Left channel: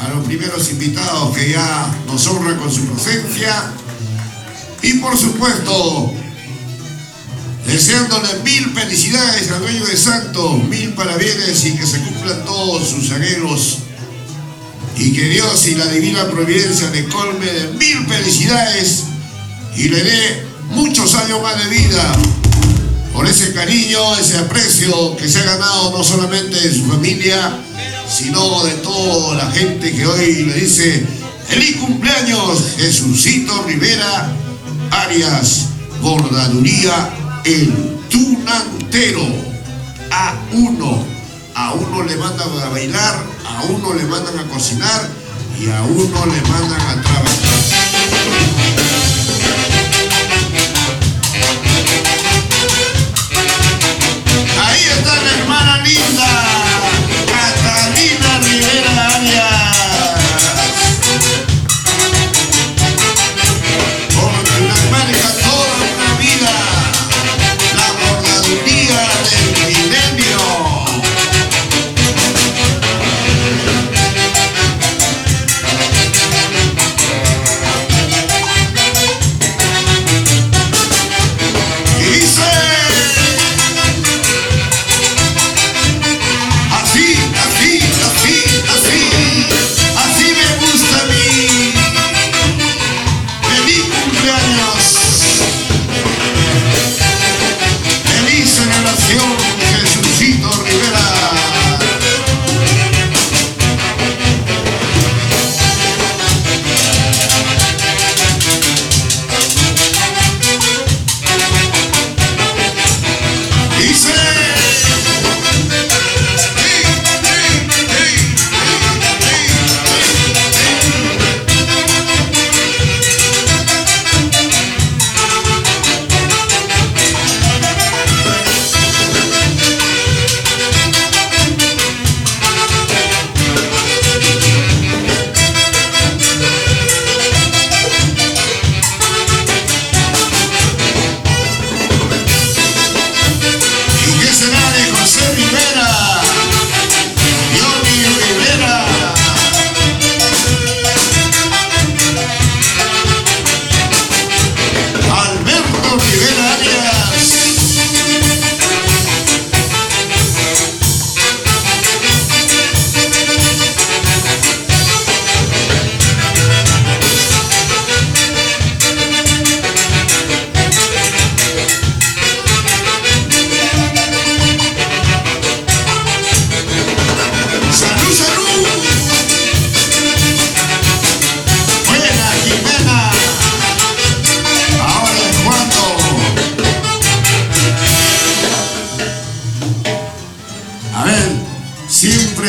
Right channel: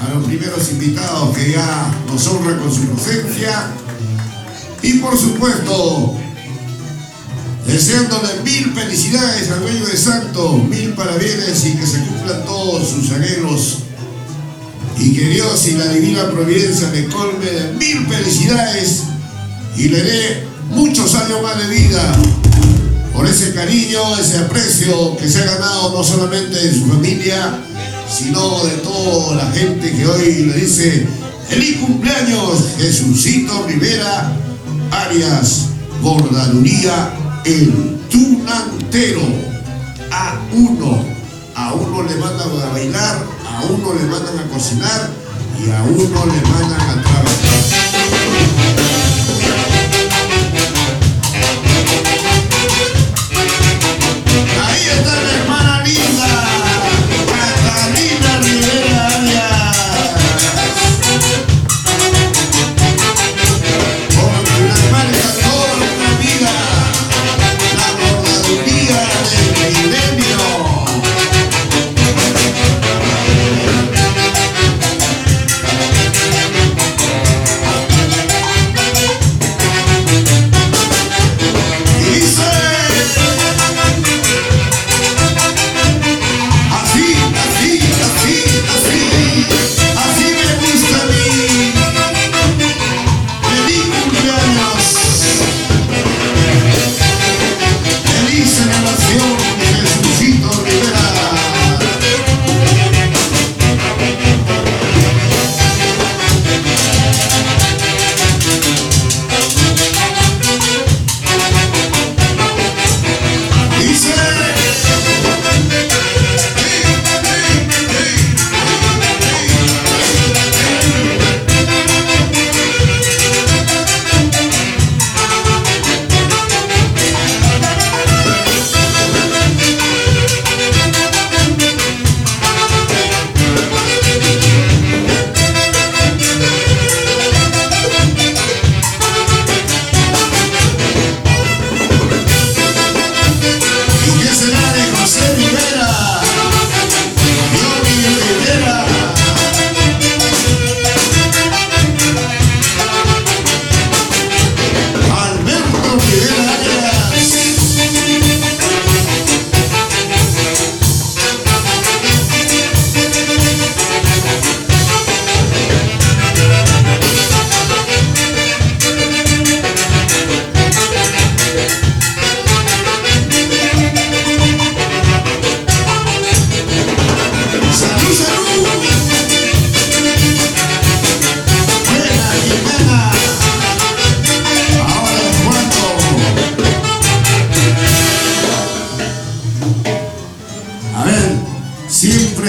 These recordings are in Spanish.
a los primeros invitados que ya nos honran con su presencia y por supuesto deseándole mil felicidades al dueño de Santo, mil parabienes y que se cumplan todos sus anhelos y que Dios y la divina providencia le colme de mil felicidades y le dé muchos años más de vida por ese cariño, ese aprecio que se ha ganado no solamente de su familia, sino de toda la gente que hoy le dice ¡feliz cumpleaños, Jesucito Rivera Arias Bordaduría, el tunantero! A uno le mandan a bailar, a uno le mandan a cocinar y a uno le mandan a trabajar. Ahí está la hermana linda, Catalina Rivera Arias. Porque la marca toda la vida, la bordaduría del milenio.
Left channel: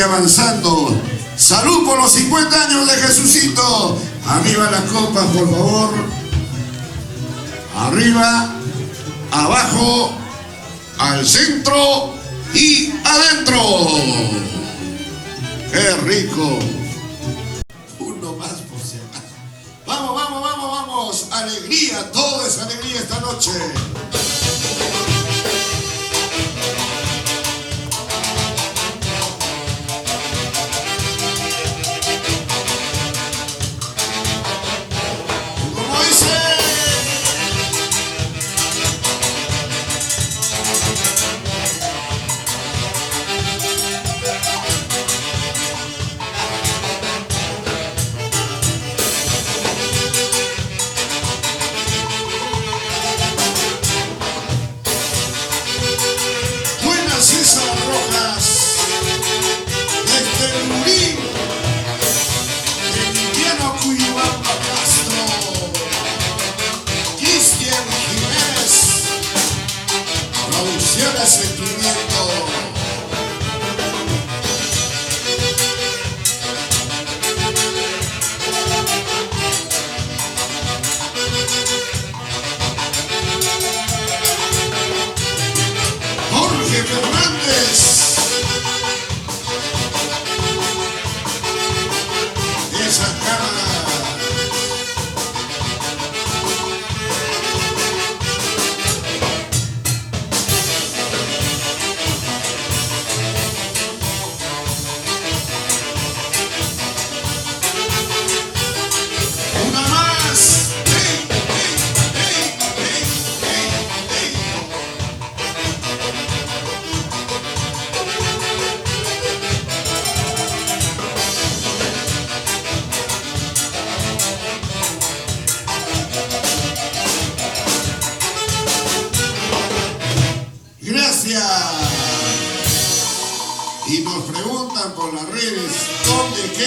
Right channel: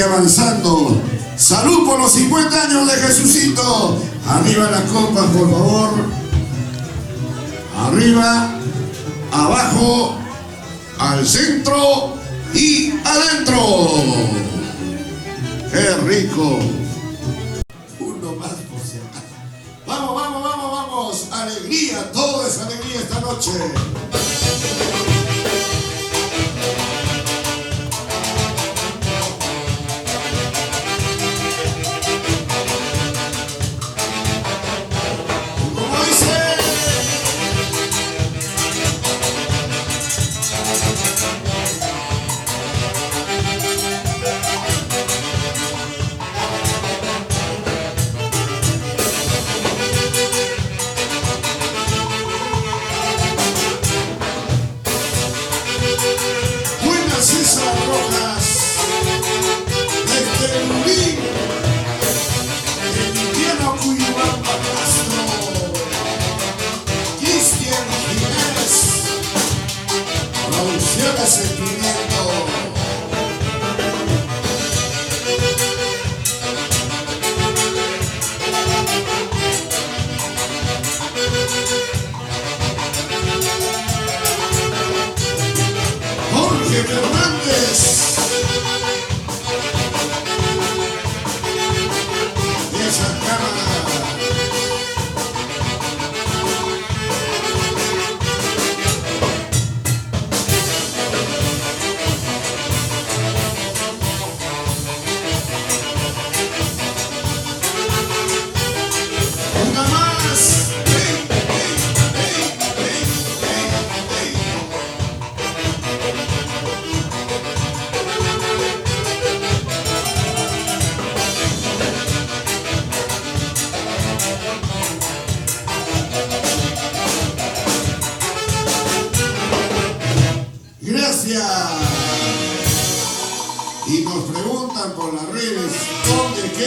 Avanzando. Salud por los 50 años de Jesucito. Arriba las copas, por favor. Arriba, abajo, al centro y adentro. ¡Qué rico! Uno más por si acaso. Vamos, vamos, vamos, vamos. Alegría, todo es alegría esta noche.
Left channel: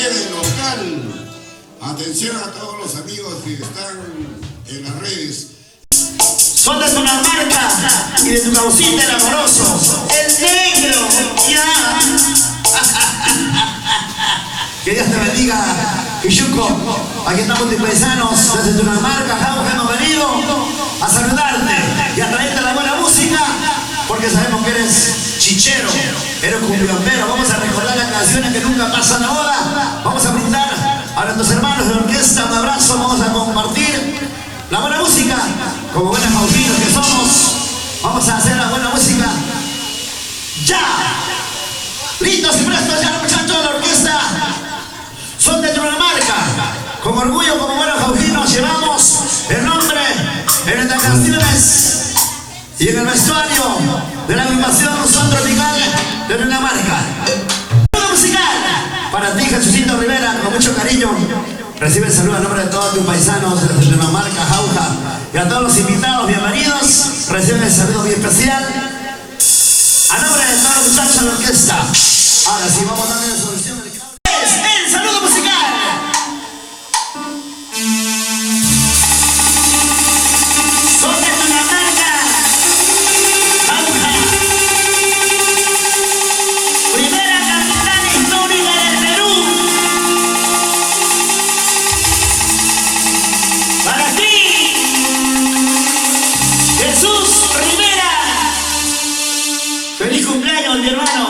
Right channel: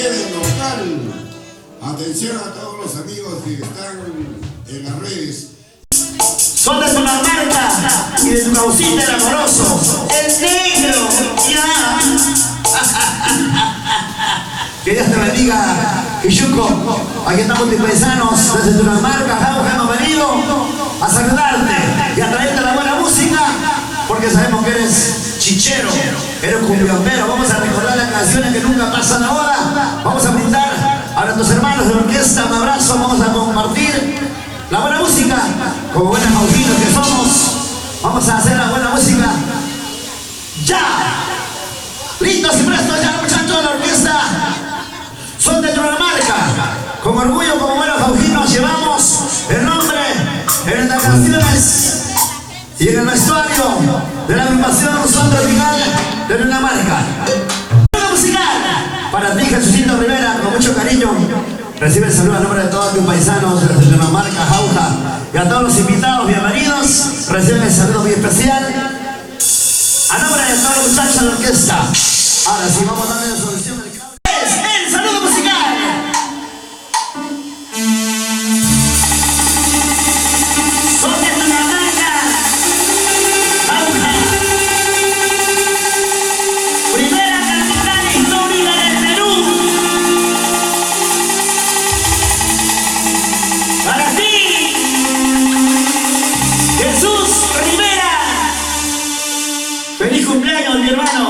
sede local. Atención a todos los amigos que están en las redes. Son de Tunamarca y de tu causita el amoroso, el negro, ya. Que Dios te bendiga, Quilluco. Aquí estamos tus paisanos desde Tunamarca, Jauja, hemos venido a saludarte y a traerte la buena música, porque sabemos que eres chichero, eres cumbiombero. Vamos a recordar las canciones que nunca pasan ahora. Vamos a brindar a nuestros hermanos de orquesta un abrazo, vamos a compartir la buena música, como buenos maujinos que somos. Vamos a hacer la buena música. ¡Ya! ¡Listos y prestos ya, muchachos de la orquesta! Son de Tunamarca. Con orgullo, como buenos maujinos, llevamos el nombre en nuestras canciones y en el vestuario de la agrupación Son Tropical de Tunamarca. ¡Buena musical! Para ti, Jesucito Rivera, con mucho cariño. Recibe el saludo a nombre de todos tus paisanos de Tunamarca, Jauja, y a todos los invitados, bienvenidos. Reciben el saludo muy especial a nombre de todos los muchachos de la orquesta. Ahora sí, vamos a darle la solución del cable. Es el saludo musical. Son de Tunamarca, Jauja, primera capital histórica del Perú. Para ti, Jesús Rivera. Feliz cumpleaños, mi hermano.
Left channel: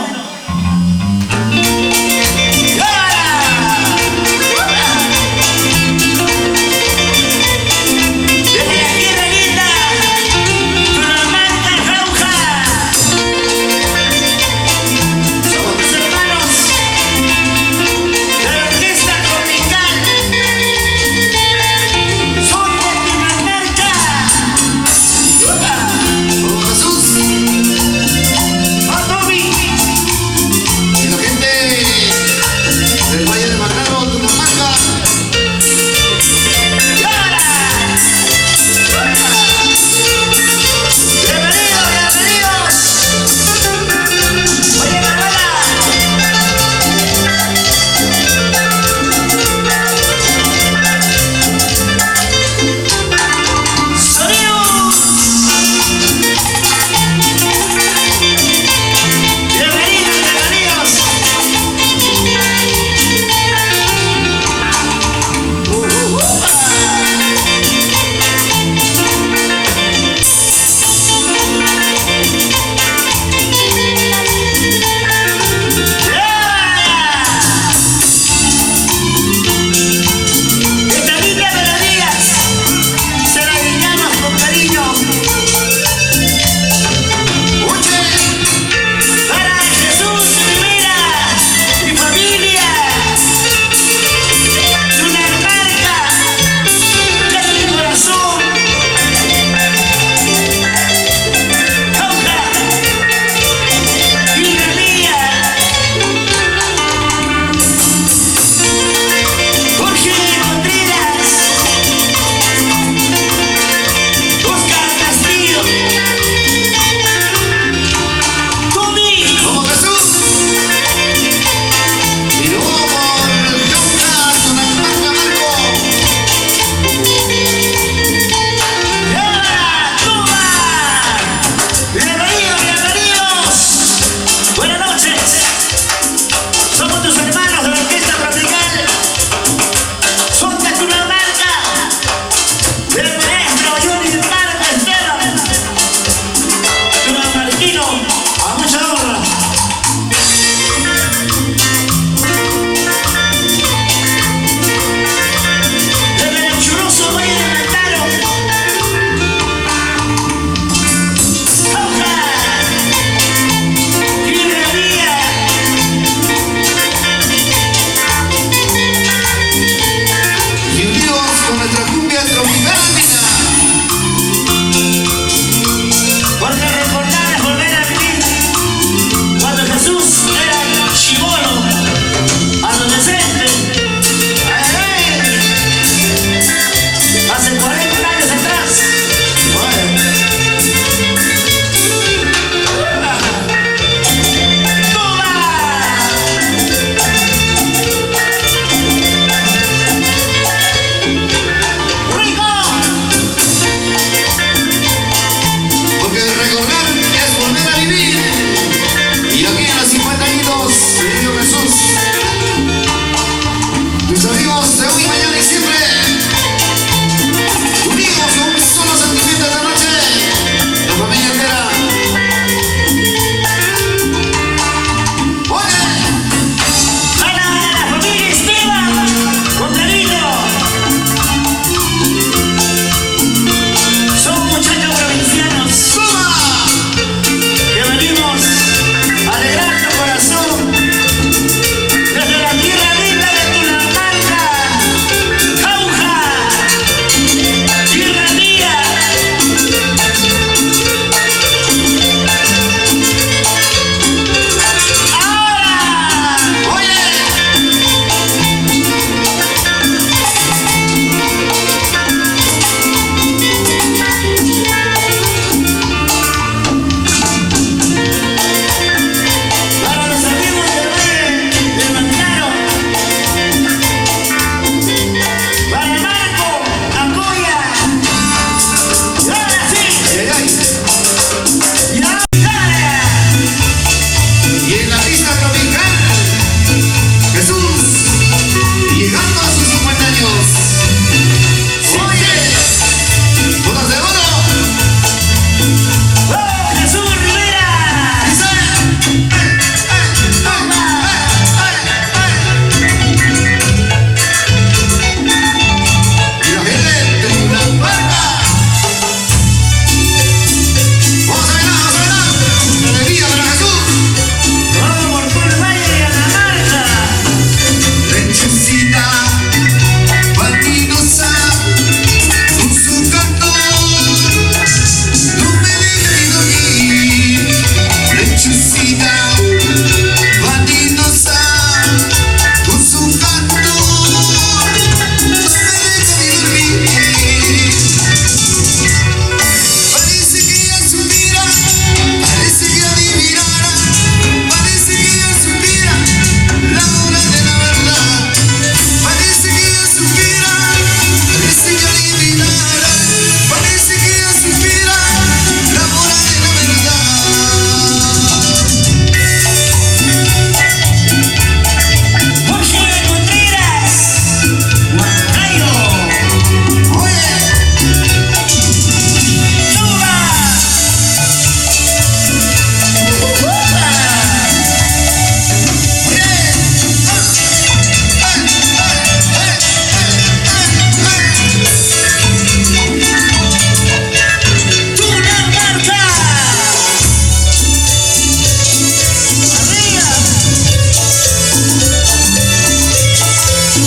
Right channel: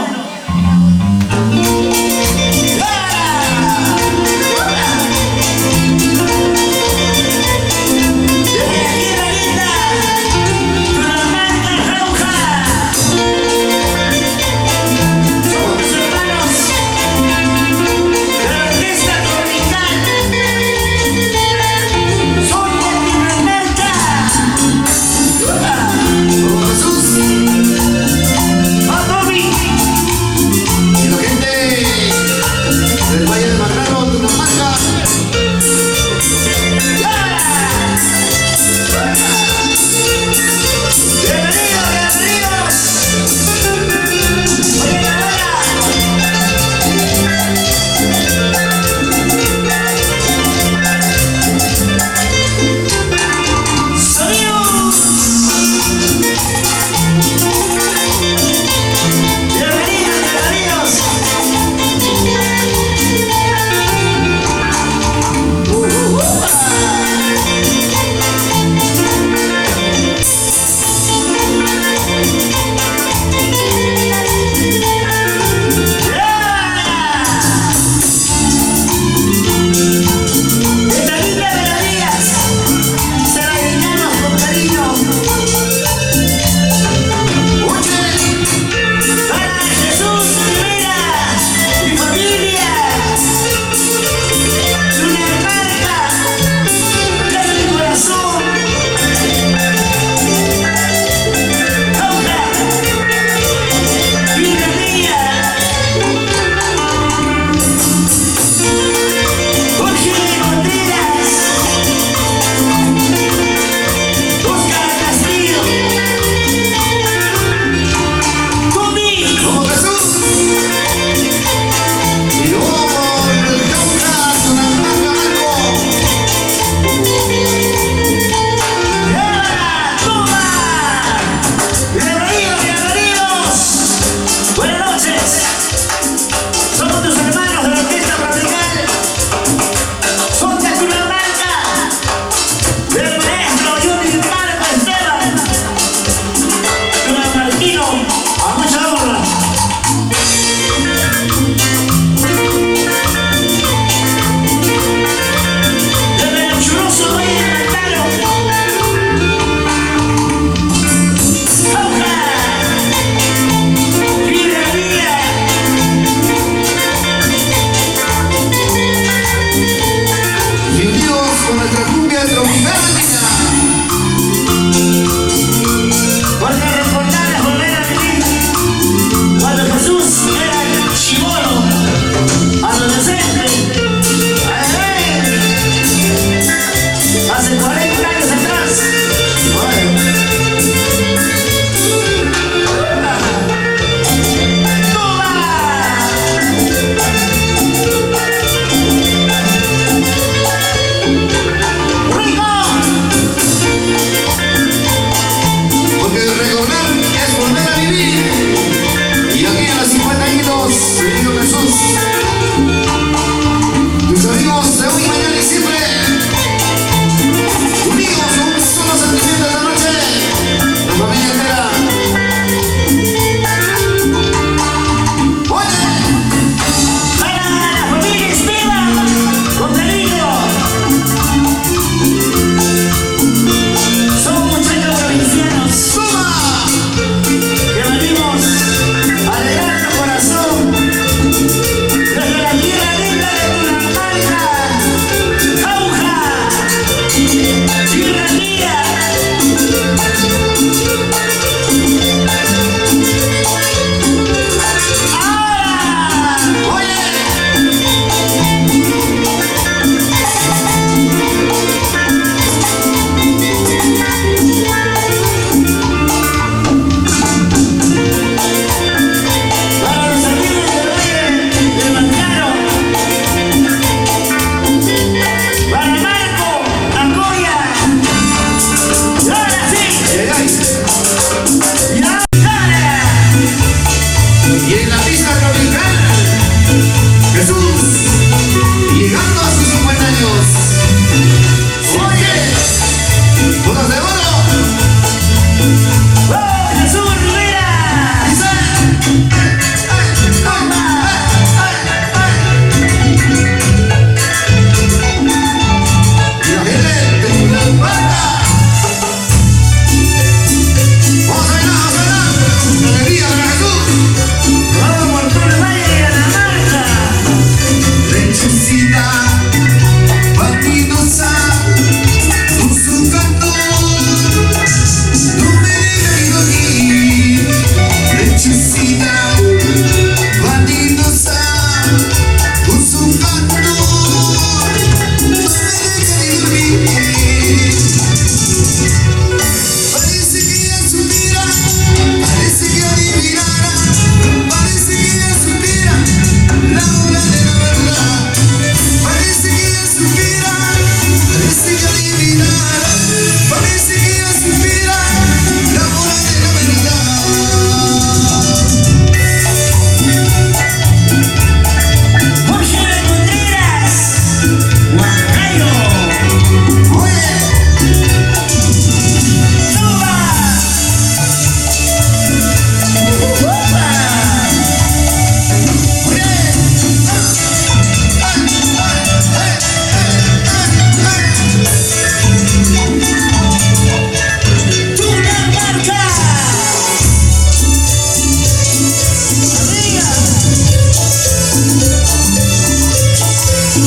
Aquel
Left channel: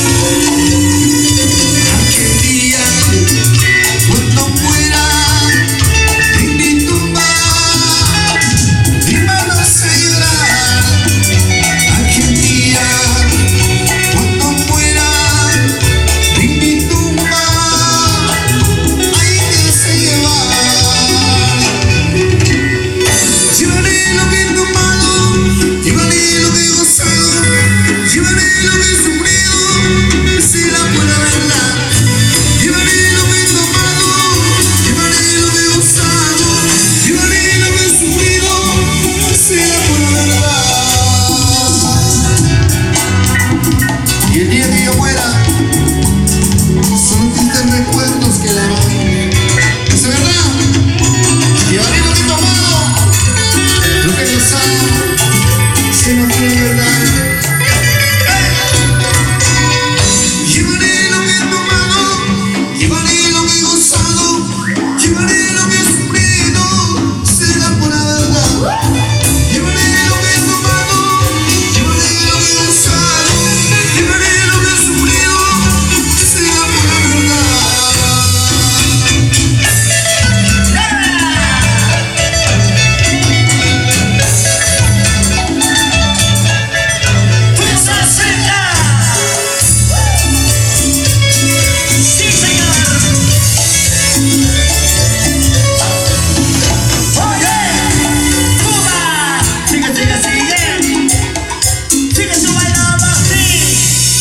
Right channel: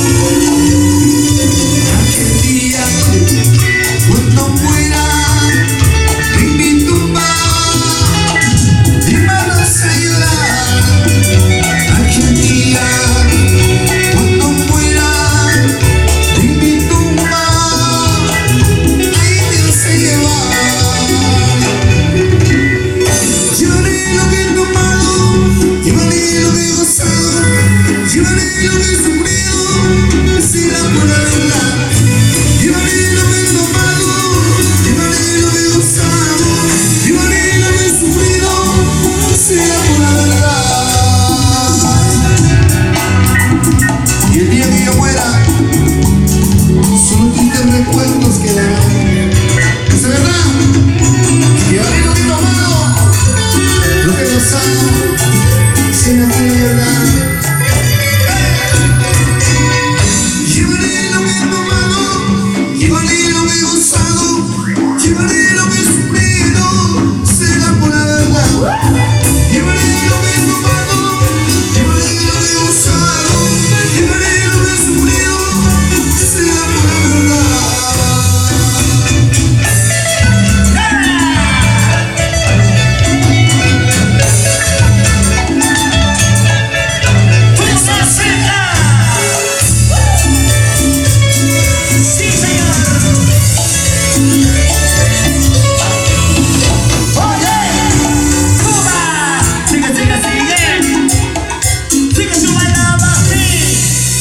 día, cuando muera en mi tumba, mi mano se llorar. Aquel día, cuando muera en mi tumba, ahí me hace llevar. Llevaré lo que he tomado, llevaré lo que he gozado, llevaré lo que he sufrido, será por la verdad. Llevaré lo que he tomado, llevaré lo que he gozado, llevaré lo que he sufrido, será por la verdad. Y el día que yo muera, solo tristes recuerdos quedarán. ¿Es verdad? Llevaré lo que he tomado, lo que he gozado, será por la verdad. Llevaré lo que he tomado, llevaré lo que he gozado, llevaré lo que he sufrido, será por la verdad. Llevaré lo que he tomado, llevaré lo que he gozado, llevaré lo que he sufrido, será por la verdad. ¡Fuerza Seca! ¡Sí, señor! ¡Oye! ¡Cuba! ¡Sigue, sigue, sigue! ¡Sigue su bailando así!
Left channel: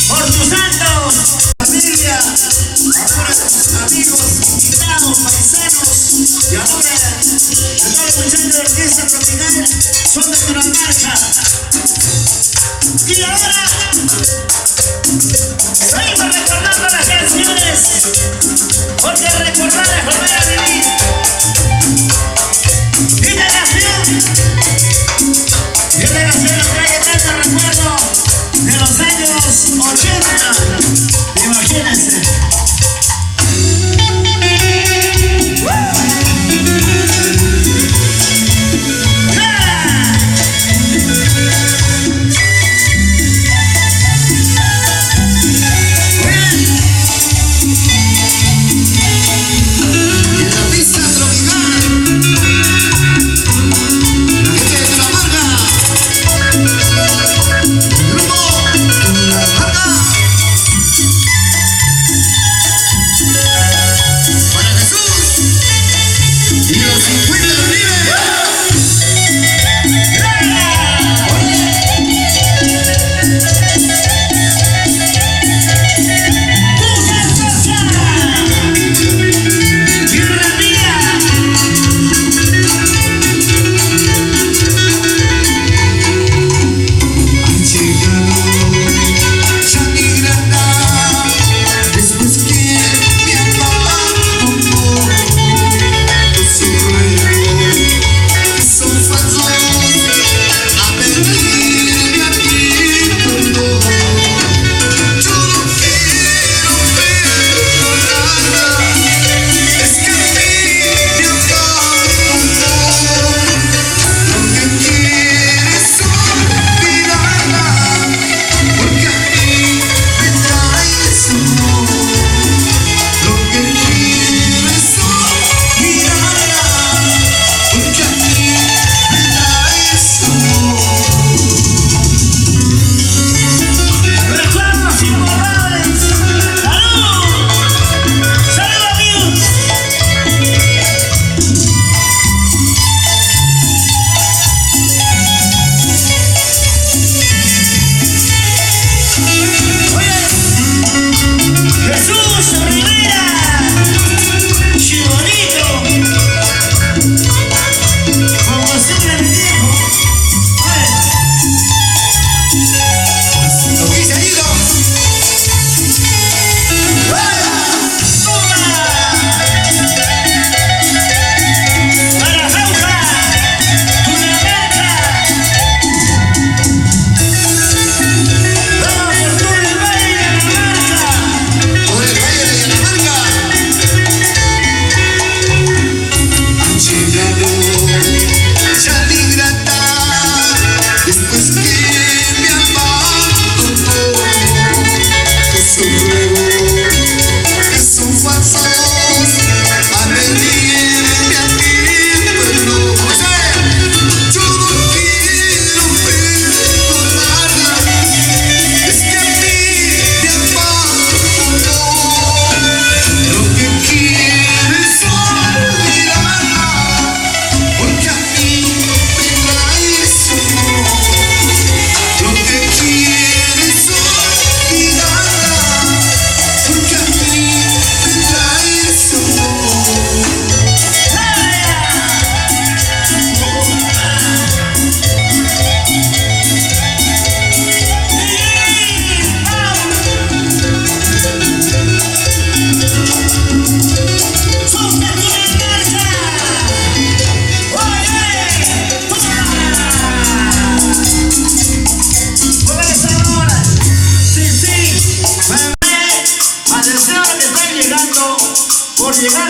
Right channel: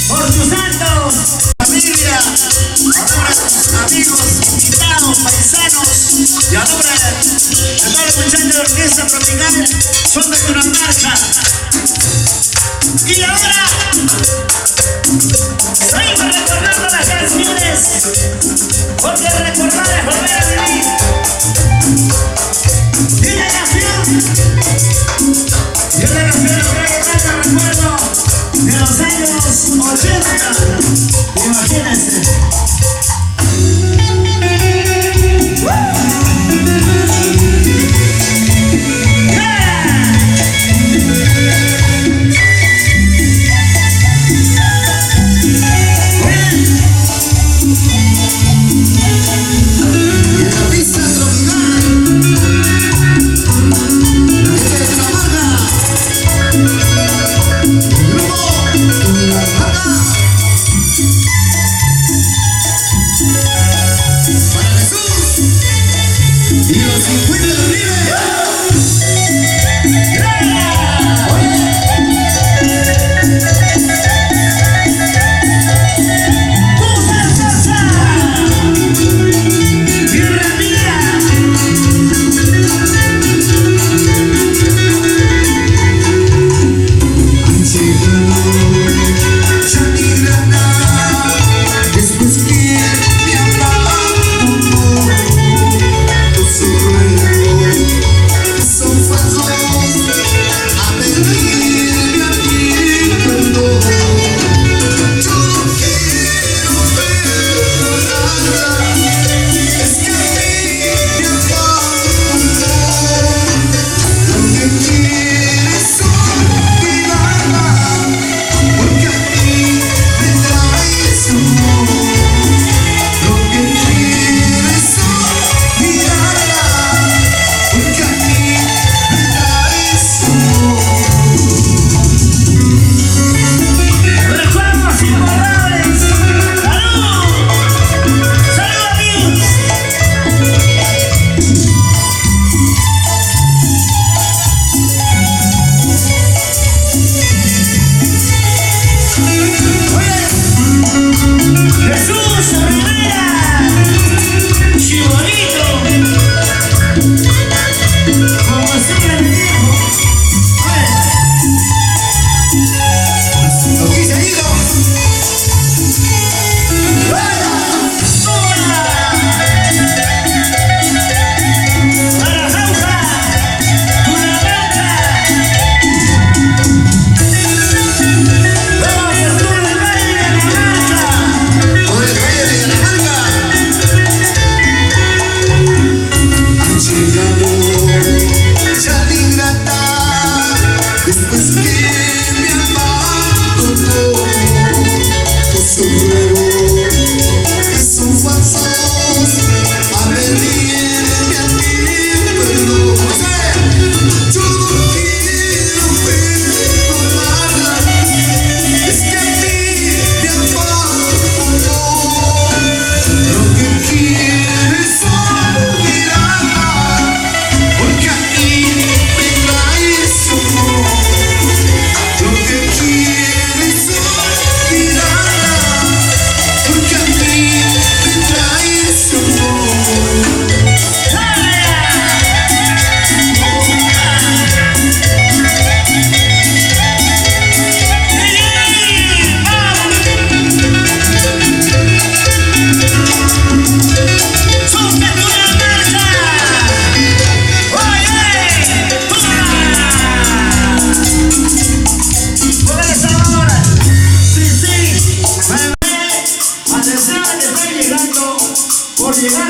¡Por tus santos! Familia, amigos, invitados, paisanos y ahora de todos los muchachos de Orquesta Tropical son de Cundinamarca. Y ahora seguimos recordando las canciones, porque recordar es volver a vivir. Y la canción que hay tanto recuerdo de los años 80. Imagínense. En la pista tropical, la gente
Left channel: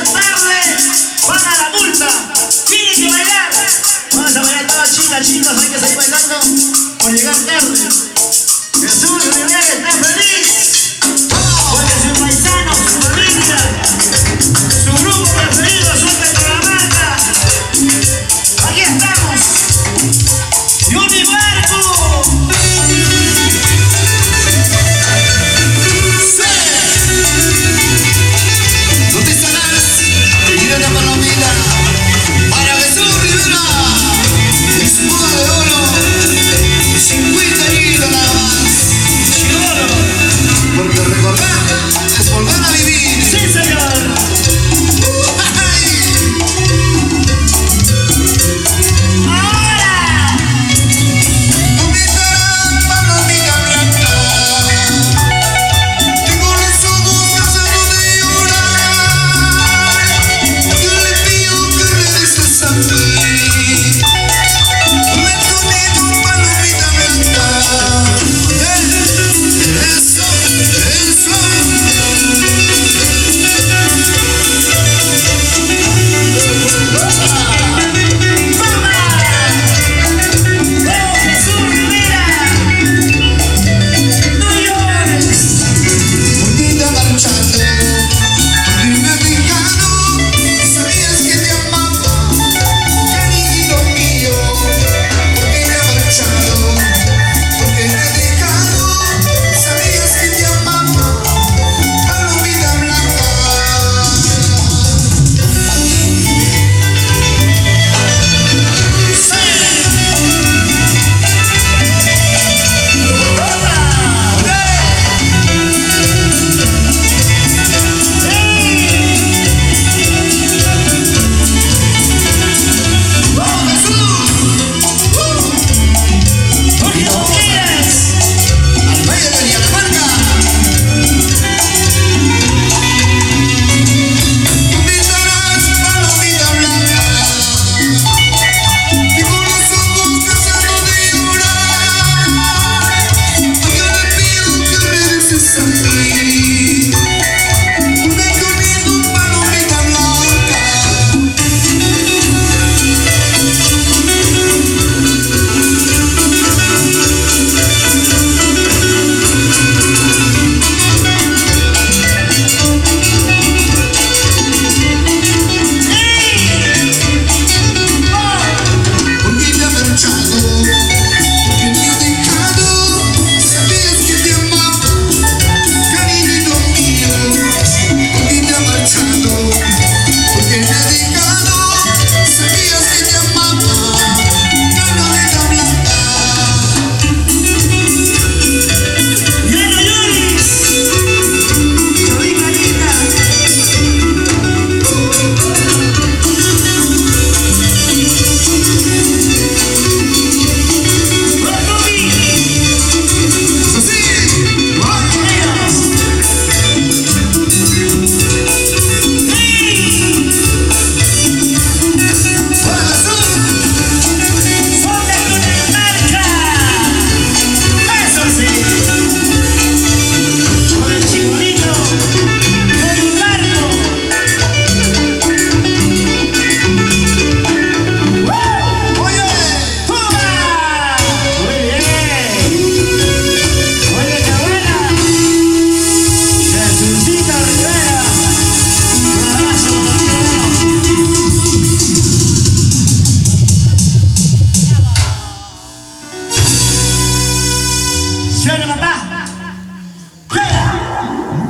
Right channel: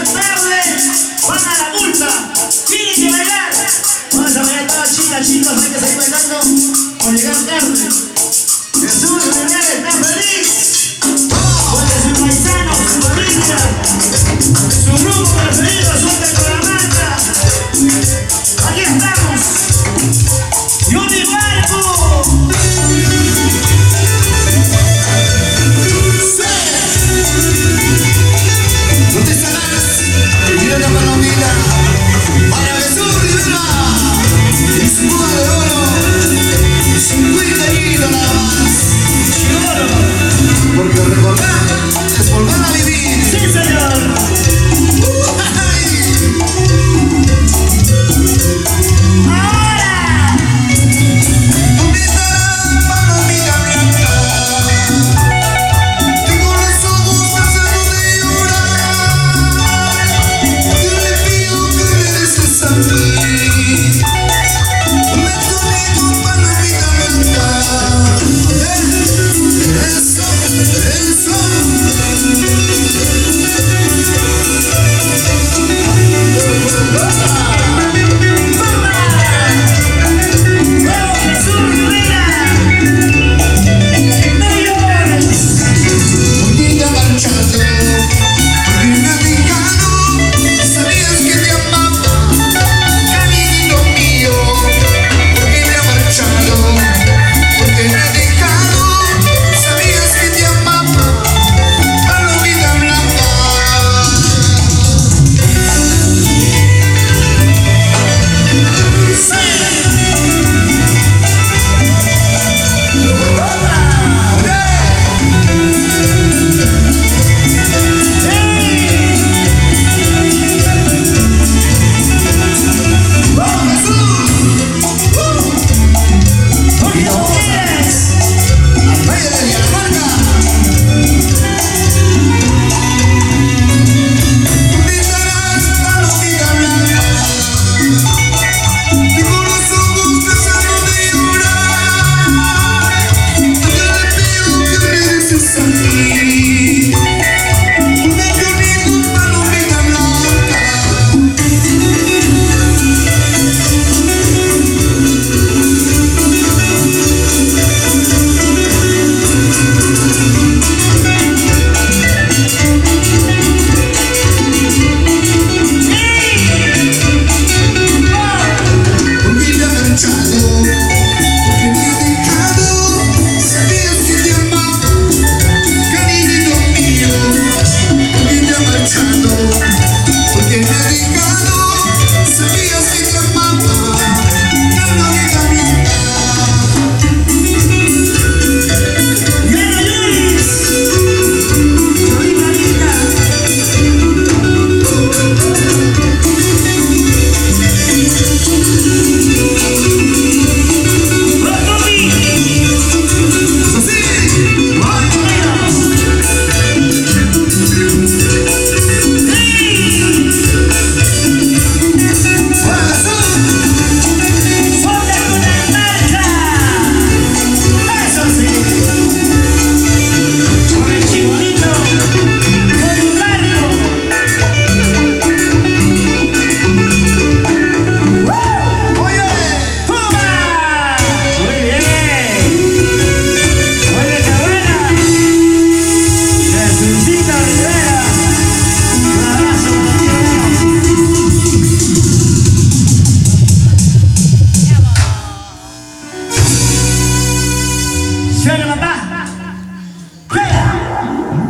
llegar tarde, van a la multa. Tienen que bailar. Vamos a bailar todas chicas, chicos, hay que seguir bailando por llegar tarde. Jesús Rivera está feliz. Porque sus paisanos, su familia, su grupo preferido, su Cundinamarca. Aquí estamos. Johnny Marco. ¿Dónde estarás? Mira la palomita para Jesús Rivera y su boda de oro, 50 añitos nada más. Porque recordar es volver a vivir. Sí, señor.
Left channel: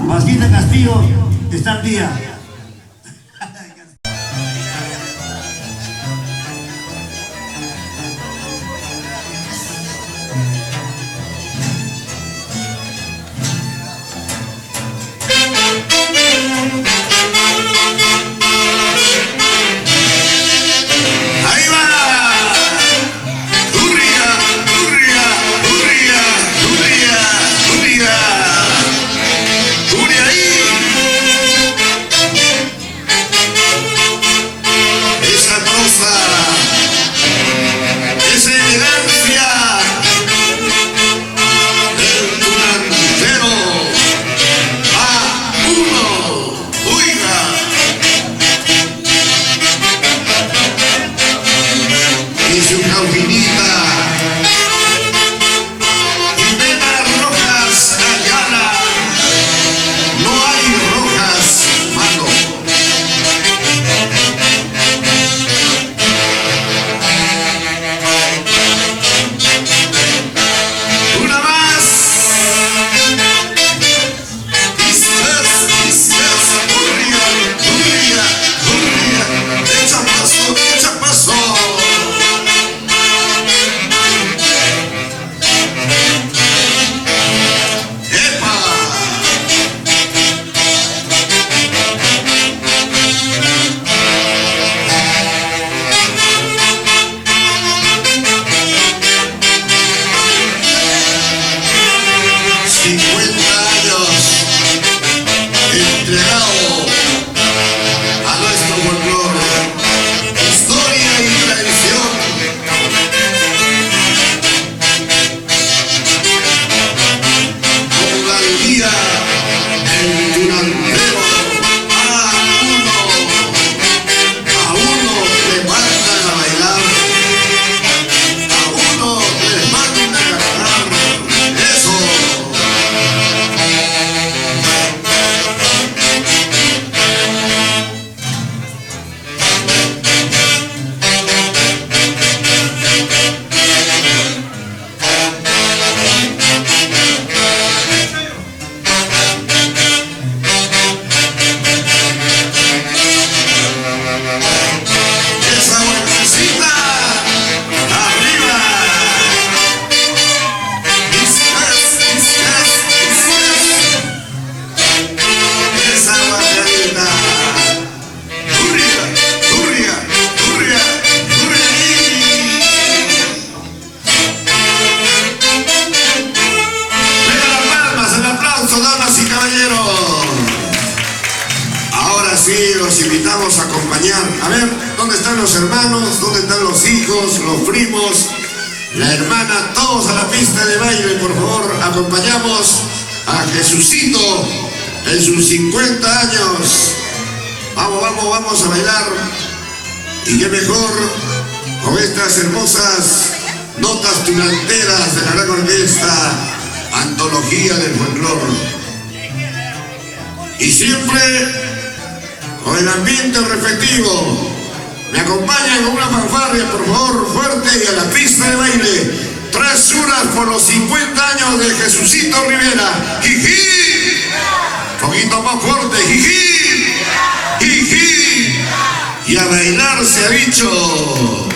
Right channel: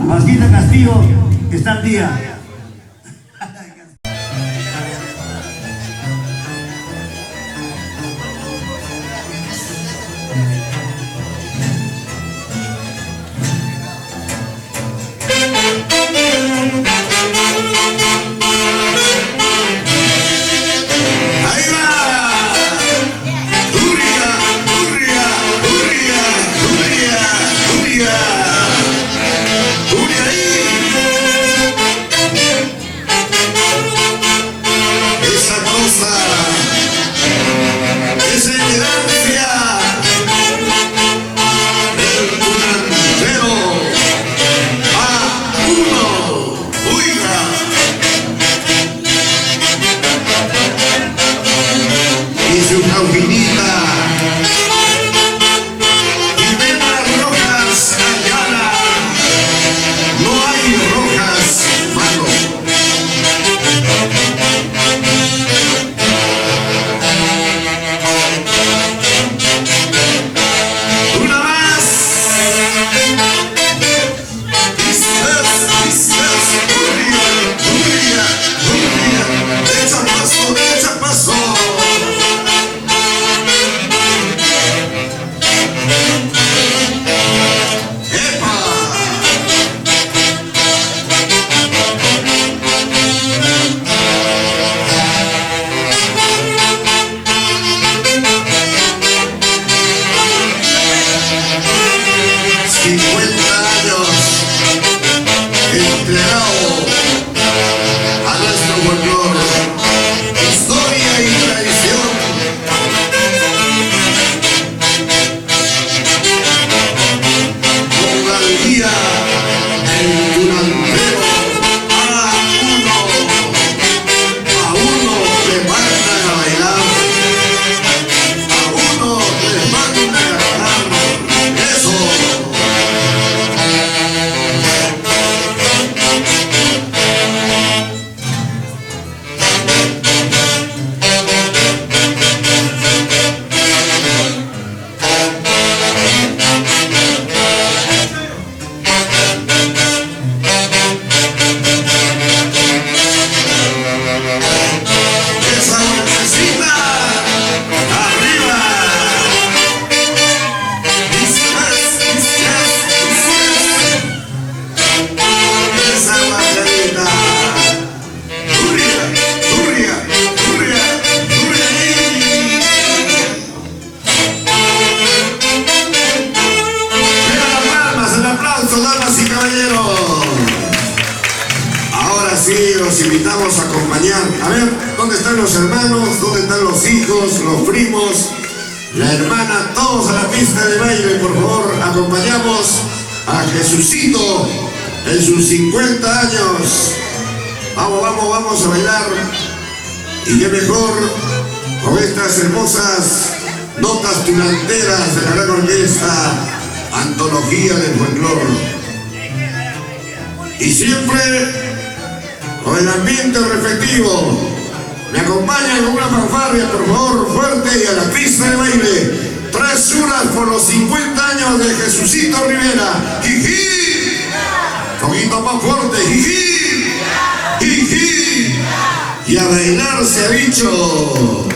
Masquita Castillo está al día. compañeros. Ahora sí, los invitamos a acompañar. A ver, ¿dónde están los hermanos? ¿Dónde están los hijos, los primos, la hermana? Todos a la pista de baile, por favor. Acompañamos a Jesucito en sus 50 años. Vamos, vamos, vamos a bailar. Y qué mejor con estas hermosas notas tulanteras de la gran orquesta Antología del Folclor. Y siempre con el ambiente respectivo. Me acompañan con una fanfarria, por favor, fuerte, y a la pista de baile. 3 horas por los 50 años de Jesucito Rivera. ¡Jiji! Un poquito más fuerte, ¡jiji! ¡Jiji! Y a bailar se ha dicho.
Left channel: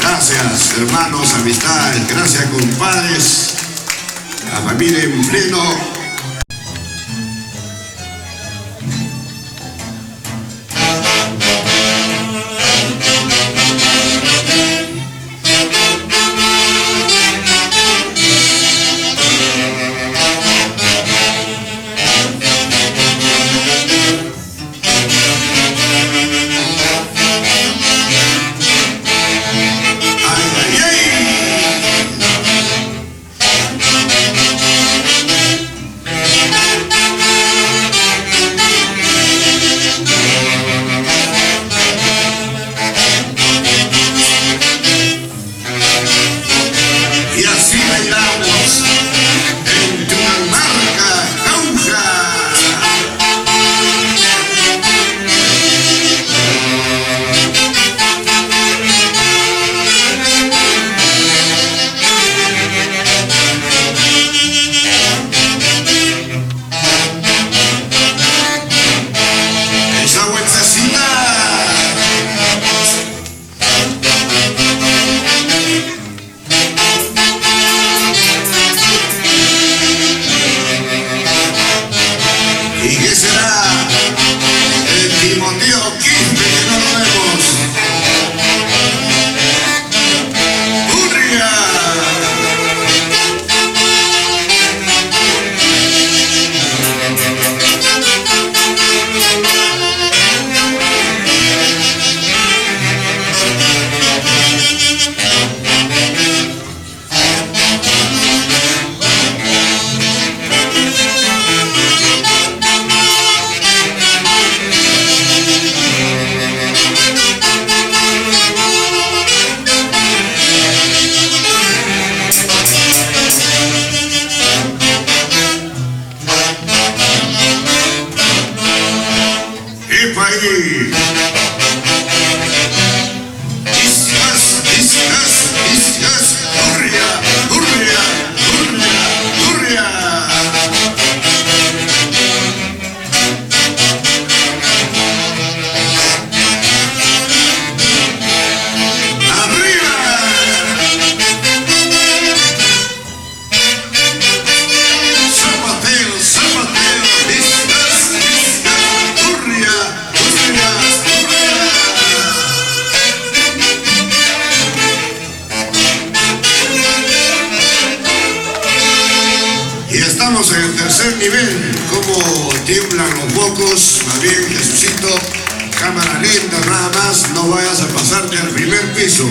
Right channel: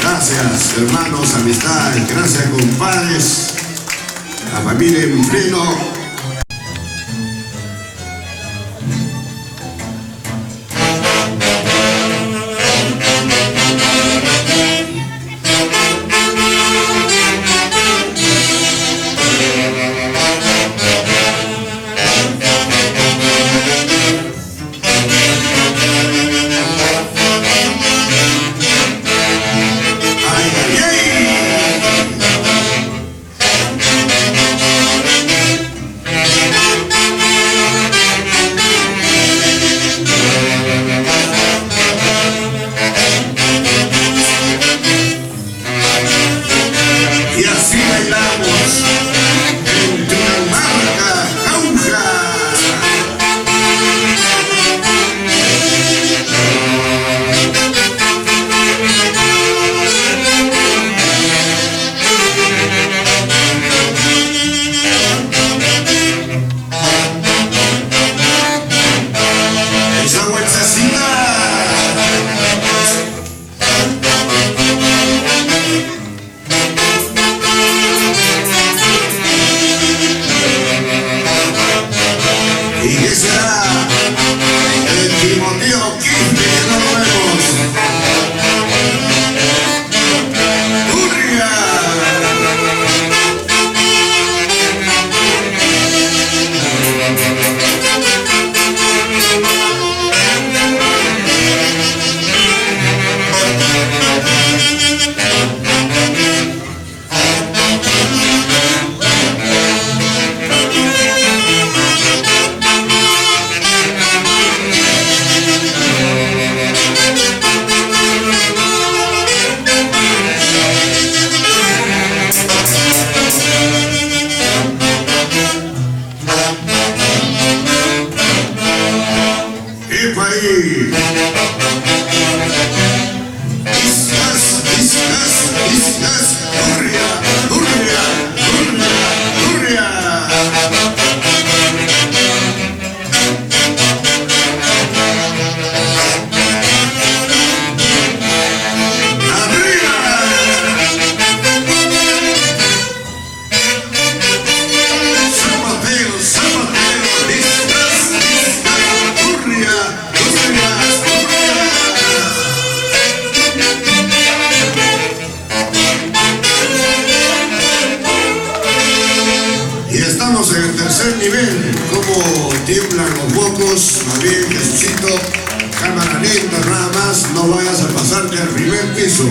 Gracias, hermanos, amistades, gracias, compadres, la familia en pleno. nivel, como tiemblan los focos. Más bien, Jesucito, cámara lenta, nada más, no vayas a pasarte al primer piso.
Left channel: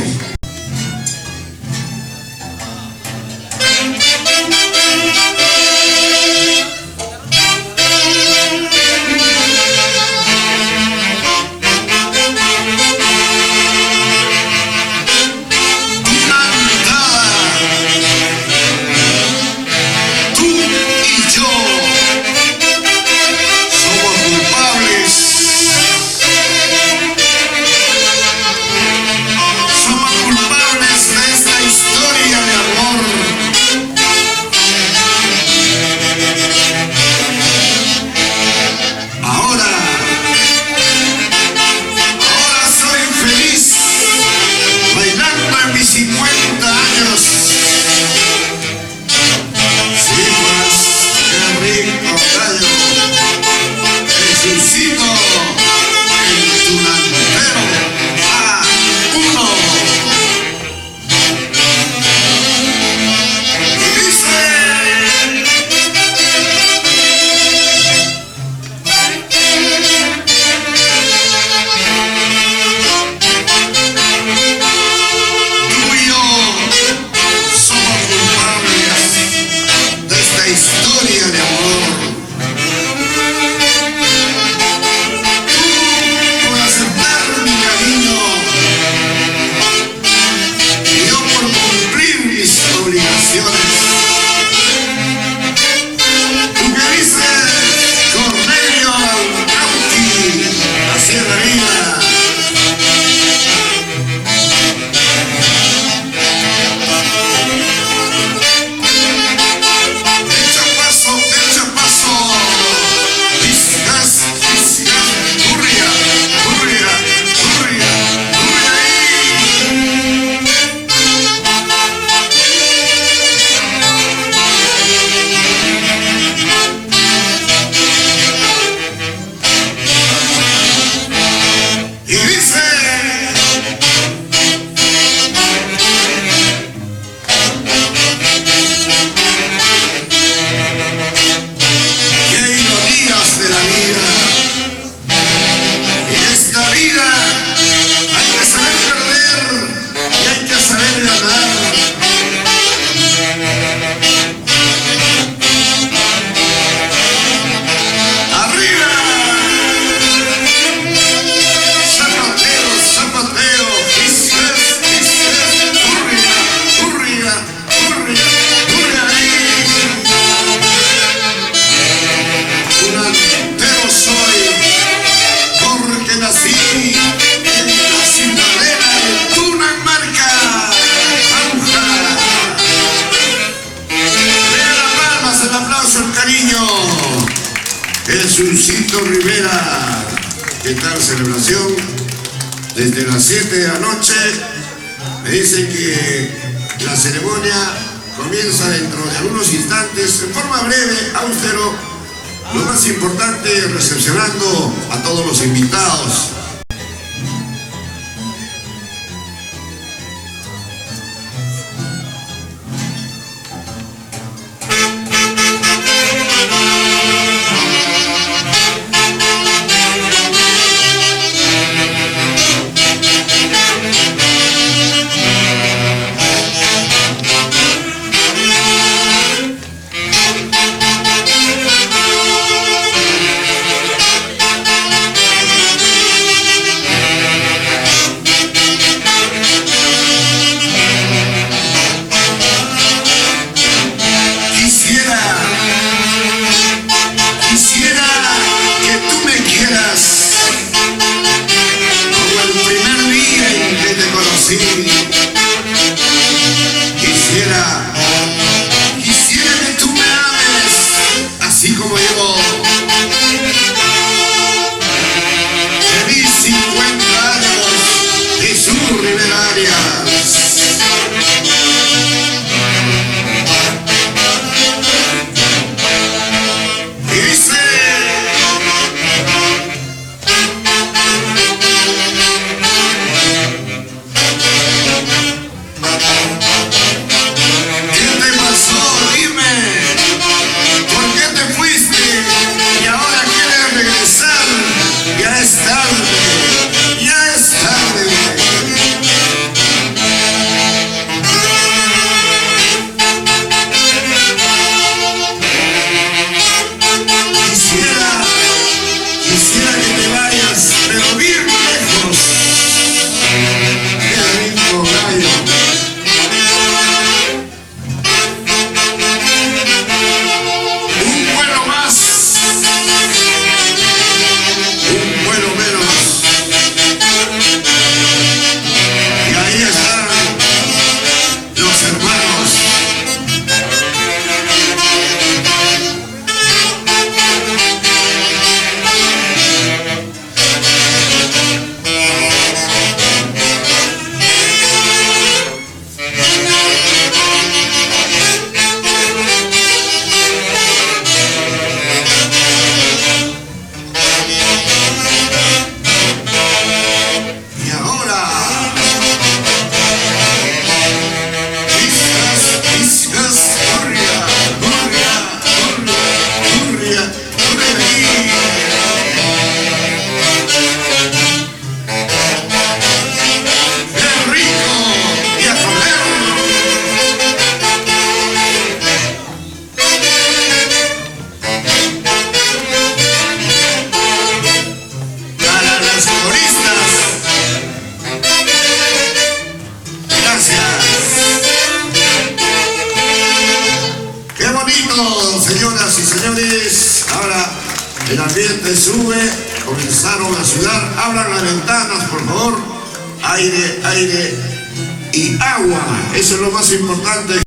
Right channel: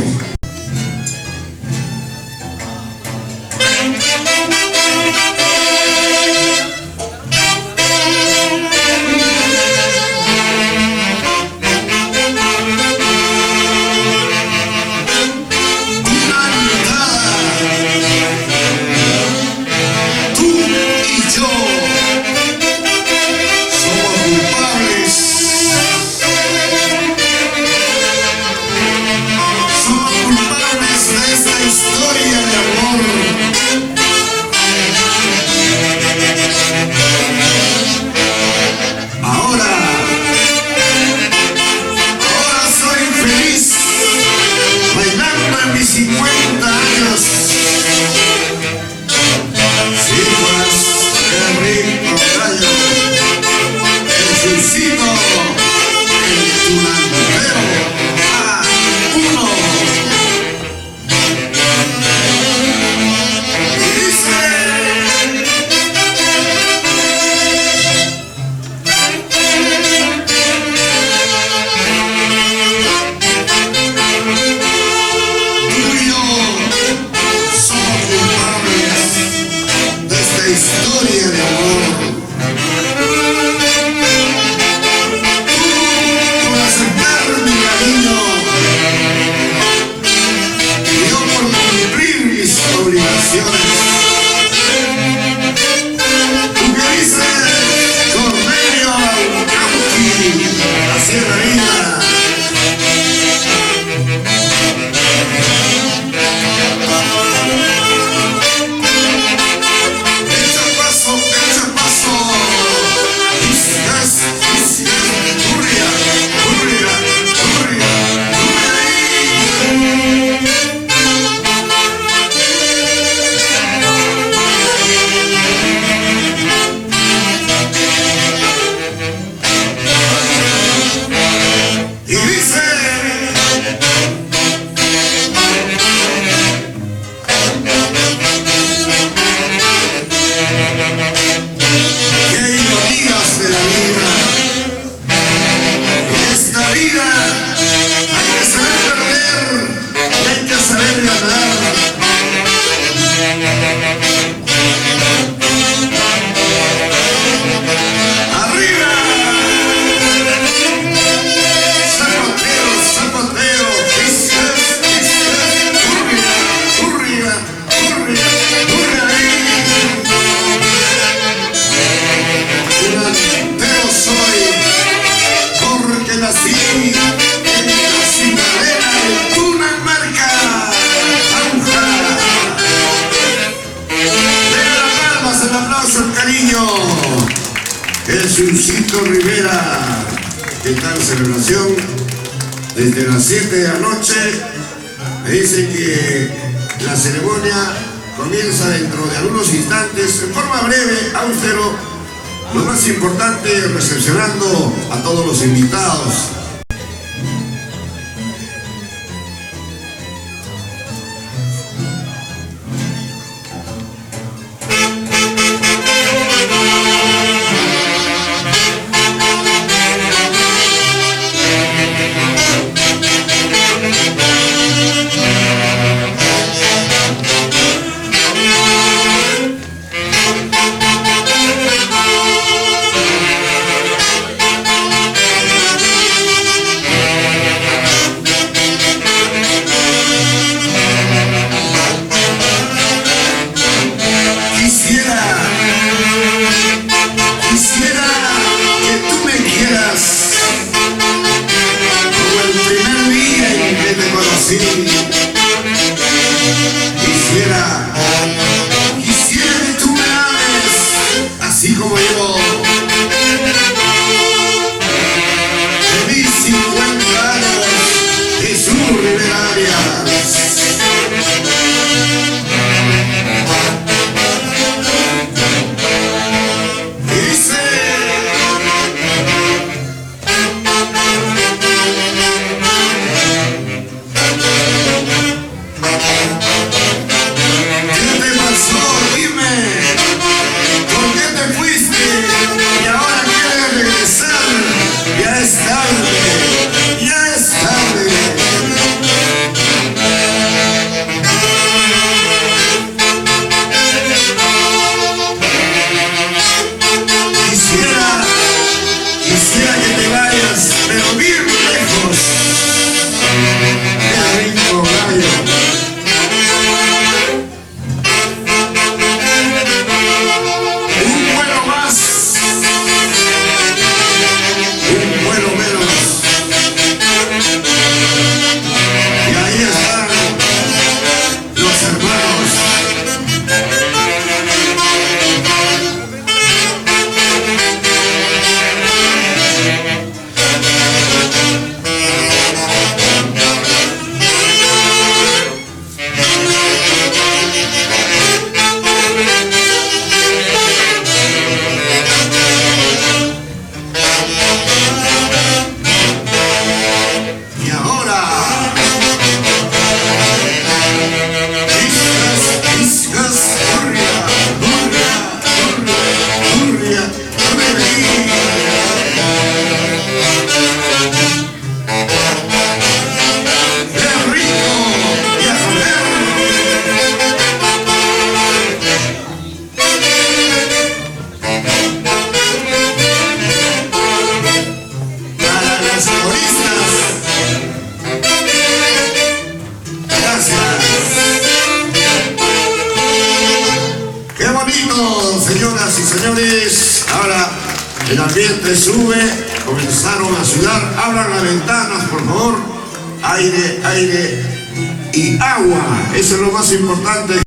Jesucito Rivera. ¿Qué tal celebración? Desde las 7 de la noche me dicen que la ceremonia comienza dentro de algunos instantes, en forma breve, austero. Lo más importante, recepcionando a todos los invitados. bonito, señoras y señores. Ahora el ambiente sube, comenzaron a sudar. Abran las ventanas, por favor. Aire, aire y agua. Eso es lo más importante.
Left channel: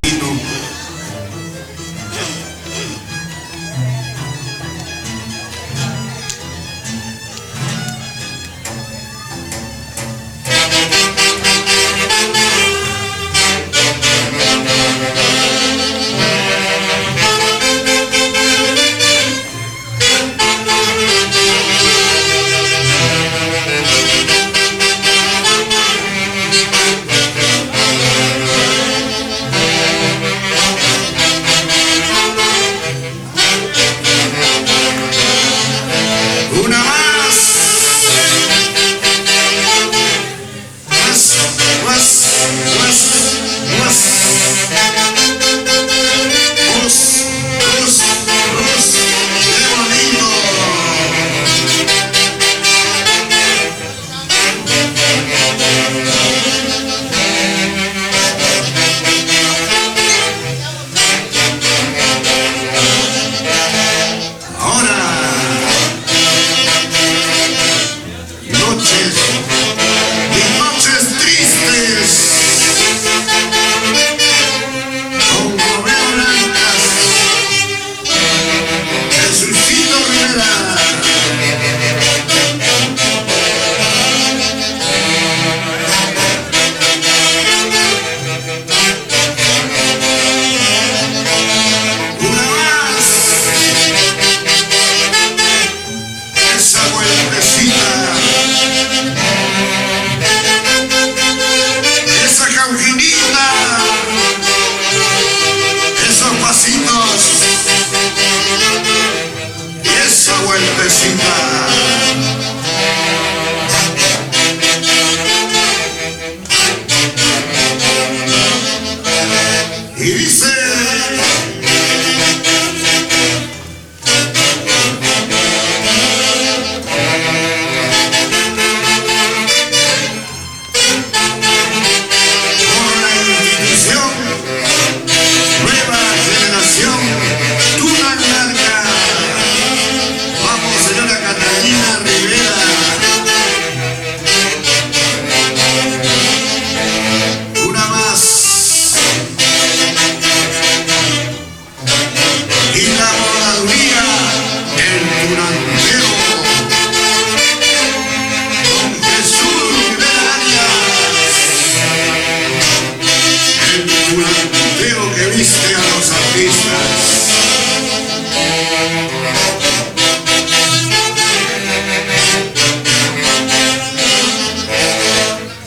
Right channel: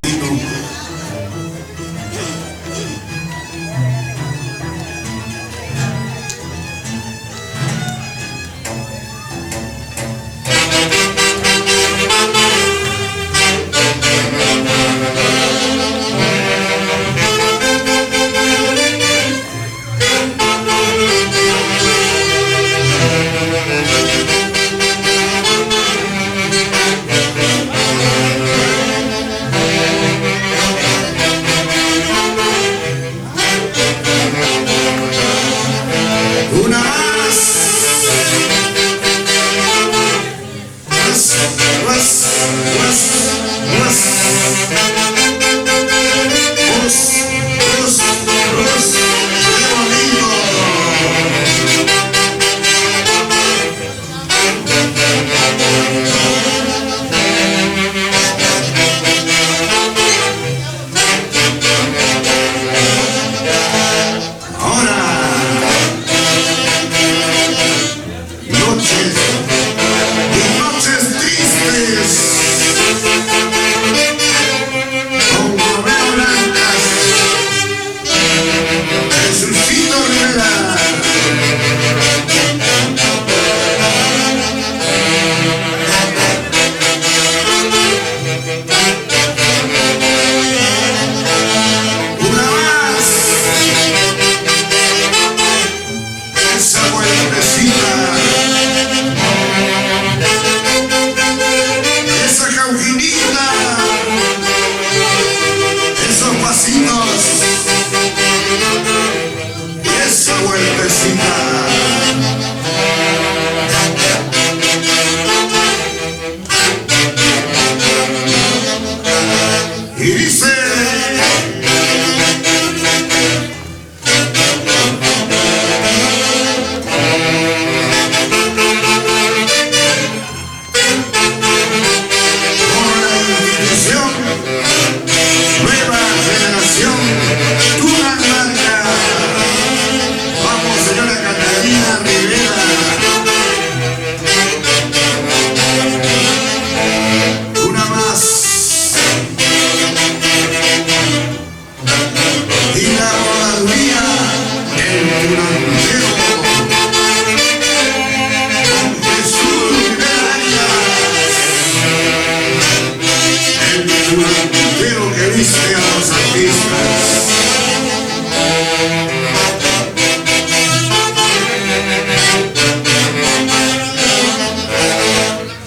Y dice, por la institución, nueva generación, Tunanmarca. Vamos, señora Catalina Rivera. Una más. Y la rodaduría, el durantero, don Jesús Rivera Arias, el durantero que viste a los artistas.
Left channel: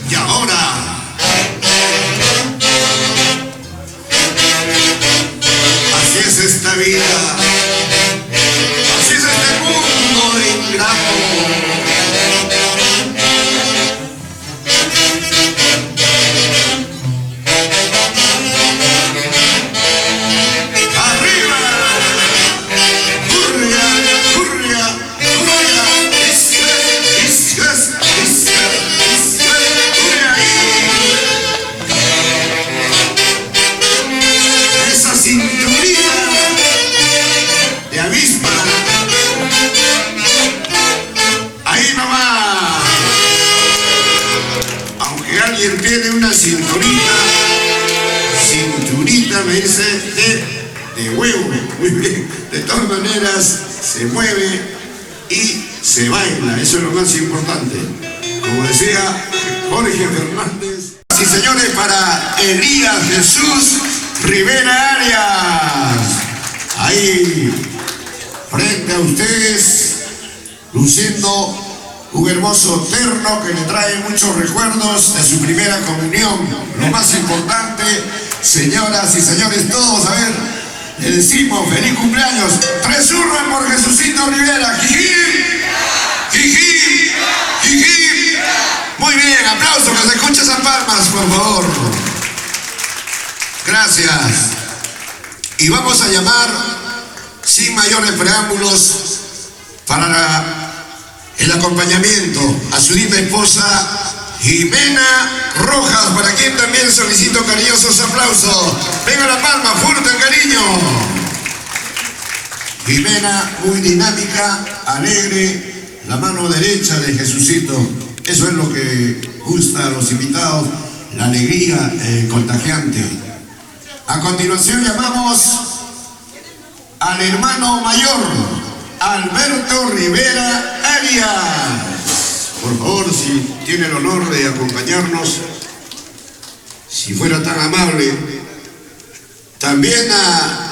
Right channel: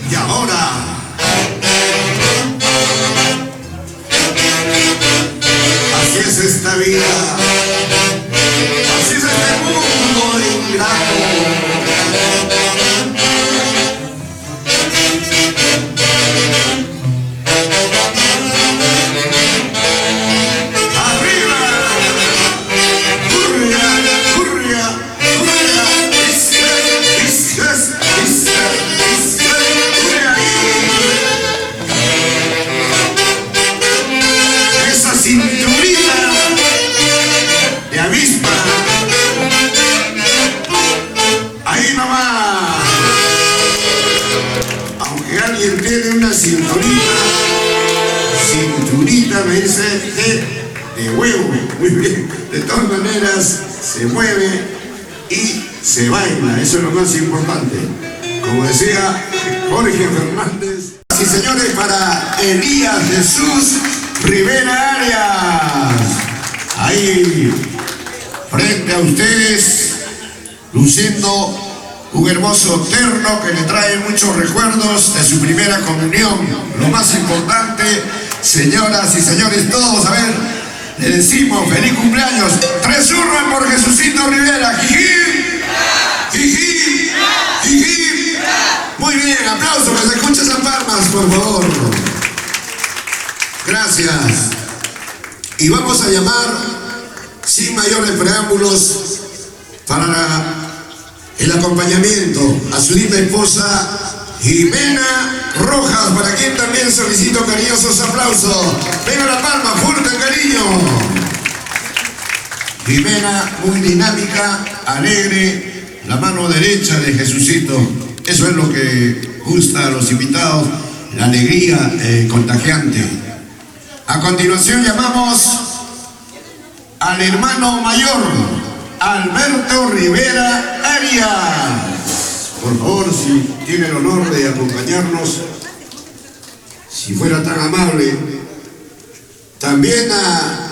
Y ahora, así es esta vida, así es este mundo ingrato. Arriba, hurria, hurria, hurria, hurria ahí. Esa cinturita de avispa, ahí nomás. Aunque alguien tiene una cinturita me dice de huevo, muy bien. De todas maneras se mueve y se baila, eso es lo más importante. Como decía Jorge Fernández. Sí, señores, para Elías Jesús Rivera Arias, ahí frente a ustedes, luciendo un hermoso terno que le trae muchos recuerdos de su primera comunión. Lo más importante, señoras y señores, todos, a ver, le decimos feliz cumpleaños. 3 churros por Jesucito Rivera. ¡Jijí! ¡Jijí! ¡Jijí! Muy bien, aplausos, que se escuchen esas palmas, por favor. Gracias. Y vamos a llamar, sin mayores preámbulos, para el acompañamiento a su linda esposa Jimena Rojas, para quien también solicito cariñosos aplausos. Venga la palma, fuerte el cariño. Jimena, muy dinámica, alegre, la mano derecha de Jesucito. Eso es lo que gusta a los invitados, la alegría contagiante. A continuación llamamos al hermano mayor, Alberto Rivera Arias. Por favor, si tiene el honor de acompañarnos, si fuera tan amable. También a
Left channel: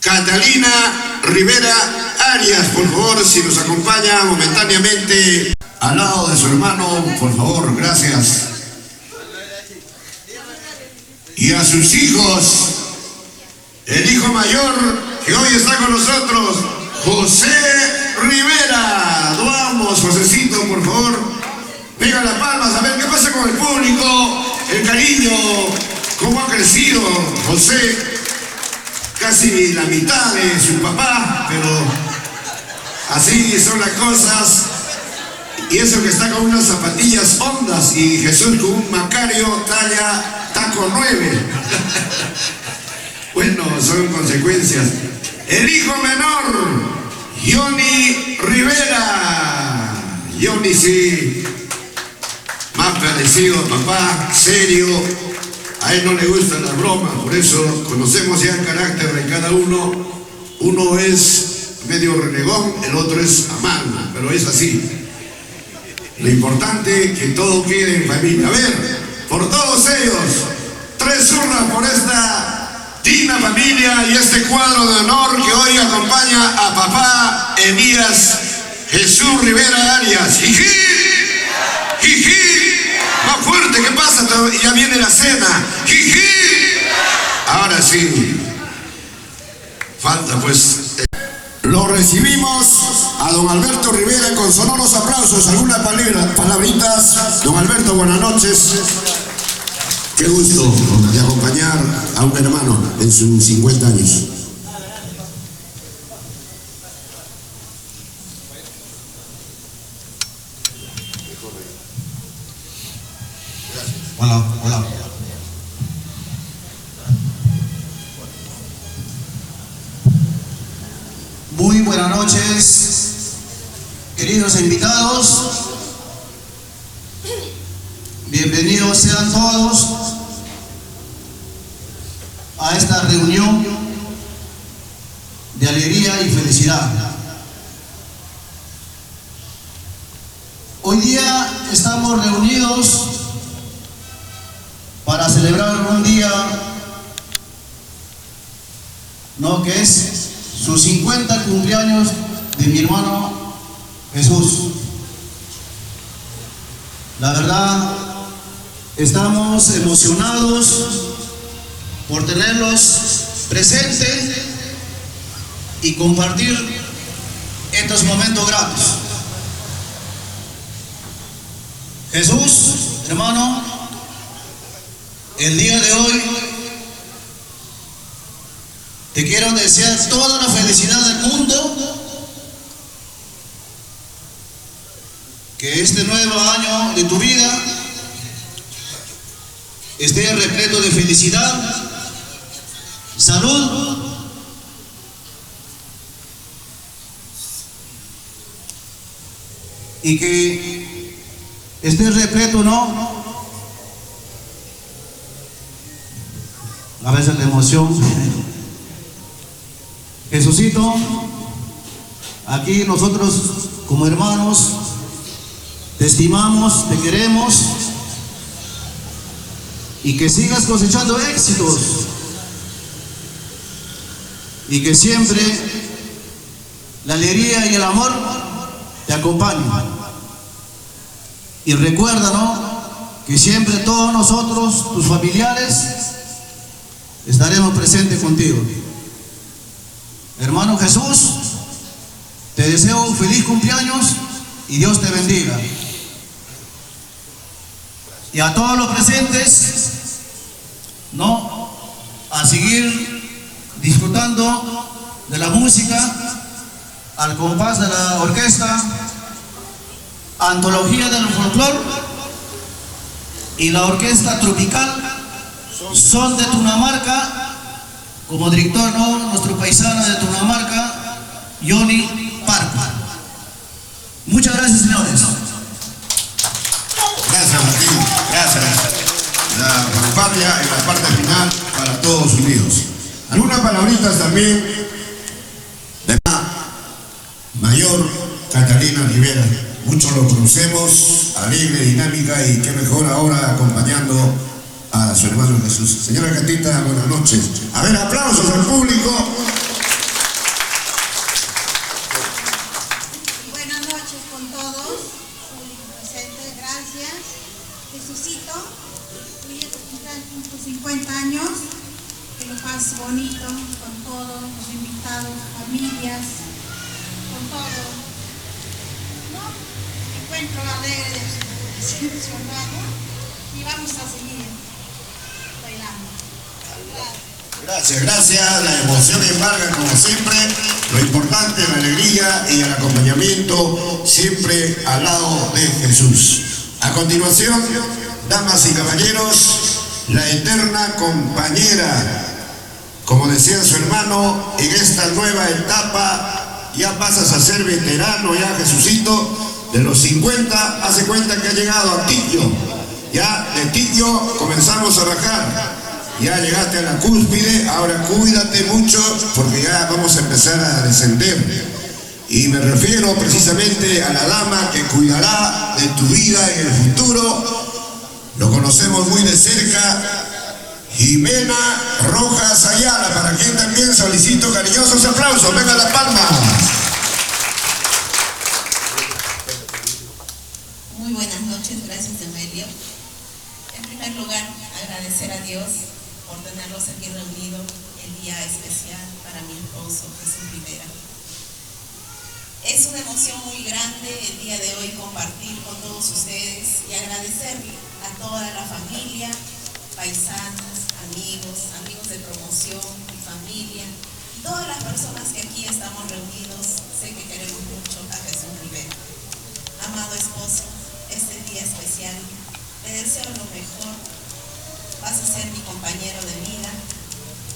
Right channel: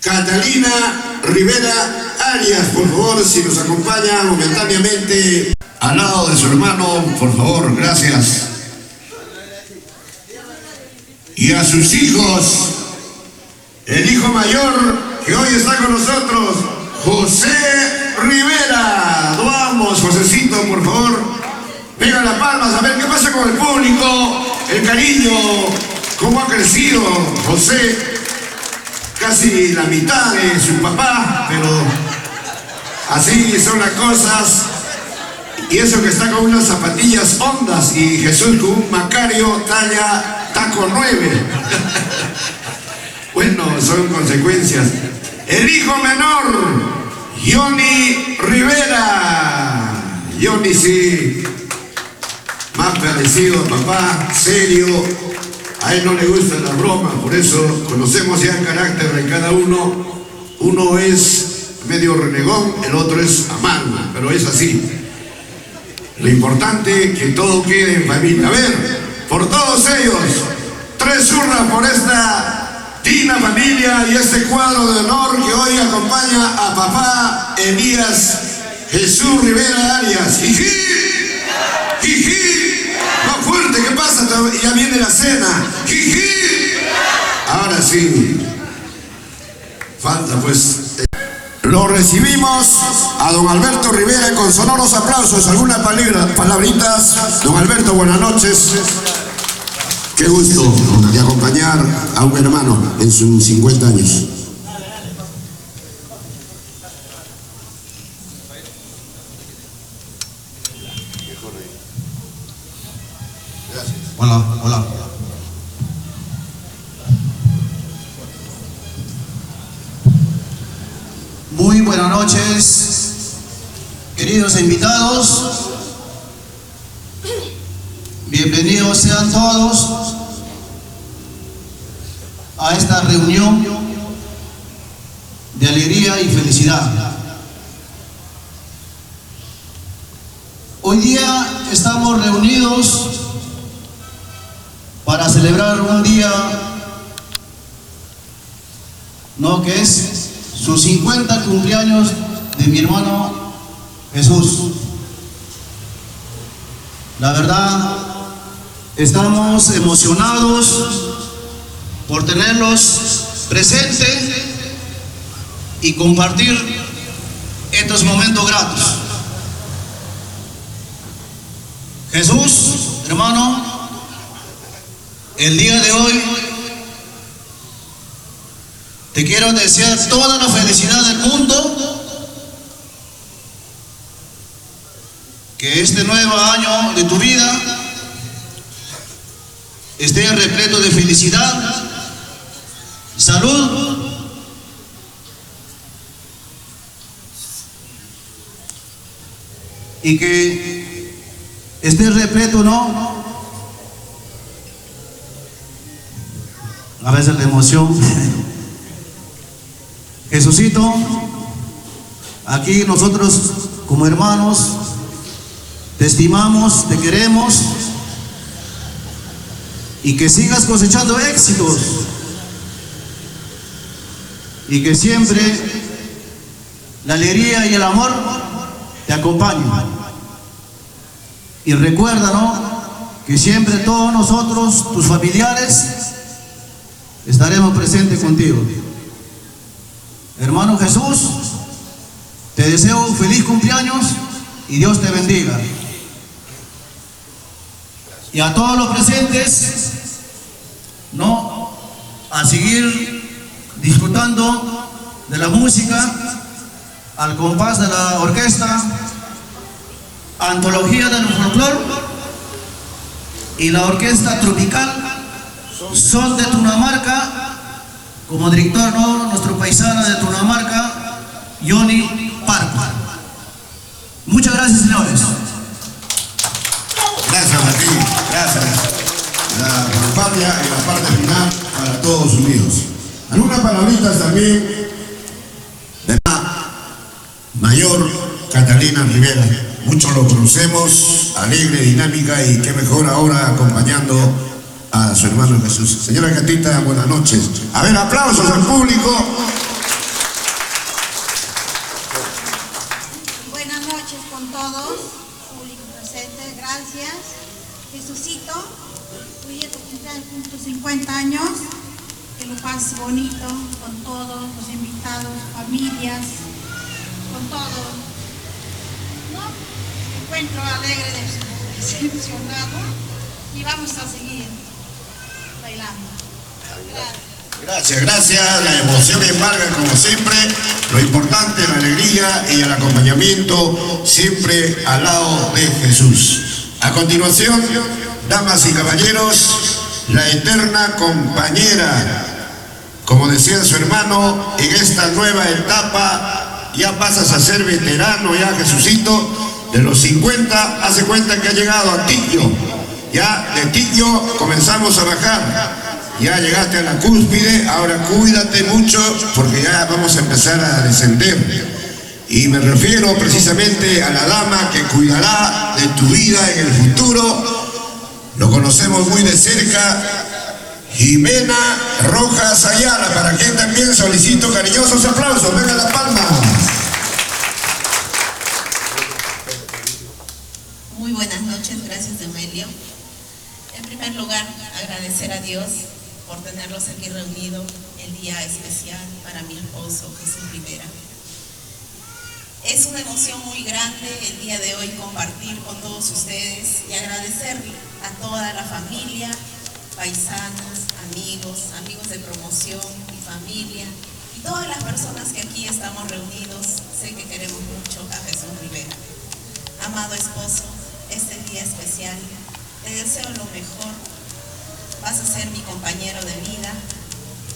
Catalina Rivera Arias, por favor, si nos acompaña momentáneamente al lado de su hermano, por favor, gracias. Y a sus hijos, el hijo mayor que hoy está con nosotros, José Rivera. Vamos, Josecito, por favor, pega las palmas a ver qué pasa con el público, el cariño, cómo ha crecido José. Casi la mitad de su papá, pero así son las cosas. Y eso que está con unas zapatillas hondas y Jesús con un Macario talla taco 9. Bueno, son consecuencias. El hijo menor, Johnny Rivera. Johnny sí, más parecido a papá, serio. A él no le gustan las bromas, por eso conocemos ya el carácter de cada uno. Uno es medio renegón, el otro es amargo, pero es así. Lo importante es que todo quede en familia. A ver, por todos ellos, 3 hurras por esta digna familia y este cuadro de honor que hoy acompaña a papá Elías Jesús Rivera Arias. ¡Jiji! ¡Jiji! Más fuerte, ¿qué pasa? Ya viene la cena. ¡Jiji! Ahora sí. Falta pues. Lo recibimos a don Alberto Rivera con sonoros aplausos. Algunas palabritas. Don Alberto, buenas noches. Qué gusto de acompañar a un hermano en sus 50 años. Hola, hola. Muy buenas noches, queridos invitados. Bienvenidos sean todos a esta reunión de alegría y felicidad. Hoy día estamos reunidos para celebrar un día, ¿no?, que es sus 50 cumpleaños de mi hermano Jesús. La verdad, estamos emocionados por tenerlos presentes y compartir estos momentos gratos. Jesús, hermano, el día de hoy te quiero desear toda la felicidad del mundo, que este nuevo año de tu vida esté repleto de felicidad, salud y que esté repleto, ¿no?, a veces la emoción. Jesucito, aquí nosotros como hermanos te estimamos, te queremos y que sigas cosechando éxitos y que siempre la alegría y el amor te acompañen. Y recuerda, ¿no?, que siempre todos nosotros, tus familiares, estaremos presentes contigo. Hermano Jesús, te deseo un feliz cumpleaños y Dios te bendiga. Y a todos los presentes, ¿no?, a seguir disfrutando de la música al compás de la orquesta Antología del Folclor y la orquesta tropical Son de Tunamarca, como director, ¿no?, nuestro paisano de Tunamarca, Johnny Parco. Muchas gracias, señores. Gracias, Martín. Gracias. La vanguardia y la parte final para todos unidos. Algunas palabritas también de la mayor Catalina Rivera. Muchos lo conocemos, alegre, dinámica y qué mejor ahora acompañando a su hermano Jesús. Señora Catita, buenas noches. A ver, aplausos al público. Buenas noches con todos, público presente, gracias. Jesucito, hoy es tu cumpleaños, tus 50 años, que lo pases bonito con todos los invitados, familias, con todo. ¿No? Me encuentro alegre, decepcionado y vamos a seguir bailando. Gracias. Gracias. La emoción embarga como siempre. Lo importante, la alegría y el acompañamiento siempre al lado de Jesús. A continuación, damas y caballeros, la eterna compañera. Como decía su hermano, en esta nueva etapa ya pasas a ser veterano, ya Jesucito, de los 50, hace cuenta que ha llegado a Tiquio. Ya de Tiquio comenzamos a bajar. Ya llegaste a la cúspide, ahora cuídate mucho porque ya vamos a empezar a descender. Y me refiero precisamente a la dama que cuidará de tu vida en el futuro. Lo conocemos muy de cerca. Jimena Rojas Ayala, para quien también solicito cariñosos aplausos. Venga la palma. Muy buenas noches, gracias Emelio. En primer lugar, agradecer a Dios por tenerlos aquí reunidos el día especial para mi esposo Jesús Rivera. Es una emoción muy grande el día de hoy compartir con todos ustedes y agradecer a toda la familia, paisanos, amigos de promoción, mi familia y todas las personas que aquí estamos reunidos. Sé que queremos mucho a Jesús Rivera. Amado esposo, este día especial, te deseo lo mejor. Vas a ser mi compañero de vida,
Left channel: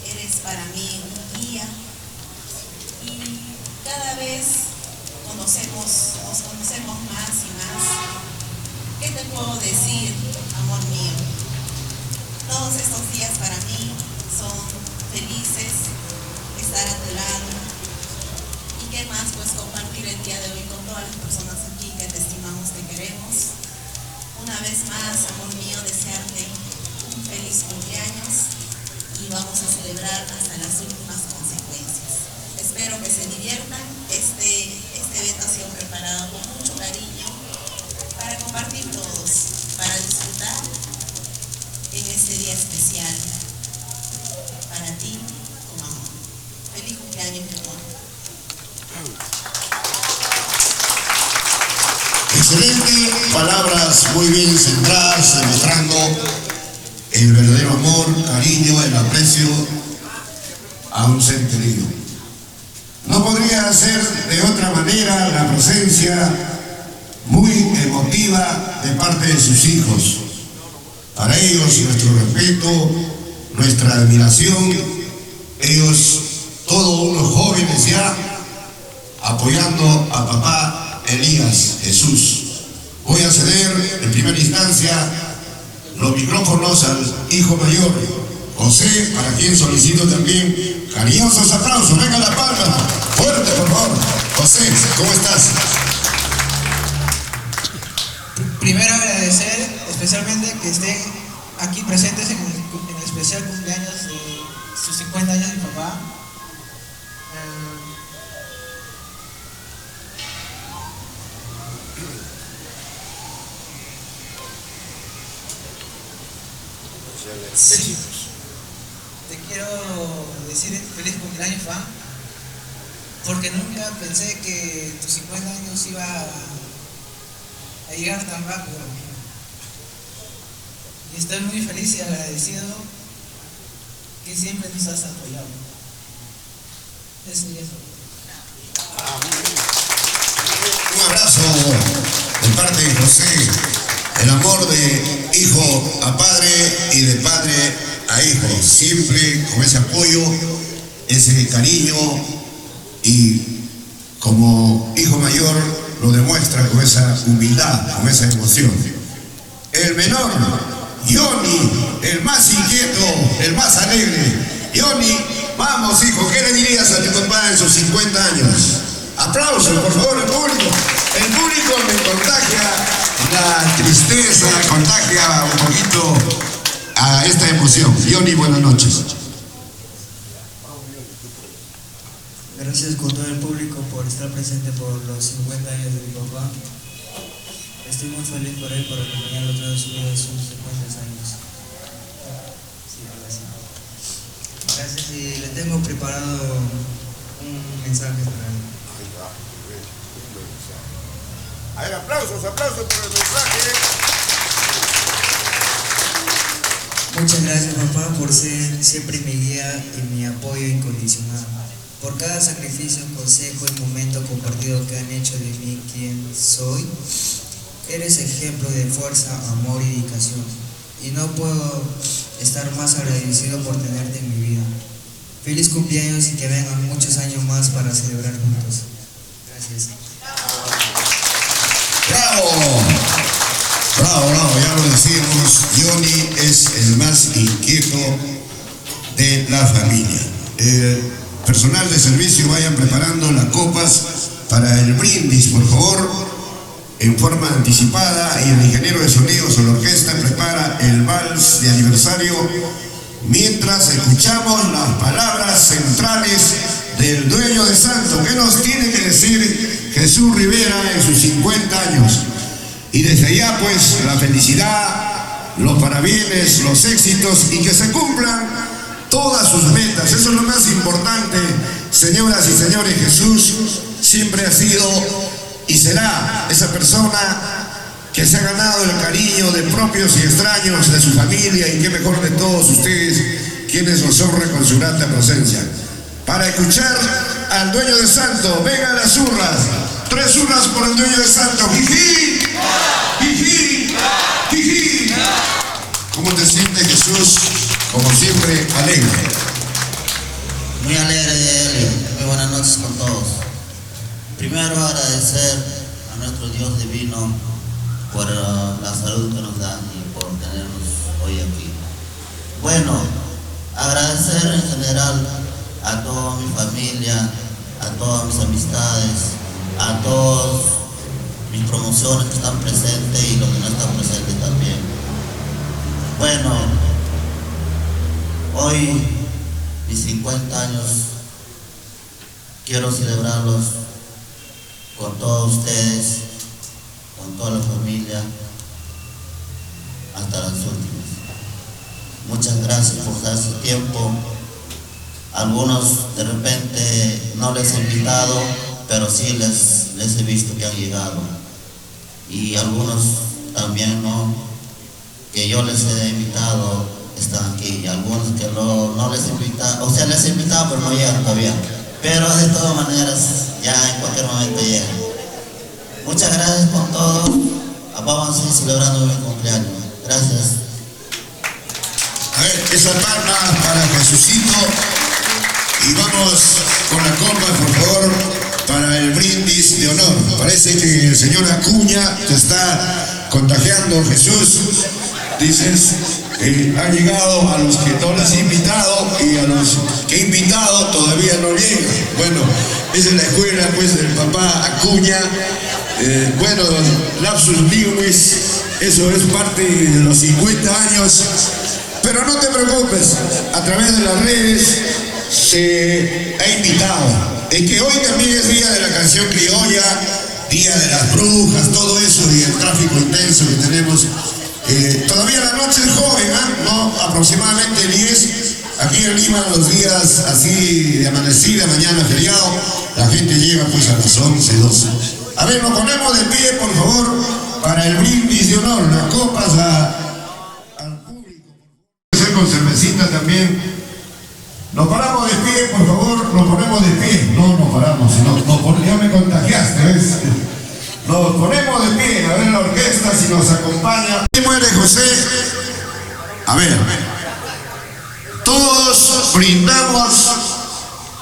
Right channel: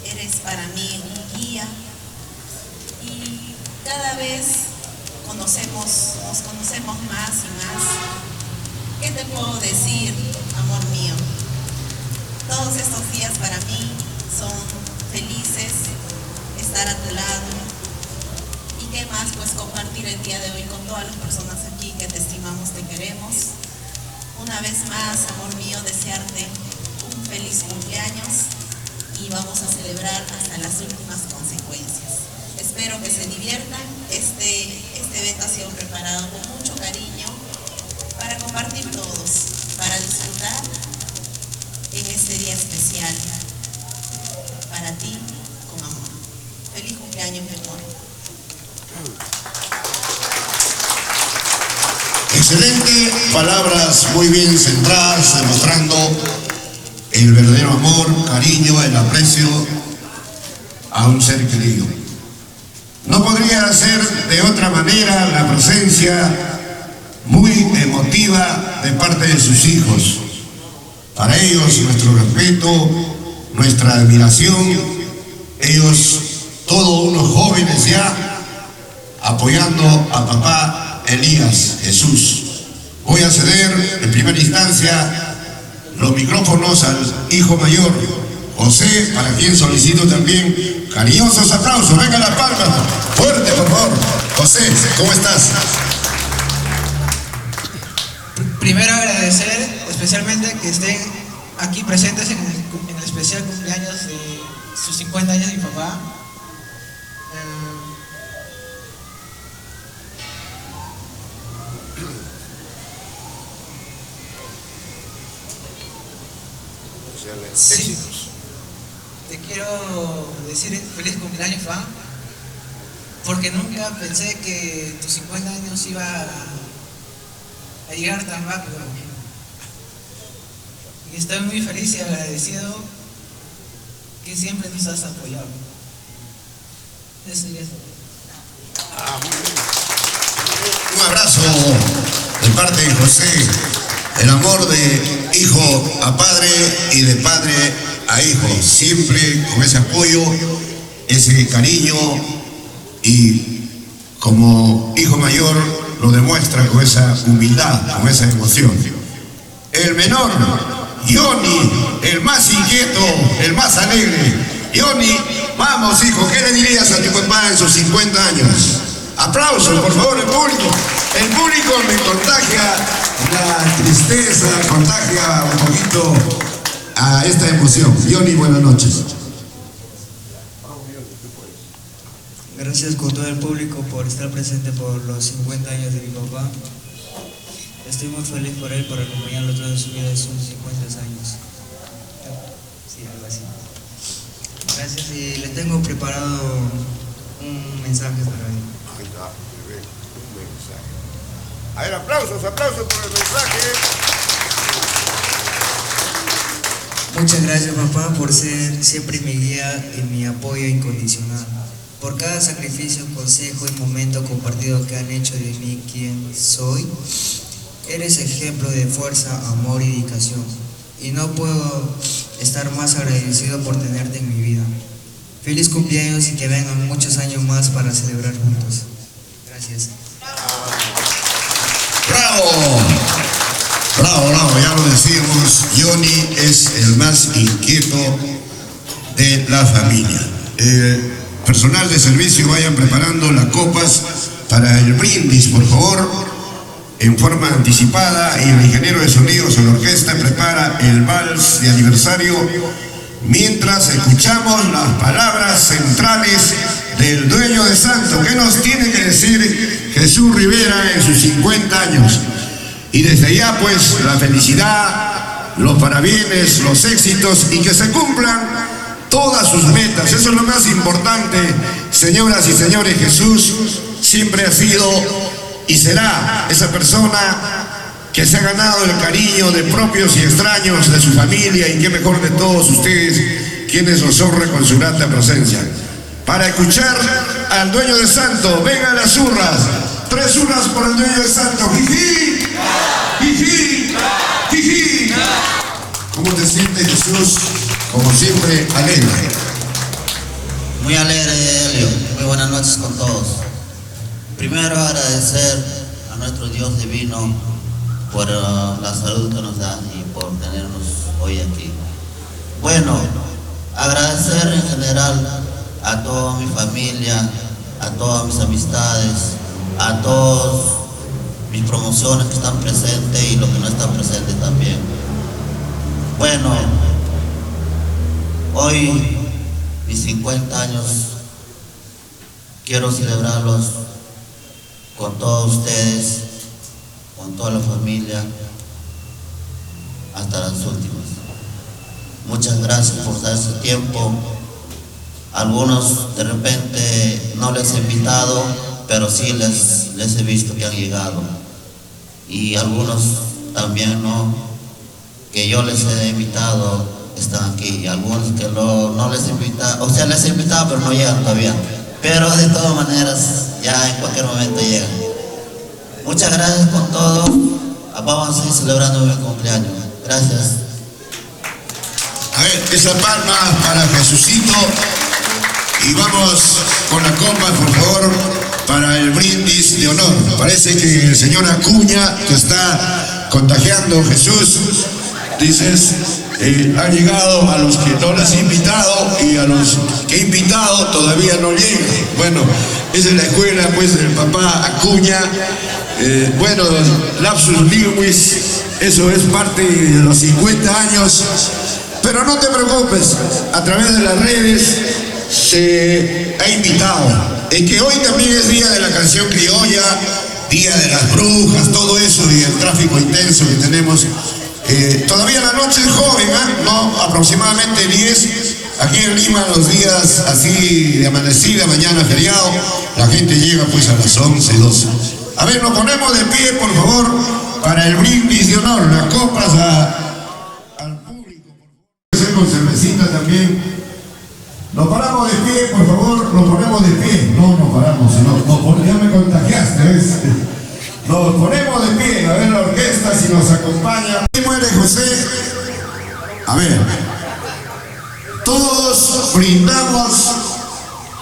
eres para mí un guía y cada vez nos conocemos más y más. ¿Qué te puedo decir, amor mío? Todos estos días para mí son felices, estar a tu lado y qué más pues compartir el día de hoy con todas las personas aquí que te estimamos, te queremos. Una vez más, amor mío, desearte un feliz cumpleaños y vamos a celebrar hasta las últimas consecuencias. Espero que se diviertan. Este evento ha sido preparado con mucho cariño para compartir todos, para disfrutar en este día especial para ti con amor. Feliz cumpleaños, mi amor. Excelente, palabras muy bien centradas, demostrando el verdadero amor, cariño, el aprecio a un ser querido. No podría ser de otra manera la presencia muy emotiva de parte de sus hijos. Para ellos nuestro respeto, nuestra admiración, ellos todos unos jóvenes ya apoyando a papá Elías Jesús. Voy a ceder en primera instancia los micrófonos al hijo mayor, José, para quien solicito también cariñosos aplausos. Venga la palma, fuerte por favor. José, ¿cómo estás? Primero agradecer especialmente que estén aquí presentes en el especial cumpleaños de sus 50 años de mi papá. Sí. Te quiero decir feliz cumpleaños, Juan, porque nunca pensé que tus 50 años iba a llegar tan rápido. Y estoy muy feliz y agradecido que siempre nos has apoyado. Eso sería todo. Un abrazo de parte de José, el amor de hijo a padre y de padre a a hijo, siempre con ese apoyo, ese cariño, y como hijo mayor lo demuestra con esa humildad, con esa emoción. El menor, Johnny, el más inquieto, el más alegre. Johnny, vamos hijo, ¿qué le dirías a tu papá en sus 50 años? Aplausos, por favor, el público. El público me contagia la tristeza, contagia un poquito a esta emoción. Johnny, buenas noches. Gracias con todo el público por estar presente por los 50 años de mi papá. Estoy muy feliz por él, por acompañarlo toda su vida de sus 50 años. Sí, algo así. Gracias, y le tengo preparado un mensaje para él. A ver, aplausos por el mensaje. Muchas gracias, papá, por ser siempre mi guía y mi apoyo incondicional. Por cada sacrificio, consejo y momento compartido que han hecho de mí quien soy. Eres ejemplo de fuerza, amor y dedicación. Y no puedo estar más agradecido por tenerte en mi vida. Feliz cumpleaños y que vengan muchos años más para celebrar juntos. Gracias. ¡Bravo! Bravo, bravo, ya lo decimos, Johnny es el más inquieto de la familia. Personal de servicio, vayan preparando las copas para el brindis, por favor, en forma anticipada, y el ingeniero de sonidos de la orquesta prepara el vals de aniversario mientras escuchamos las palabras centrales del dueño de Santo. ¿Qué nos tiene que decir Jesús Rivera en sus 50 años? Y desde ya, pues, la felicidad, los parabienes, los éxitos, y que se cumplan todas sus metas. Eso es lo más importante, señoras y señores. Jesús siempre ha sido y será esa persona que se ha ganado el cariño de propios y extraños, de su familia, y qué mejor de todos ustedes, quienes nos honran con su grata presencia. Para escuchar al dueño de Santo, vengan las zurras, 3 zurras por el dueño de Santo. ¡Jiji! ¡Jiji! ¡Jiji! ¿Cómo te sientes, Jesús? Como siempre, alegre. Muy alegre, Helio. Muy buenas noches con todos. Primero agradecer a nuestro Dios divino por la salud que nos da y por tenernos hoy aquí. Bueno, agradecer en general a toda mi familia, a todas mis amistades, a todos mis promociones que están presentes y los que no están presentes también. Bueno, hoy mis 50 años quiero celebrarlos con todos ustedes, con toda la familia, hasta las últimas. Muchas gracias por dar su tiempo. Algunos de repente no les he invitado, pero sí les he visto que han llegado. Y algunos también no, que yo les he invitado, están aquí. Y algunos que no les he invitado, o sea, les he invitado pero no llegan todavía. Pero de todas maneras, ya en cualquier momento llegan. Muchas gracias por todo. Vamos a seguir celebrando mi cumpleaños. Gracias. A ver, esa palma para Jesucito. Y vamos con la copa, por favor, para el brindis de honor. Parece que el señor Acuña te está contagiando, Jesús. Dices, han llegado a los que no les he invitado, y a los que he invitado todavía no llegan. Bueno, esa es la escuela, pues, del papá Acuña. Bueno, lapsus linguis, eso es parte de los 50 años. Pero no te preocupes, a través de las redes se ha invitado. Es que hoy también es día de la canción criolla, día de las brujas, todo eso, y el tráfico intenso que tenemos. Todavía la noche es joven, ¿eh? No, aproximadamente 10. Aquí en Lima, los días así de amanecida, mañana feriado, la gente llega pues a las 11, 12. A ver, nos ponemos de pie, por favor, para el brindis de honor, las copas al público. Con cervecita también. Nos paramos de pie, por favor, nos ponemos de pie. No nos paramos, ya me contagiaste, ¿ves? Nos ponemos de pie, a ver la orquesta si nos acompaña. ¿Quién muere, José? A ver. Todos brindamos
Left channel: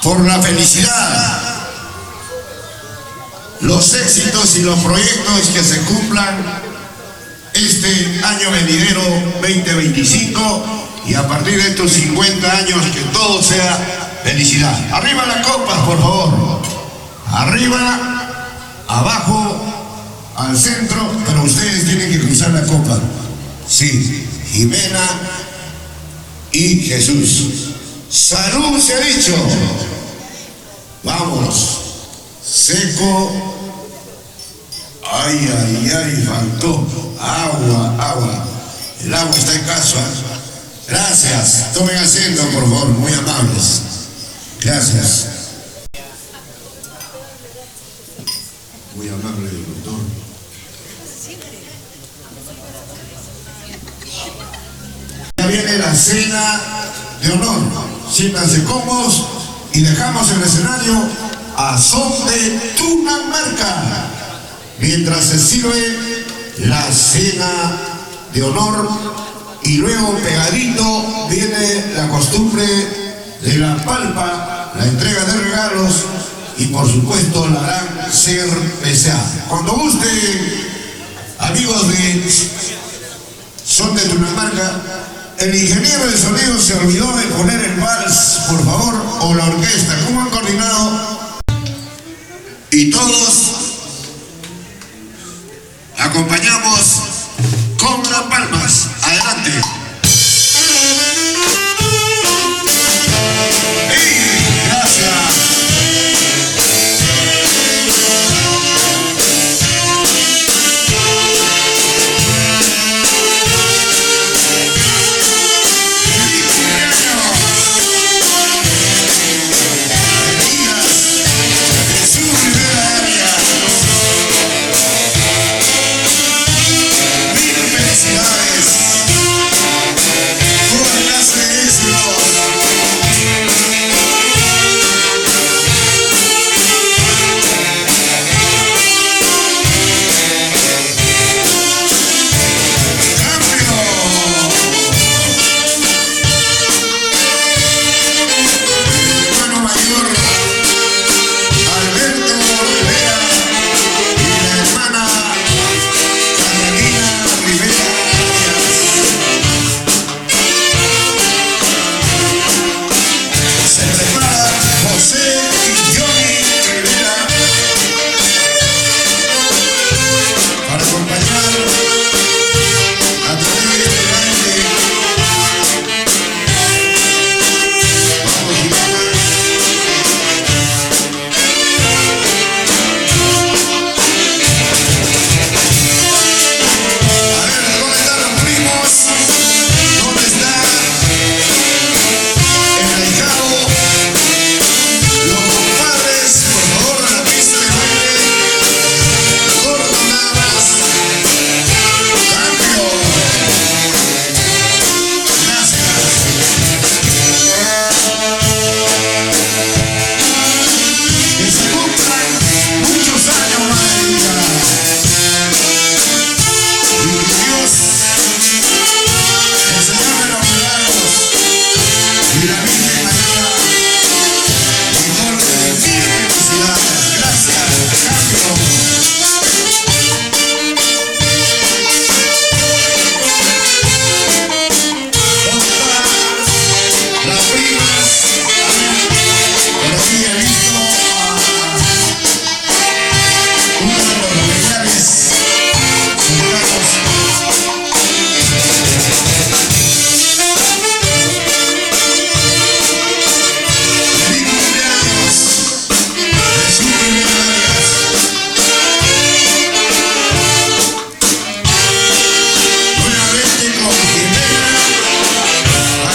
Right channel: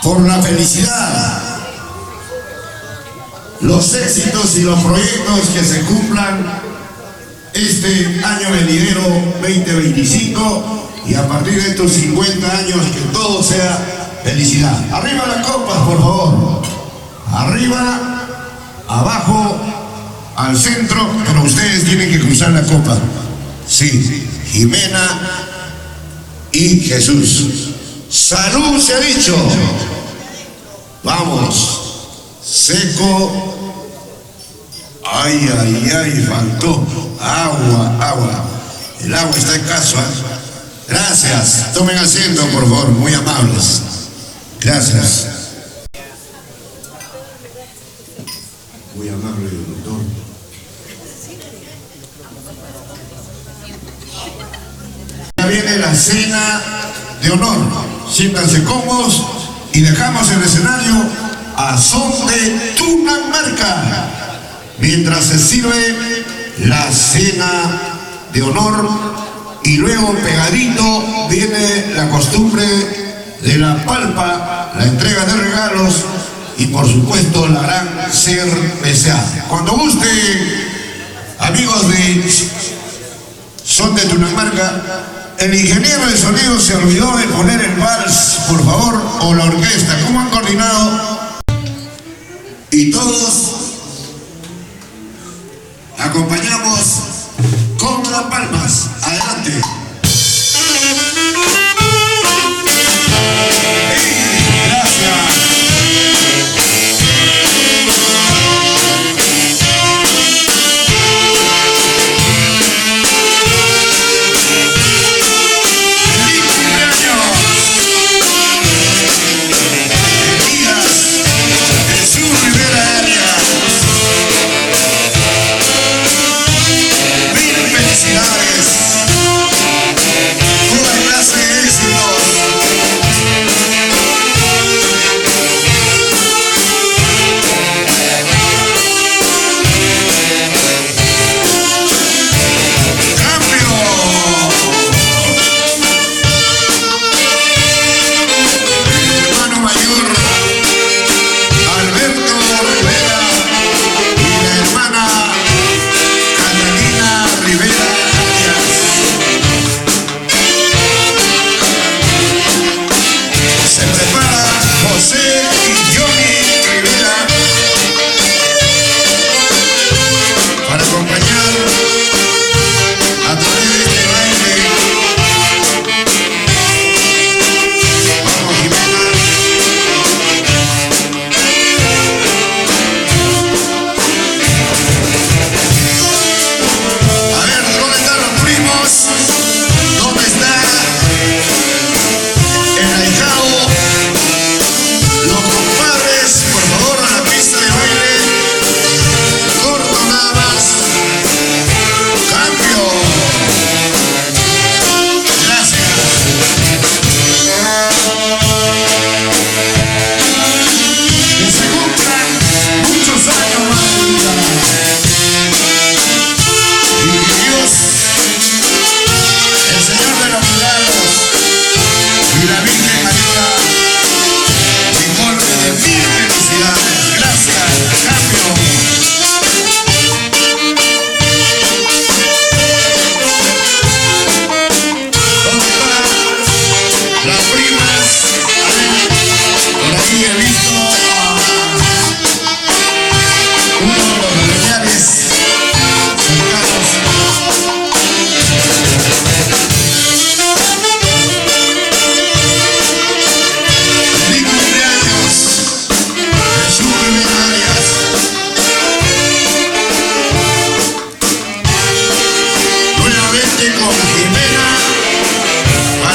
por la felicidad, los éxitos y los proyectos que se cumplan este año venidero 2025 y a partir de estos 50 años que todo sea felicidad. Arriba las copas, por favor. Arriba, abajo, al centro, pero ustedes tienen que cruzar la copa. Sí, Jimena y Jesús. Salud se ha dicho. Vamos. Seco. Ay, ay, ay, faltó. Agua, agua. El agua está escaso. Gracias. Tomen asiento, por favor, muy amables. Gracias. Muy amable, doctor. Ya viene la cena de honor. Siéntanse cómodos y dejamos el escenario a son de Tunamarca mientras se sirve la cena de honor y luego pegadito viene la costumbre de la palpa, la entrega de regalos y por supuesto la gran cerveza. Cuando guste, amigos de Son de Tunamarca, el ingeniero de sonido se olvidó de poner el vals, por favor, o la orquesta. ¿Cómo han coordinado? Y todos acompañamos con las palmas. Adelante.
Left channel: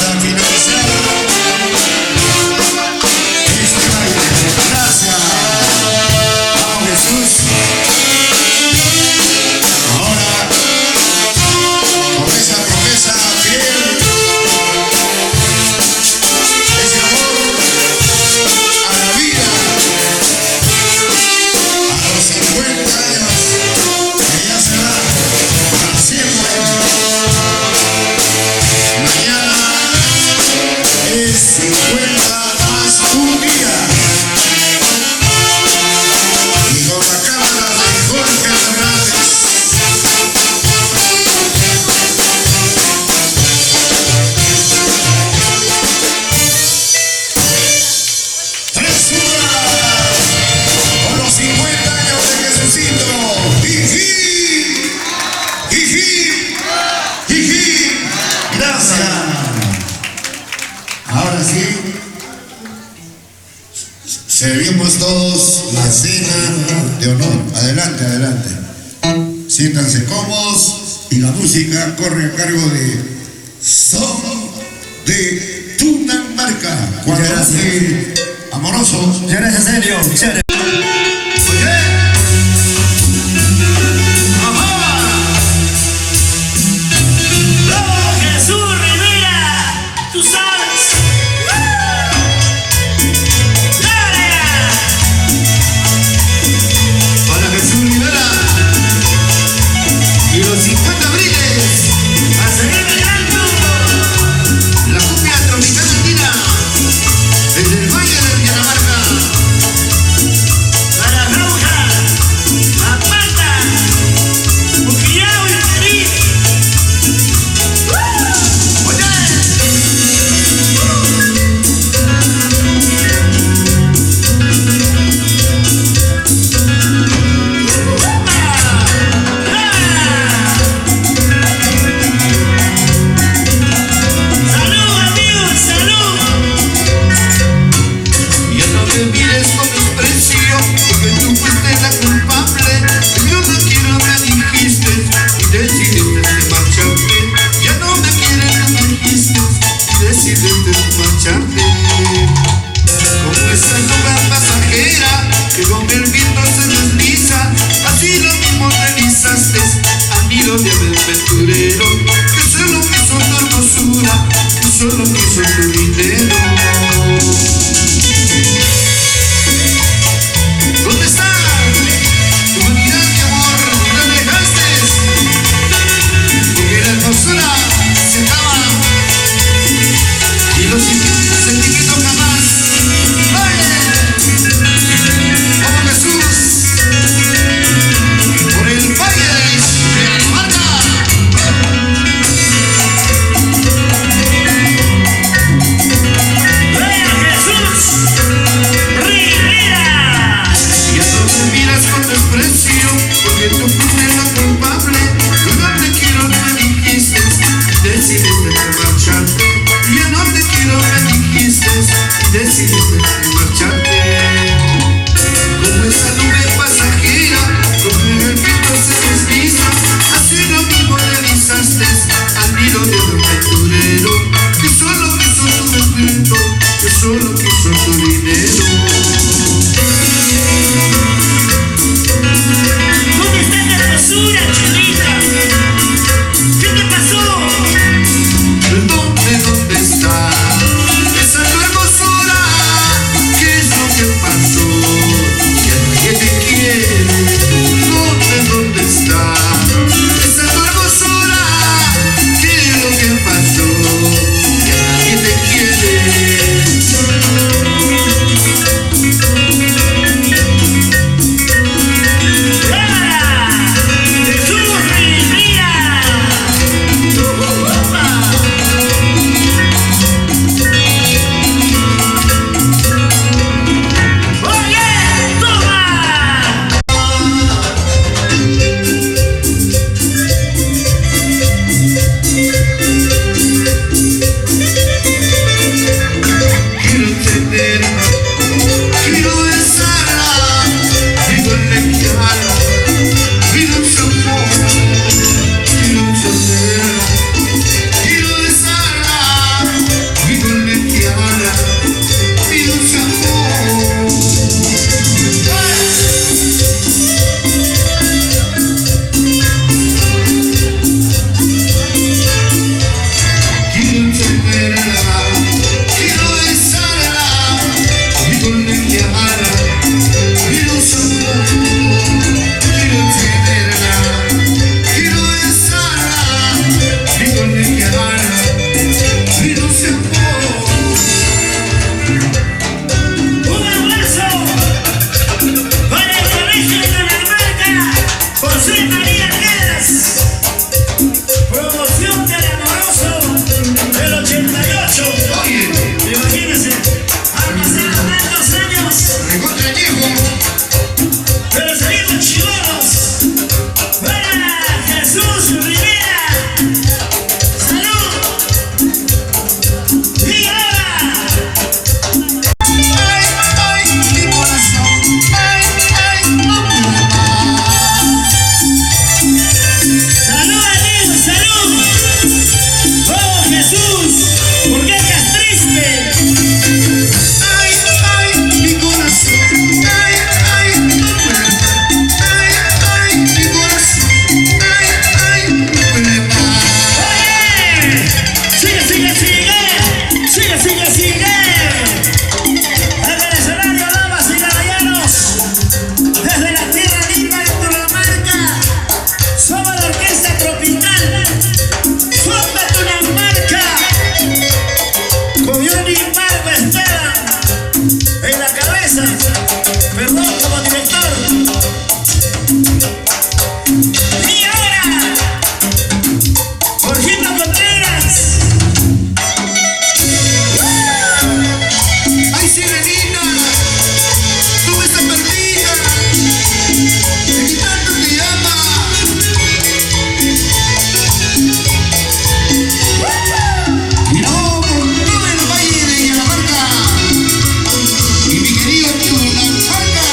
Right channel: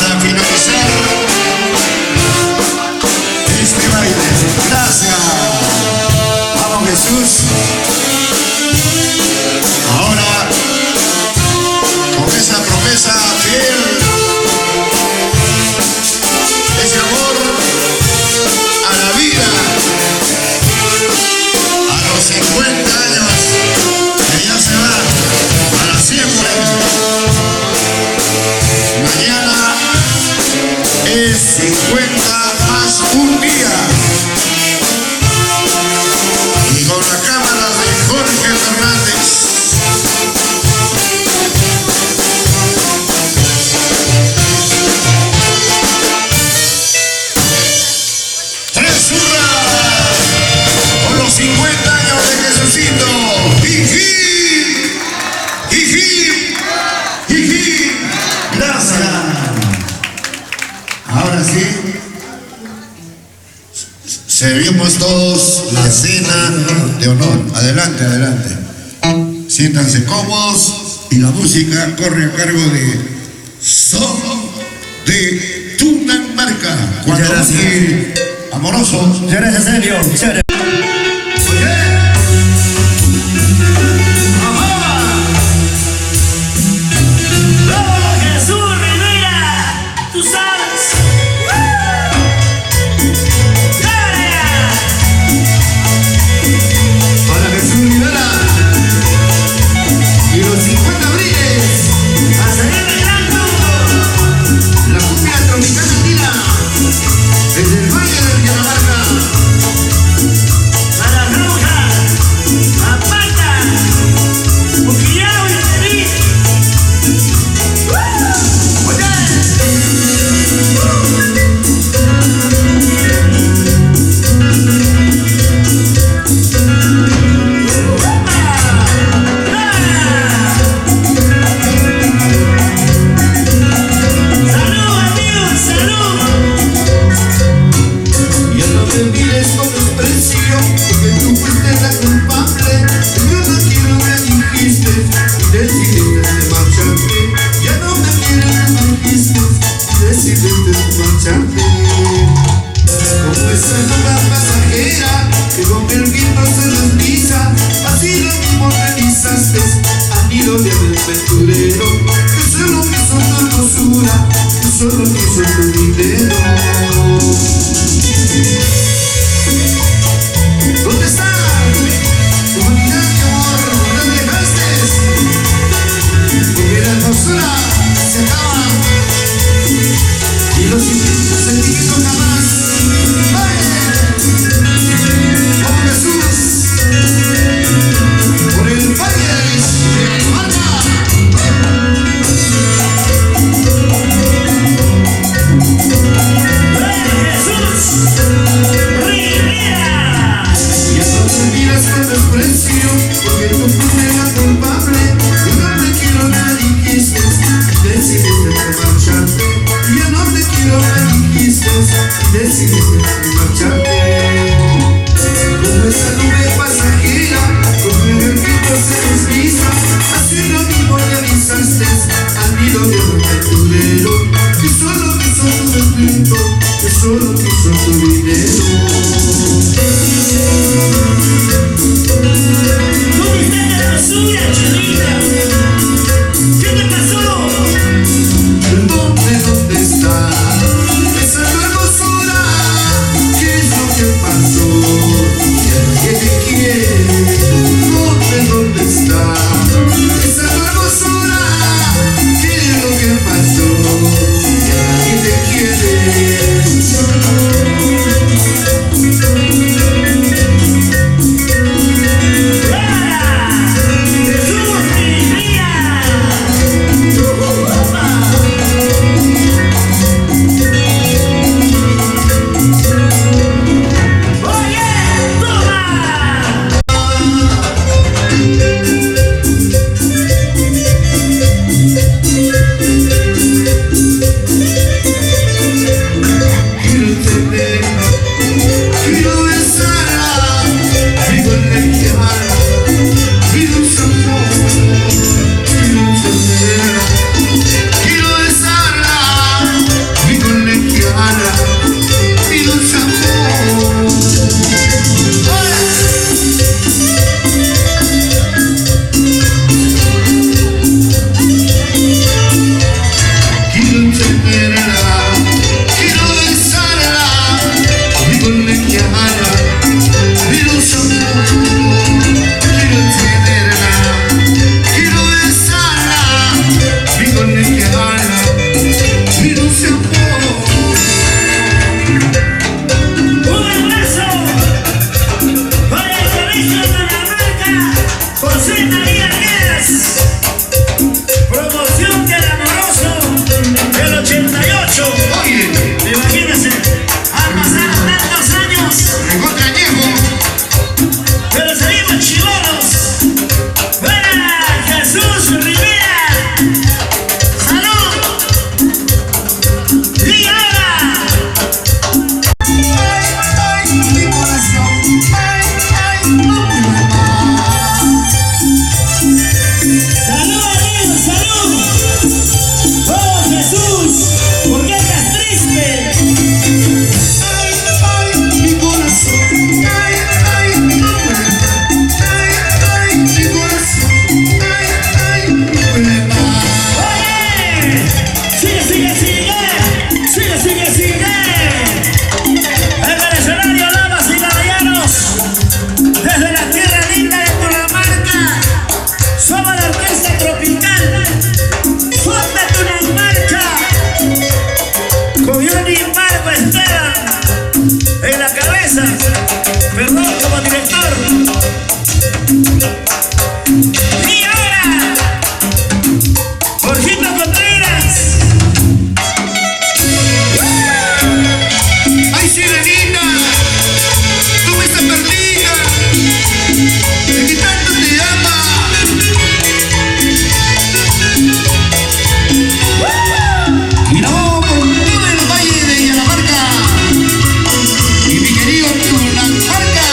Para finalizar este baile. sí, servimos todos la cena de honor. Adelante, adelante. Siéntanse cómodos y la música corre a cargo de Son de Tunamarca. Cuando amoroso. Muchas gracias, Celio. Chévere. Desde el Valle del Catamarca. Marco Esteban en la cabeza, perdón, como director. Y ahora, Jorgito Contreras. ¡Ay, sirenita! ¡Tú me estás perdida! ¡De que tanto te ama! Y no, por todo el valle de Yalamarca y mi querido Tunamarca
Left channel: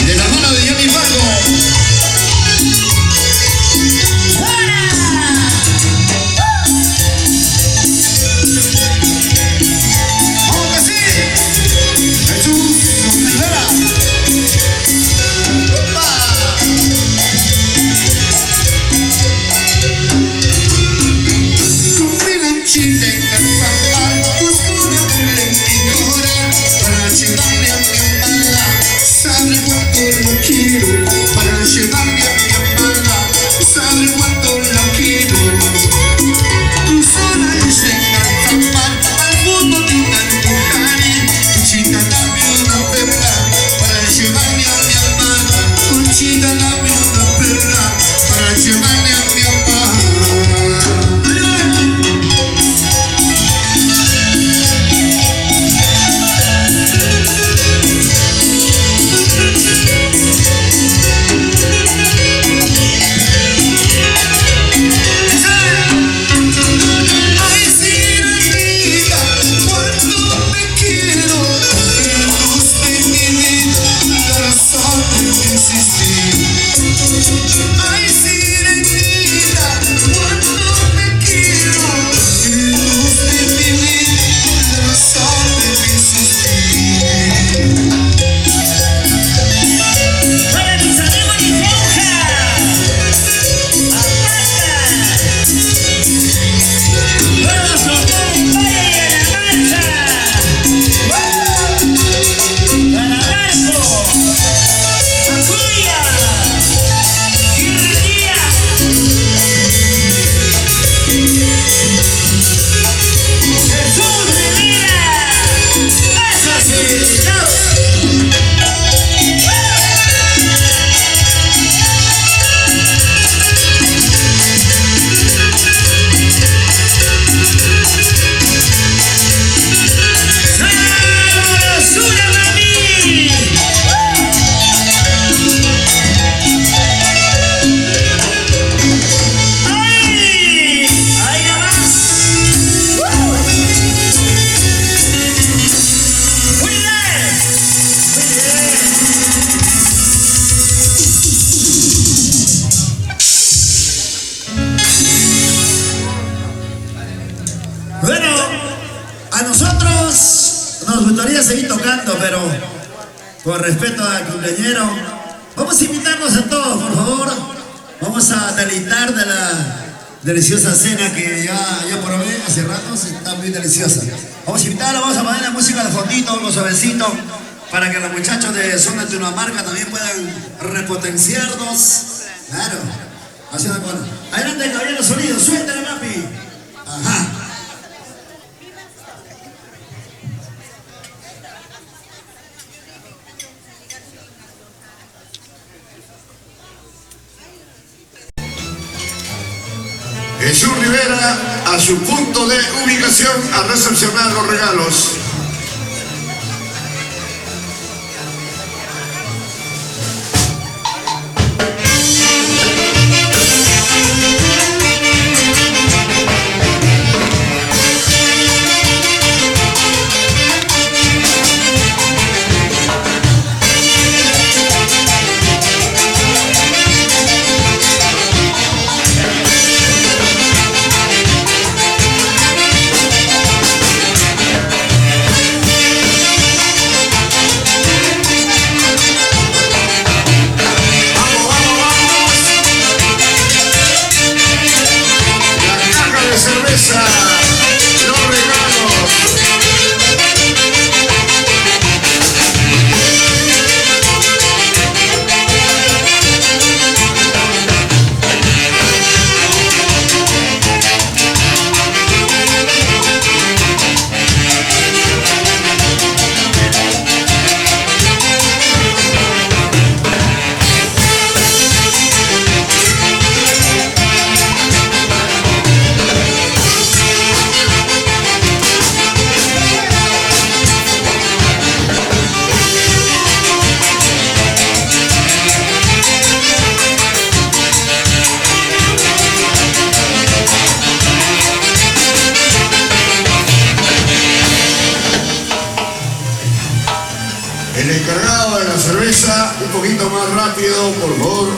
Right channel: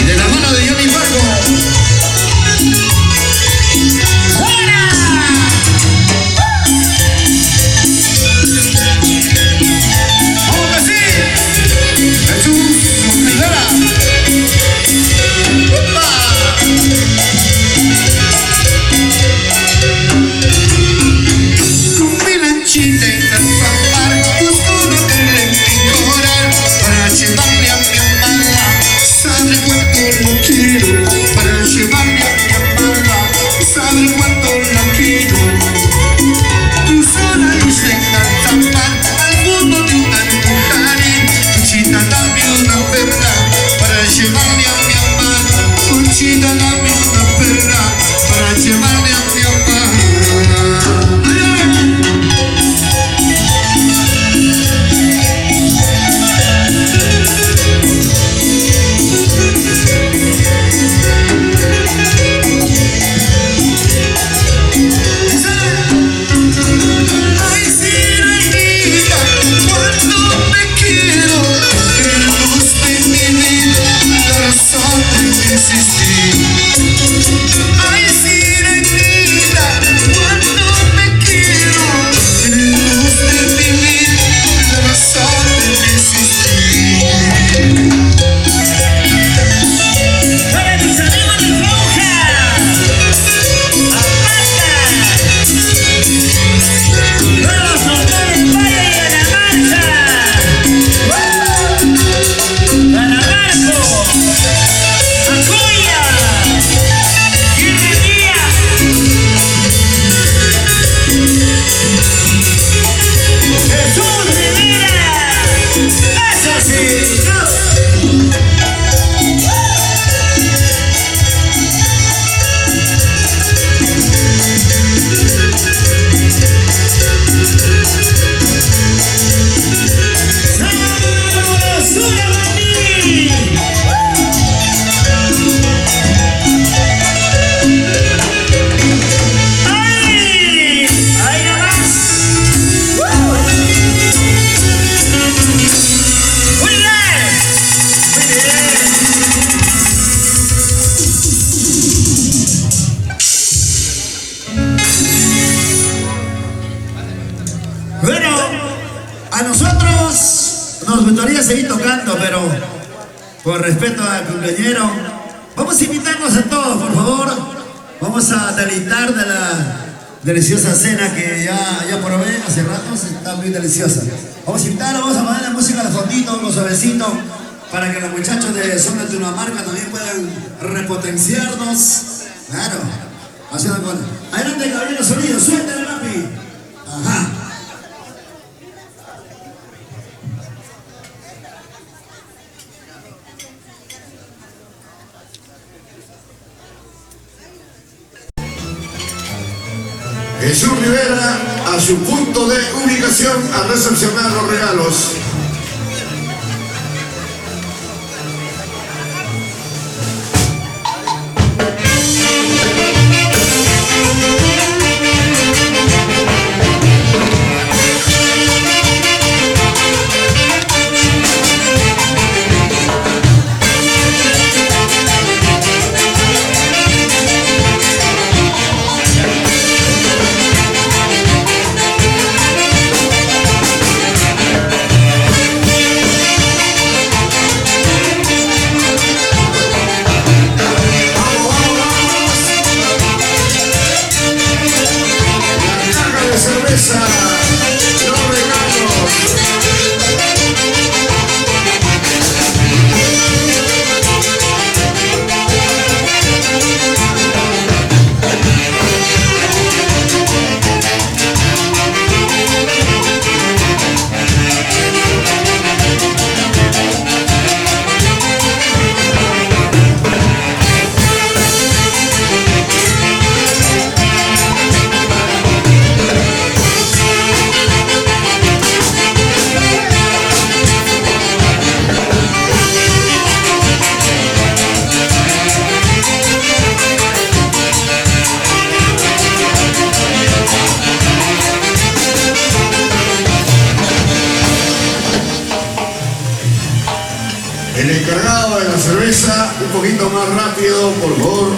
y de la mano de Johnny Fargo. Bueno, a nosotros nos gustaría seguir tocando, pero por respeto al cumpleañero, vamos a invitarnos a todos, por favor. Vamos a deleitar de la deliciosa cena que ya probé hace rato, está muy deliciosa. Vamos a invitarlos, vamos a poner la música de fondito, los suavecitos, para que los muchachos de Zona de Tunamarca también puedan repotenciarnos. Claro, haciendo con... Adelante, caballero, sonido, suéltale, lápiz. Ajá. Jesús Rivera a su punto de ubicación a recepcionar los regalos. El encargado de la cerveza, un poquito más rápido, por favor.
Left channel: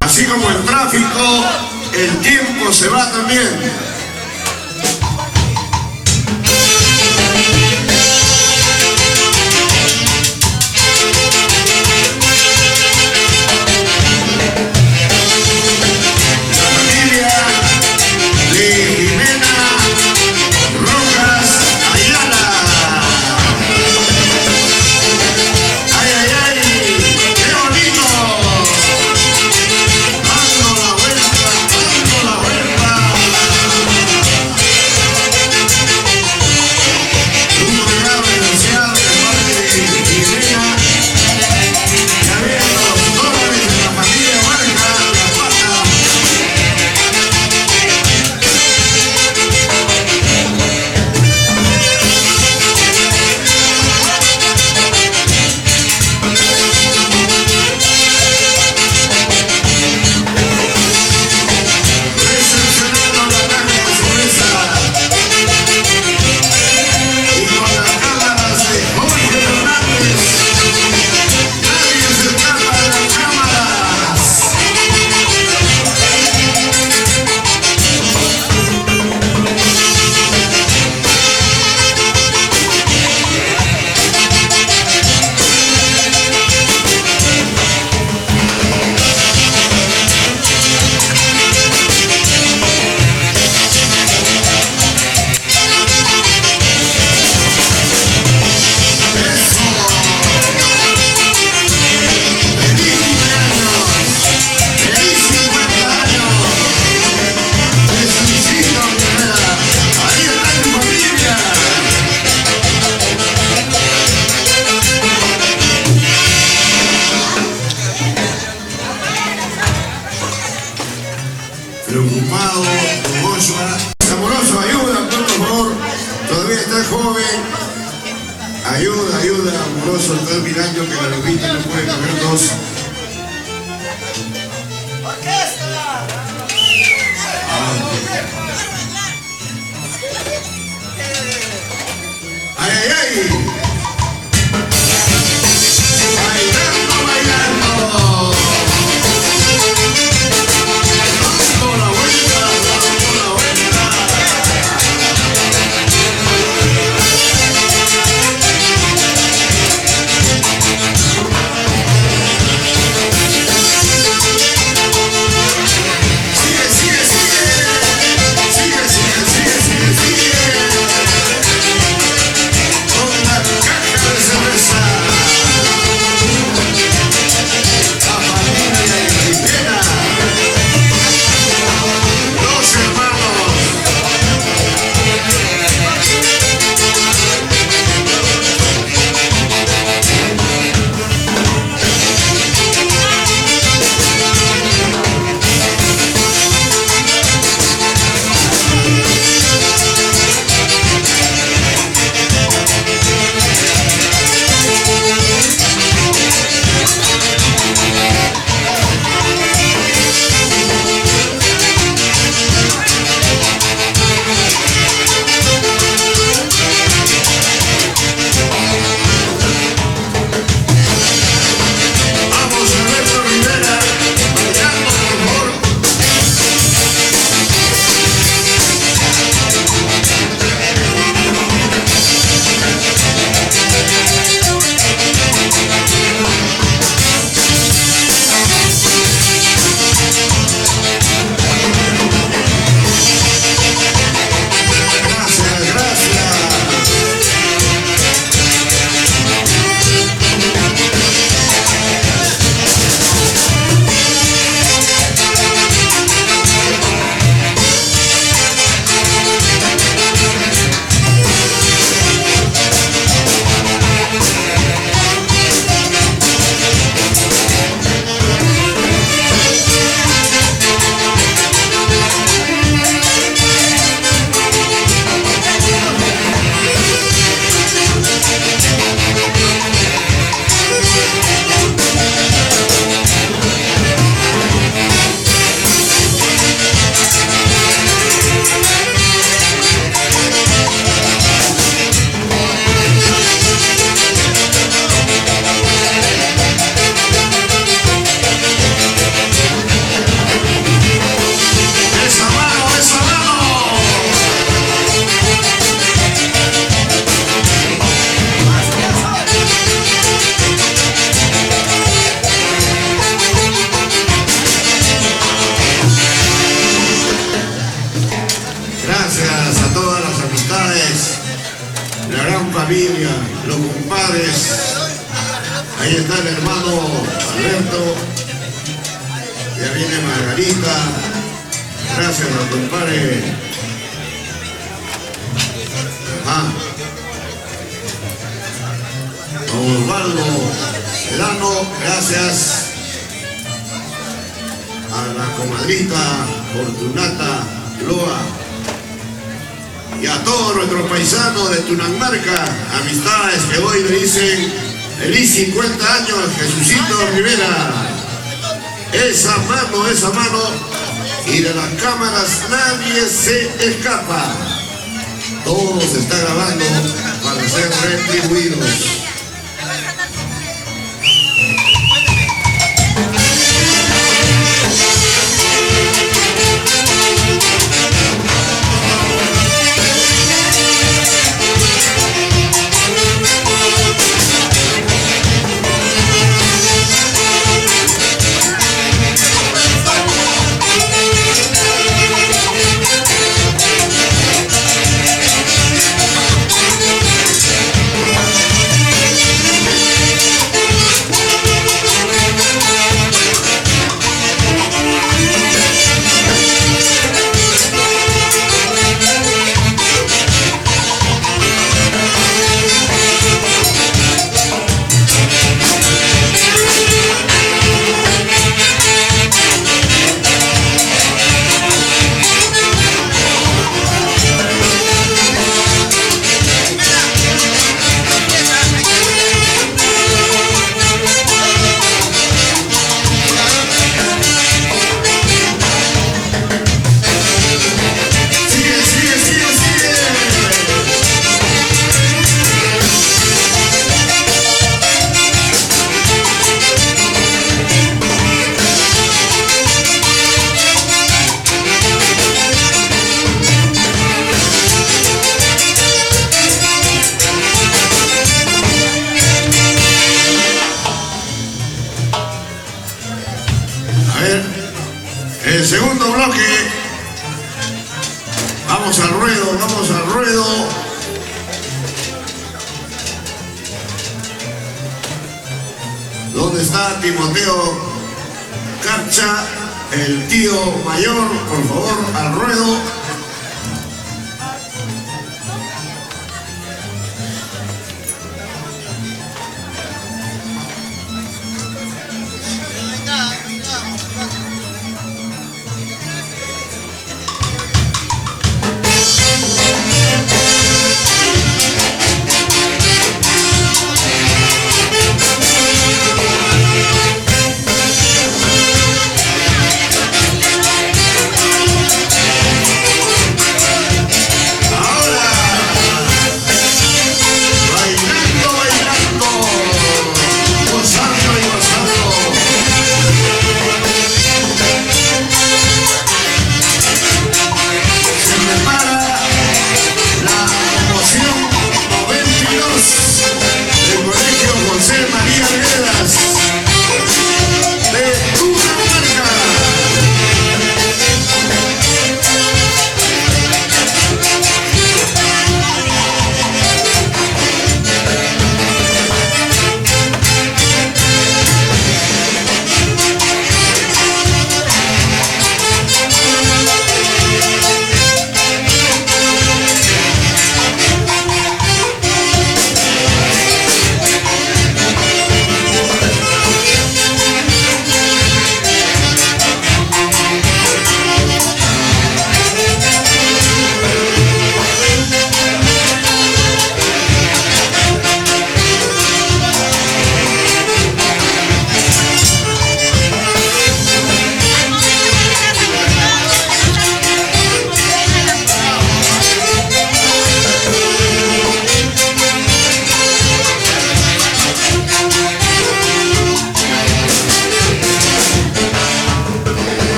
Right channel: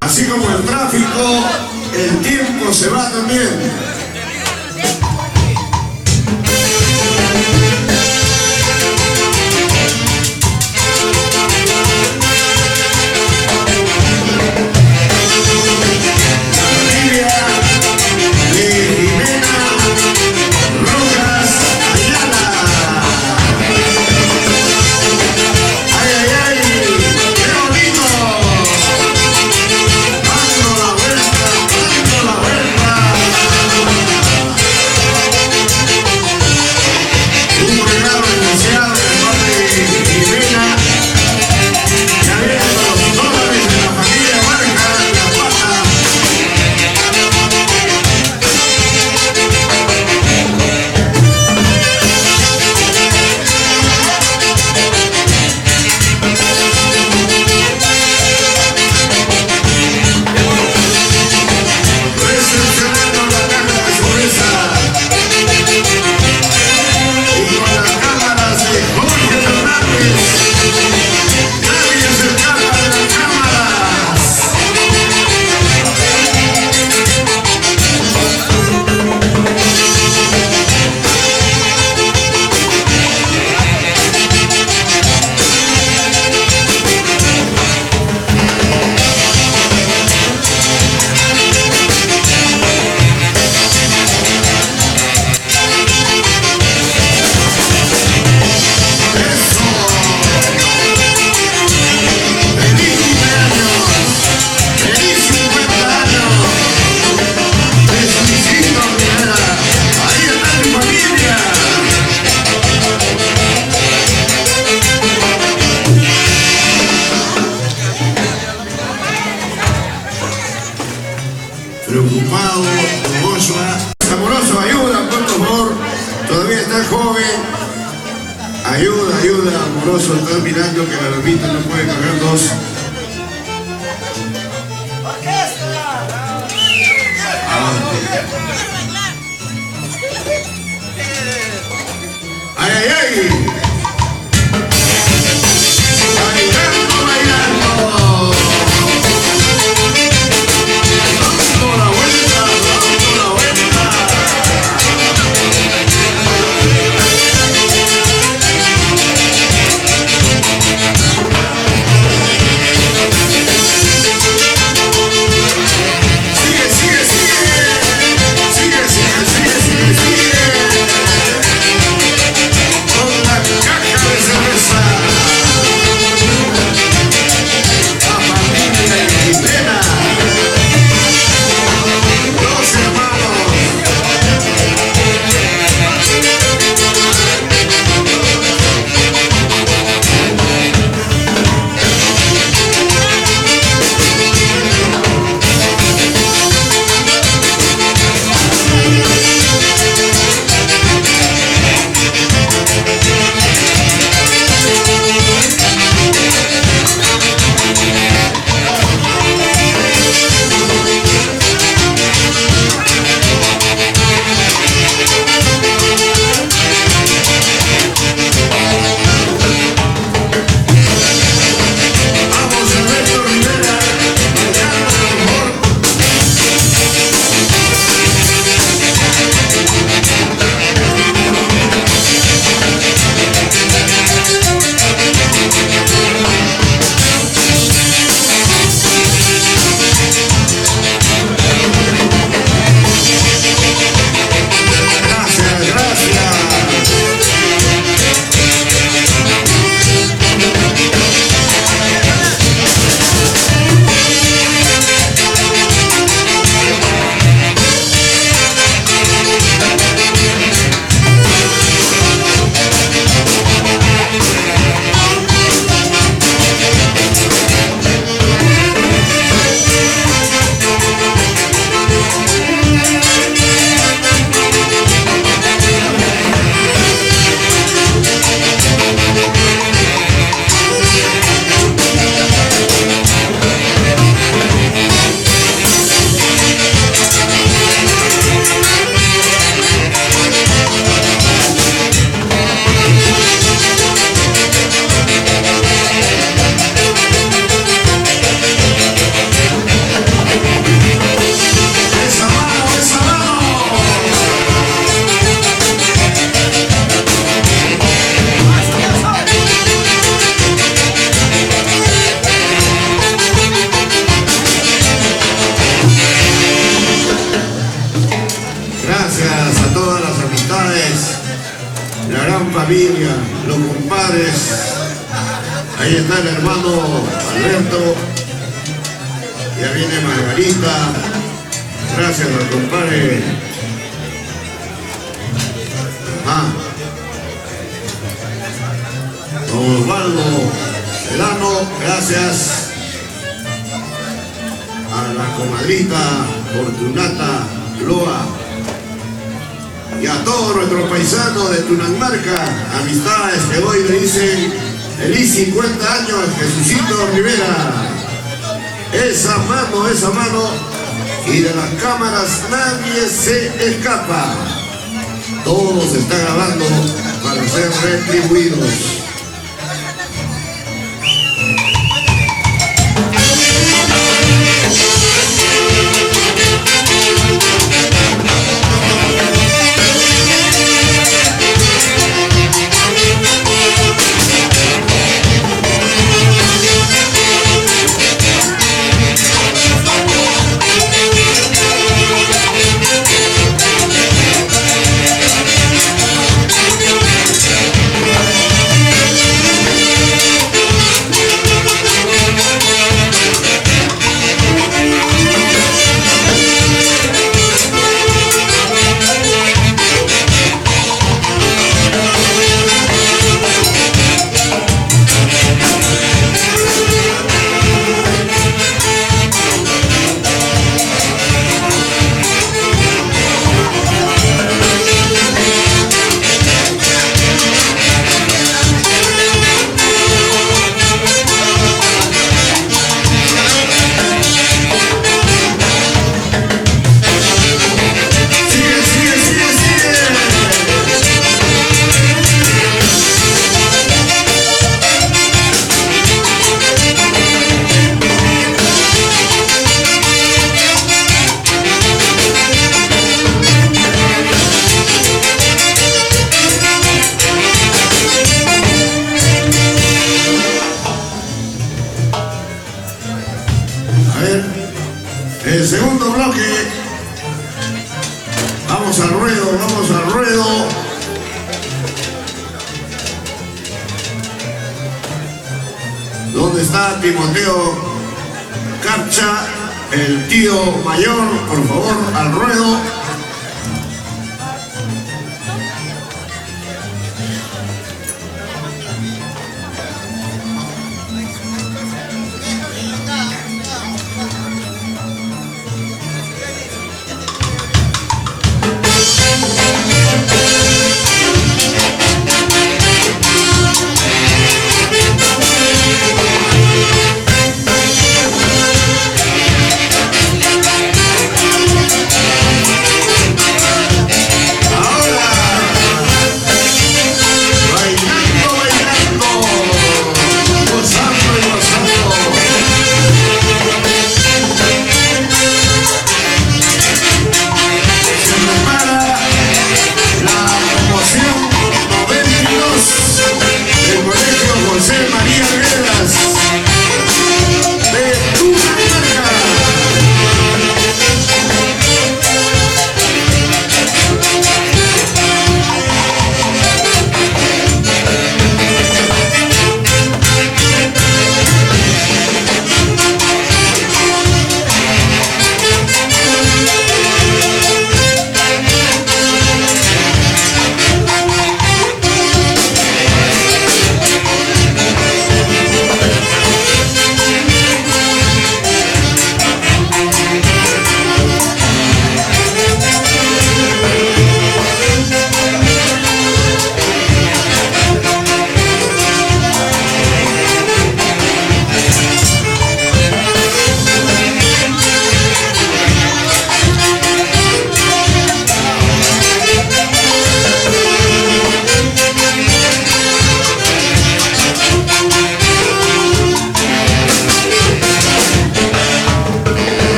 Así como el tráfico, el tiempo se va también. Preocupado, amoroso, ayuda, por favor, todavía está joven, ayuda, amoroso, está mirando que la lomita no puede cargar dos. ¡Ay, ay, ay! Con la familia, los compadres. Ahí está el hermano Alberto. Ya viene Margarita. Gracias al compadre. Ajá. Don Osvaldo Sedano, gracias. A la comadrita Fortunata Loa. Y a todos nuestros paisanos de Tunanmarca, amistades que hoy le dicen feliz 50 años, Jesucito Rivera. Esa mano, y de las cámaras nadie se escapa. Todo se está grabando para ser retribuidos. El segundo bloque, vamos al ruedo. ¿Dónde está Timoteo Carcha, el tío mayor? Por favor, al ruedo.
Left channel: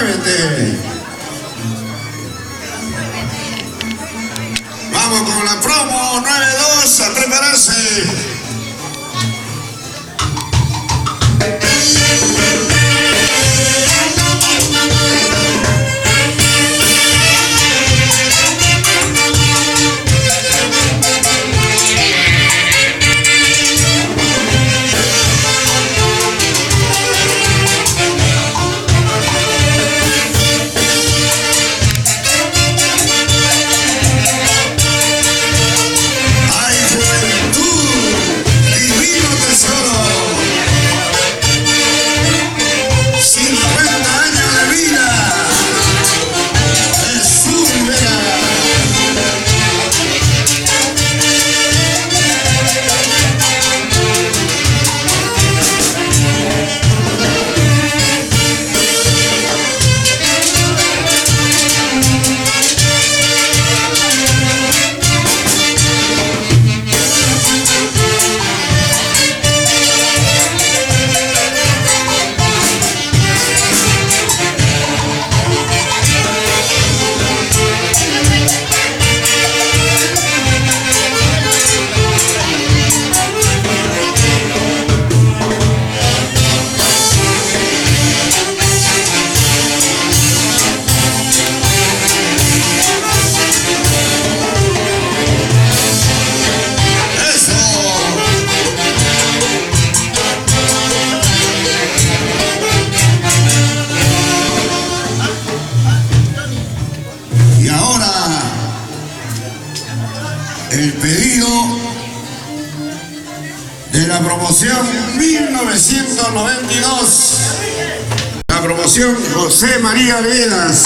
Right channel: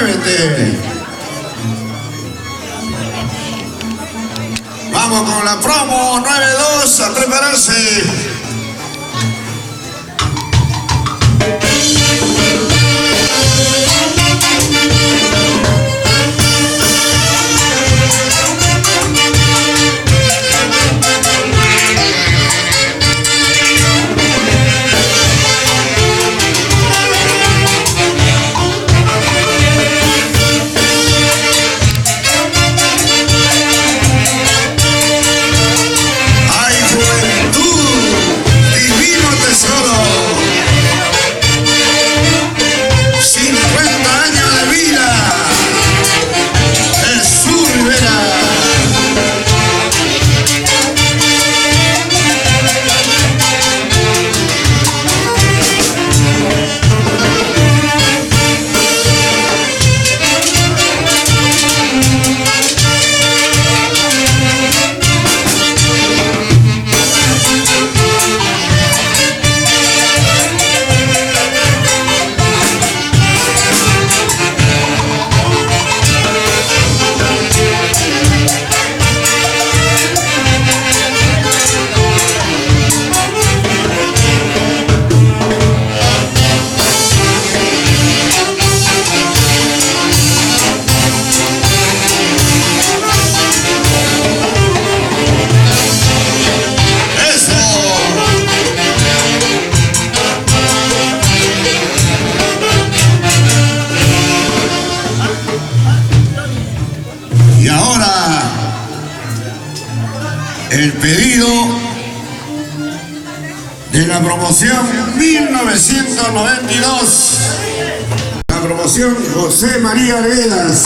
muévete. Vamos con la promo 9-2 a prepararse. El pedido de la promoción 1992. La promoción José María Arenas.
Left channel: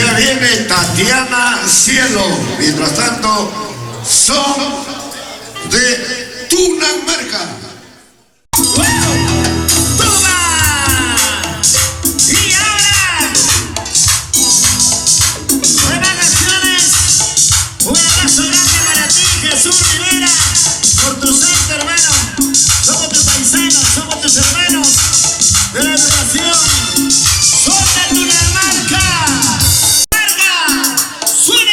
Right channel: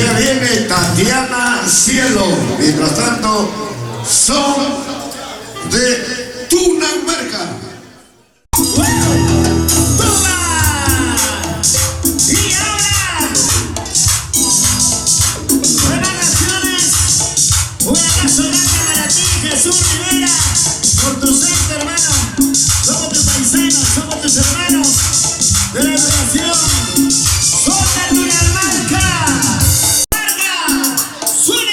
ya viene Tatiana Cielo. Mientras tanto, son de Tunamarca. Jesús Rivera, por tu santo hermano, somos tus paisanos, somos tus hermanos de la educación, son de Tunamarca, ¡Marca! ¡Suena!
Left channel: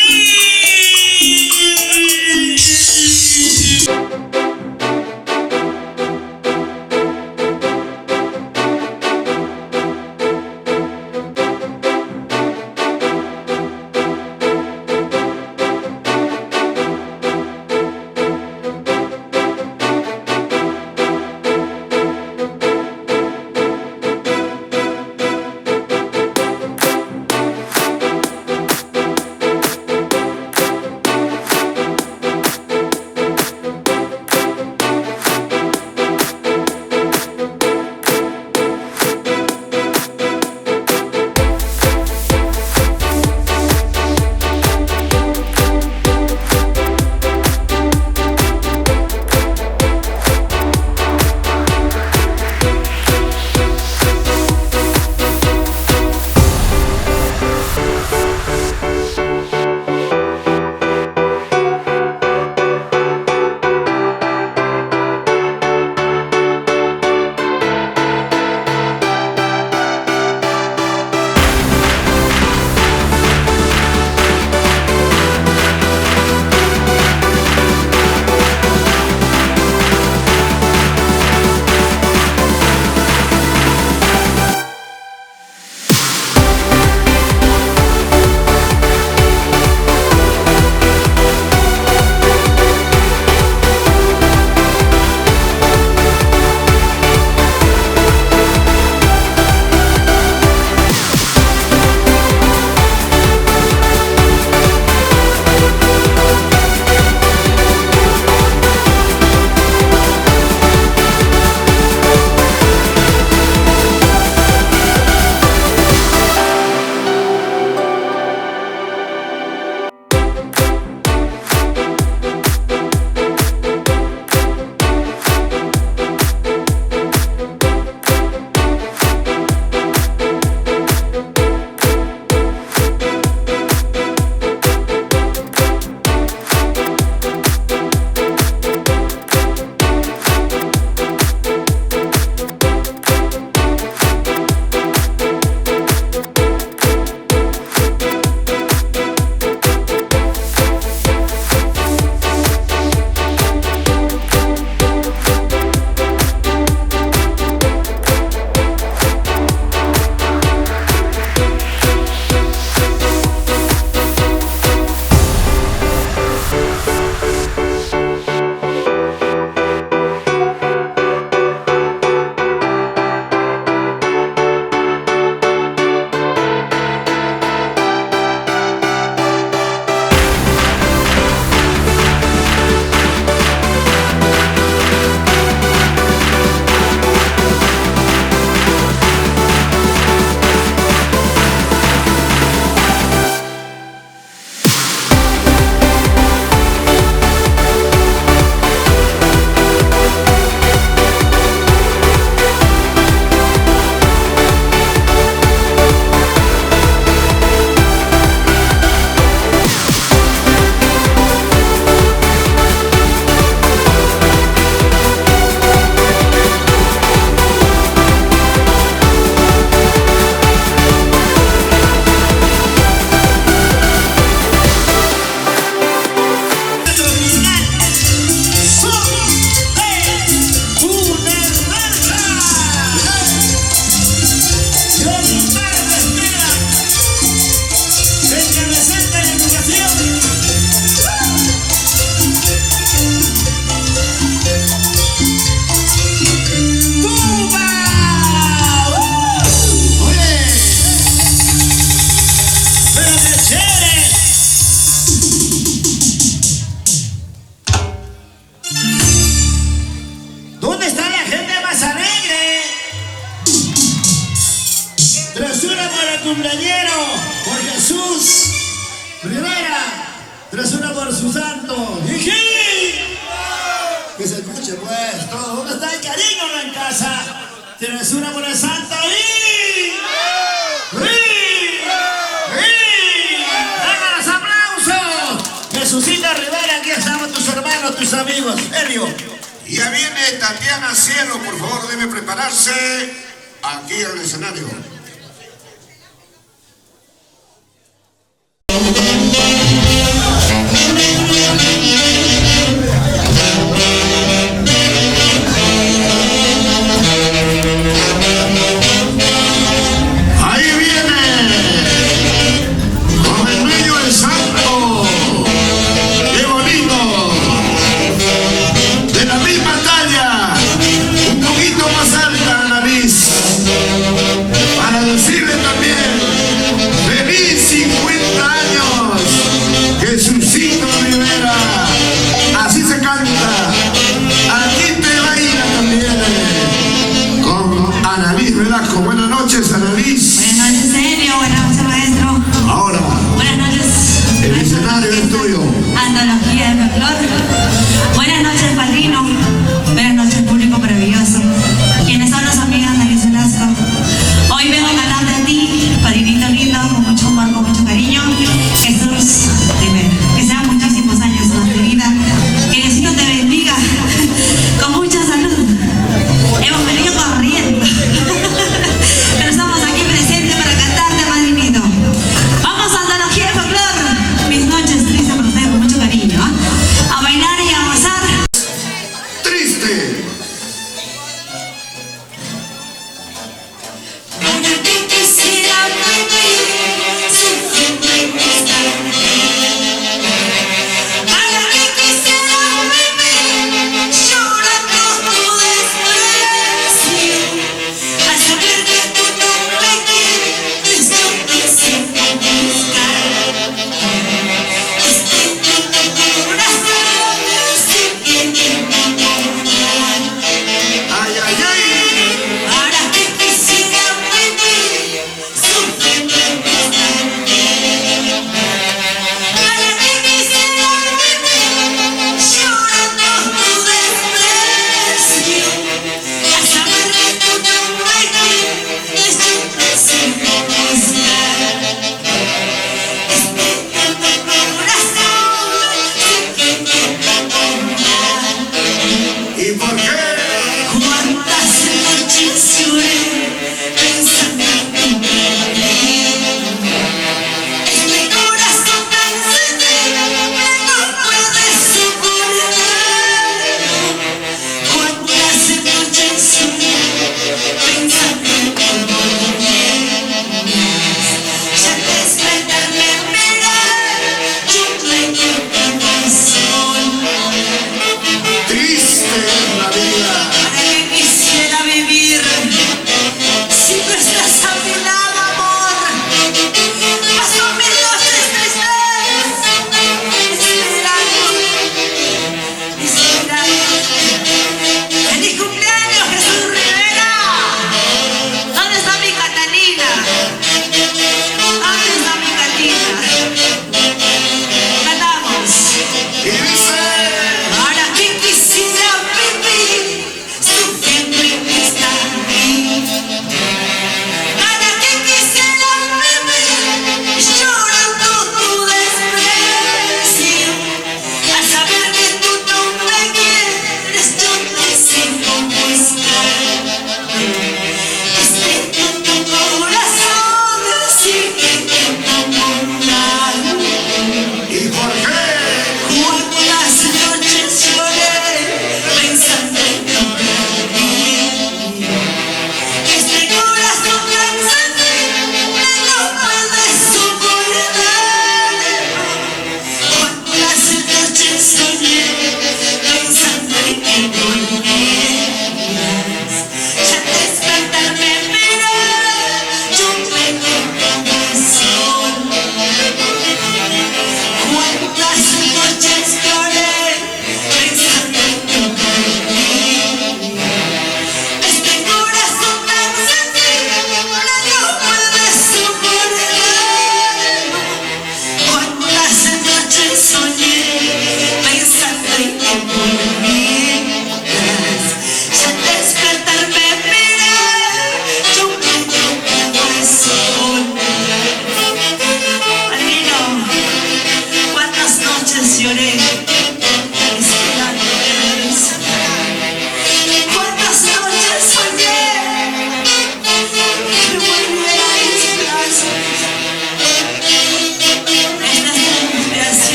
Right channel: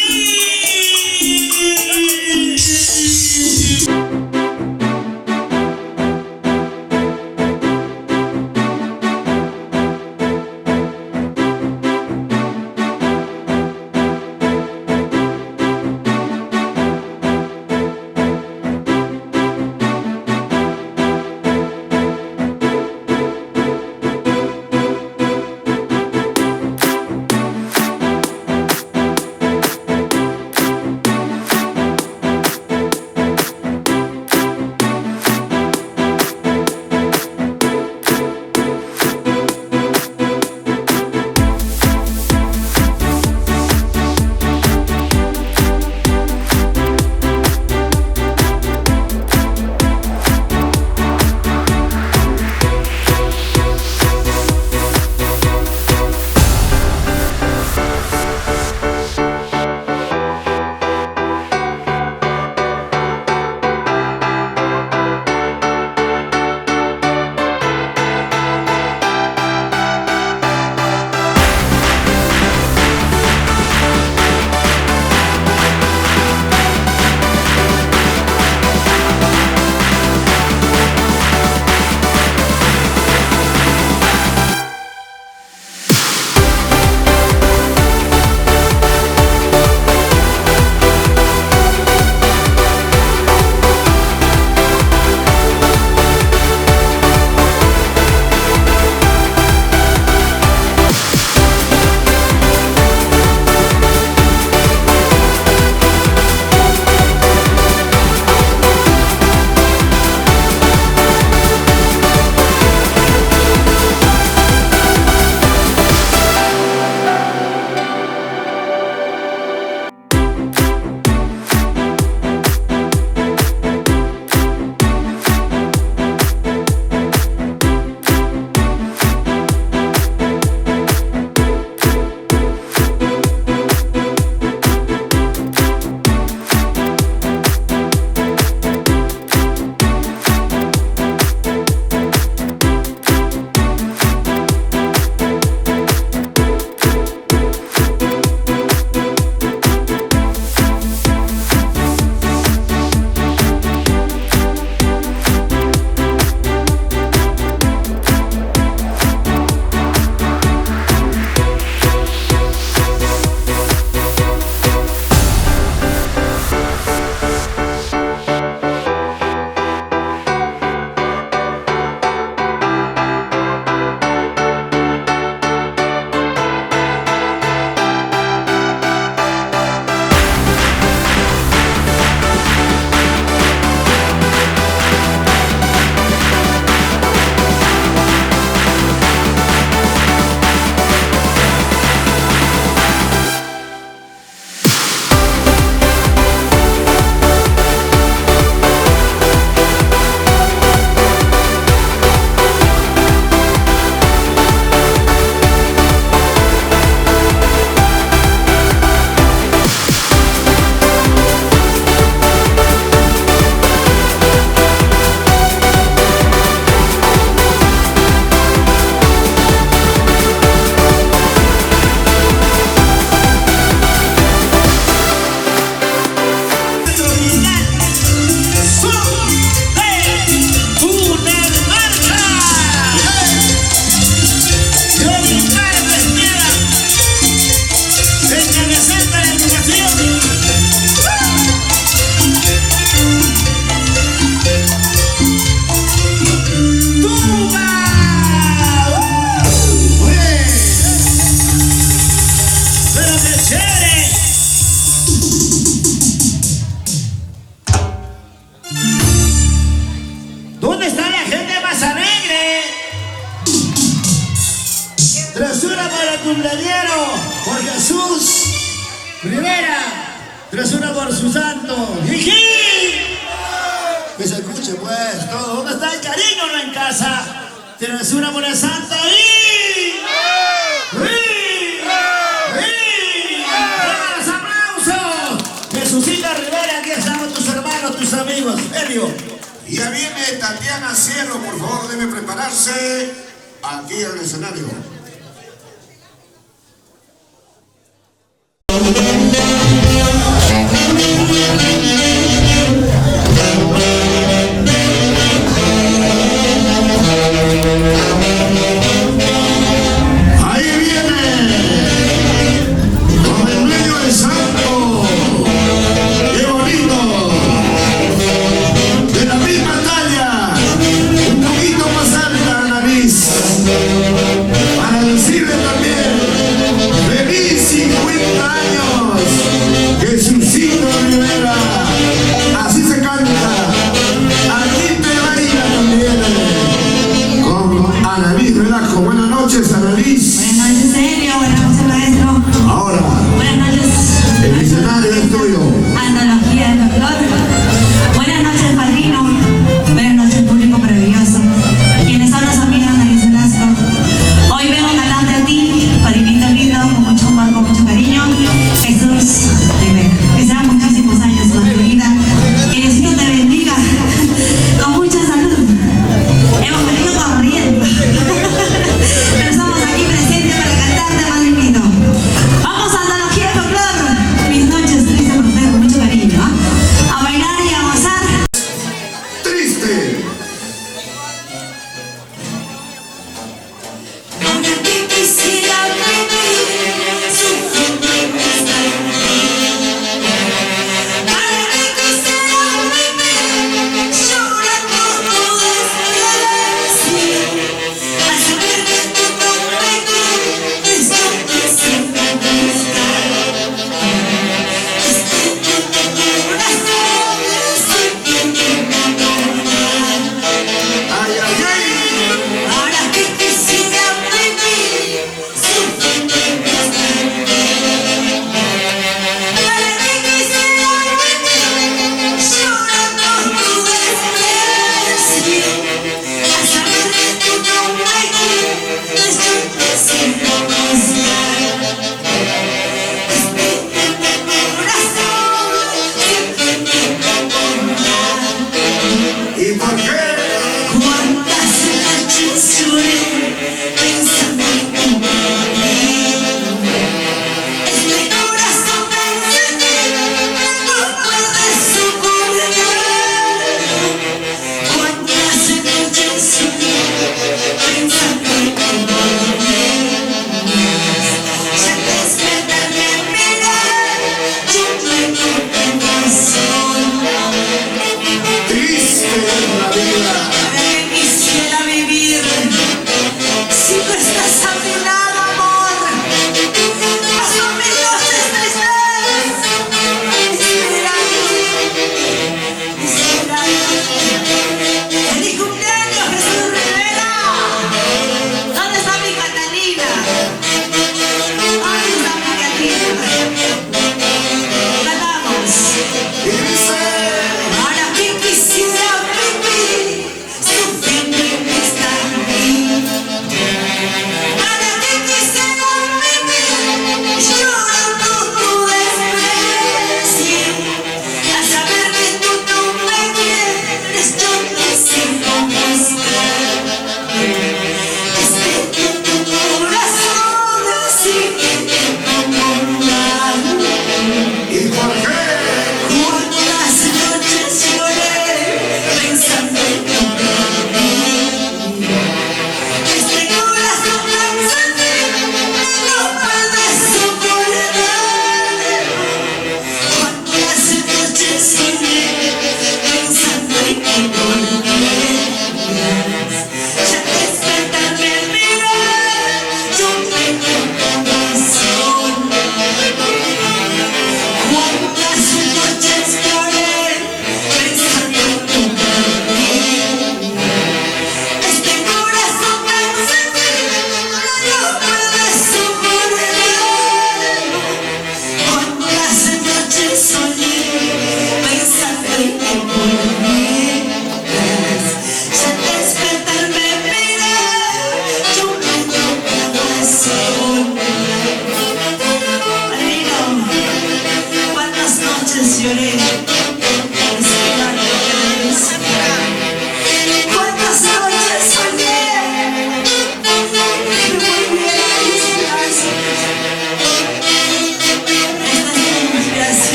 su santo. ¡Jiji! Que se escuche pues todo. ¿Dónde está el cariño no en casa? ¿Tienes una buena santa ahí? ¡Sí! ¡Venga los aplausos! Jesucita Rivera, aquí estamos tus hermanos, tus amigos. Helio. Y ya viene Tatiana Cielo, por favor, debe prepararse aquí en el escenario. Ahí viene, con el dueño del santo. ¡Qué bonito! De la misma talla, un poquito más alta la nariz. Para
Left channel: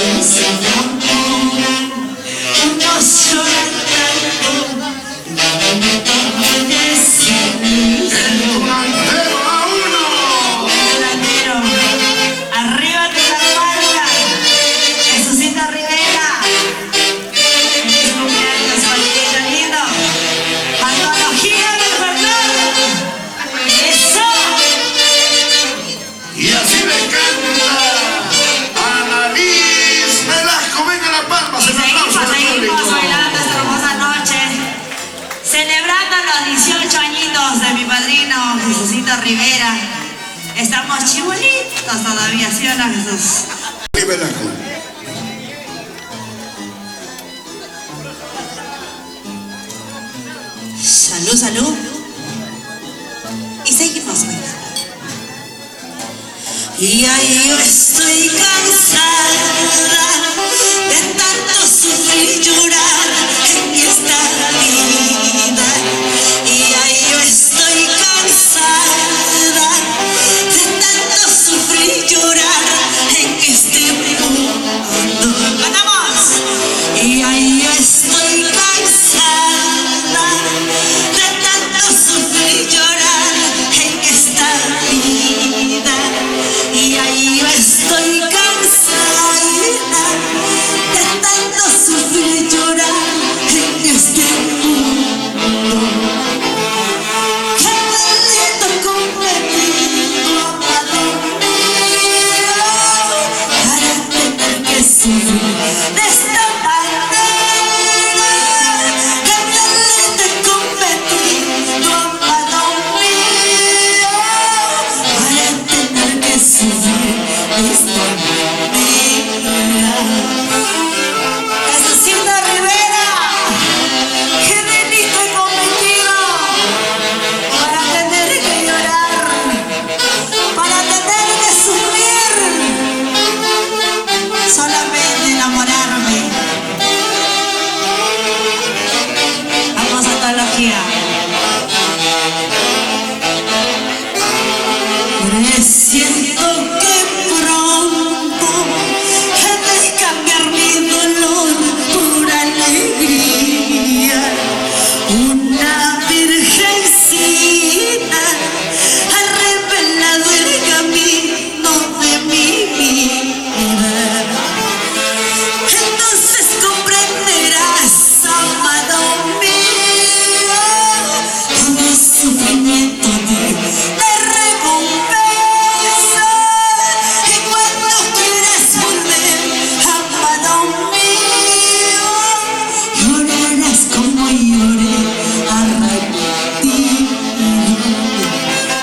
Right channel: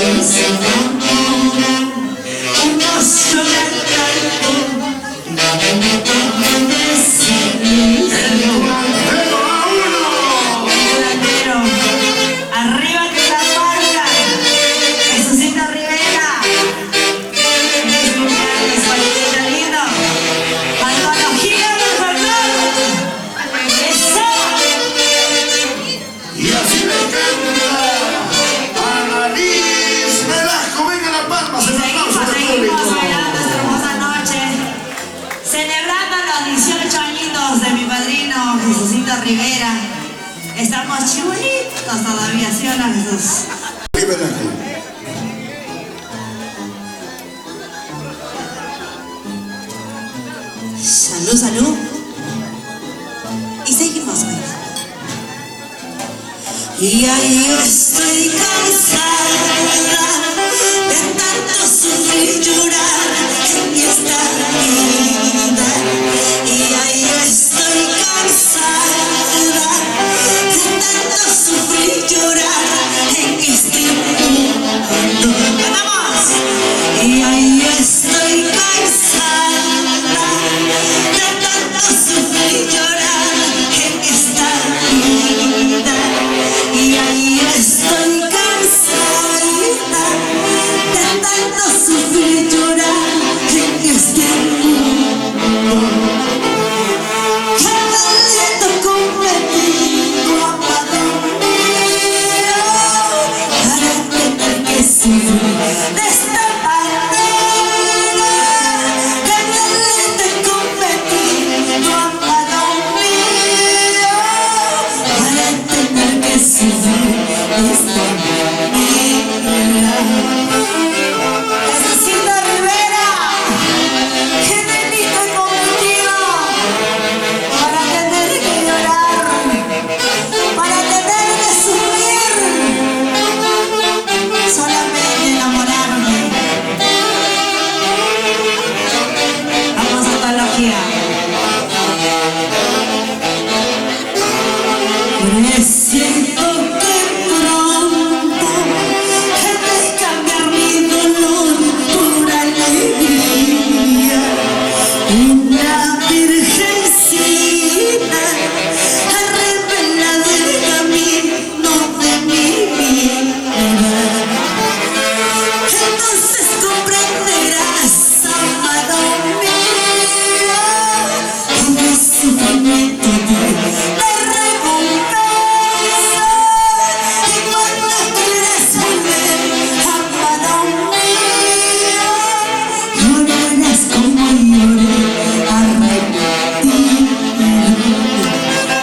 que se enamoran, unos lloran tanto, arriba que la marca, Jesucito Rivera, feliz cumpleaños, Juanito lindo, antología del folclore, eso. Y así le canta a Liz Velasco. Venga la palma, Y seguimos bailando esta hermosa noche, celebrando los 18 añitos de mi padrino Jesucito Rivera. Estamos chibolitos todavía, ¿sí o no, Jesús? Salud, salud. Y seguimos bailando. Y ahí estoy cansada de tanto sufrir y llorar en esta vida. Y ahí estoy cansada de tanto sufrir y llorar en este mundo. ¡Vamos! Y ahí estoy cansada de tanto sufrir y llorar en esta vida. Y ahí estoy cansada de tanto sufrir y llorar en este mundo. Qué delito cometido, amado mío, para tener que sufrir de esta manera. Qué delito cometido, amado mío, para tener que sufrir de esta manera. Jesucito Rivera, qué delito he cometido para tener que llorar, para tener que sufrir, solamente enamorarme. Vamos a antología. Siento que pronto he de cambiar mi dolor por alegría. Una virgencita ha revelado el camino de mi vida. Entonces comprenderás, amado mío, todo sufrimiento de recompensa. Y cuando quieras volver, amado mío, llorarás como lloré arrepentido.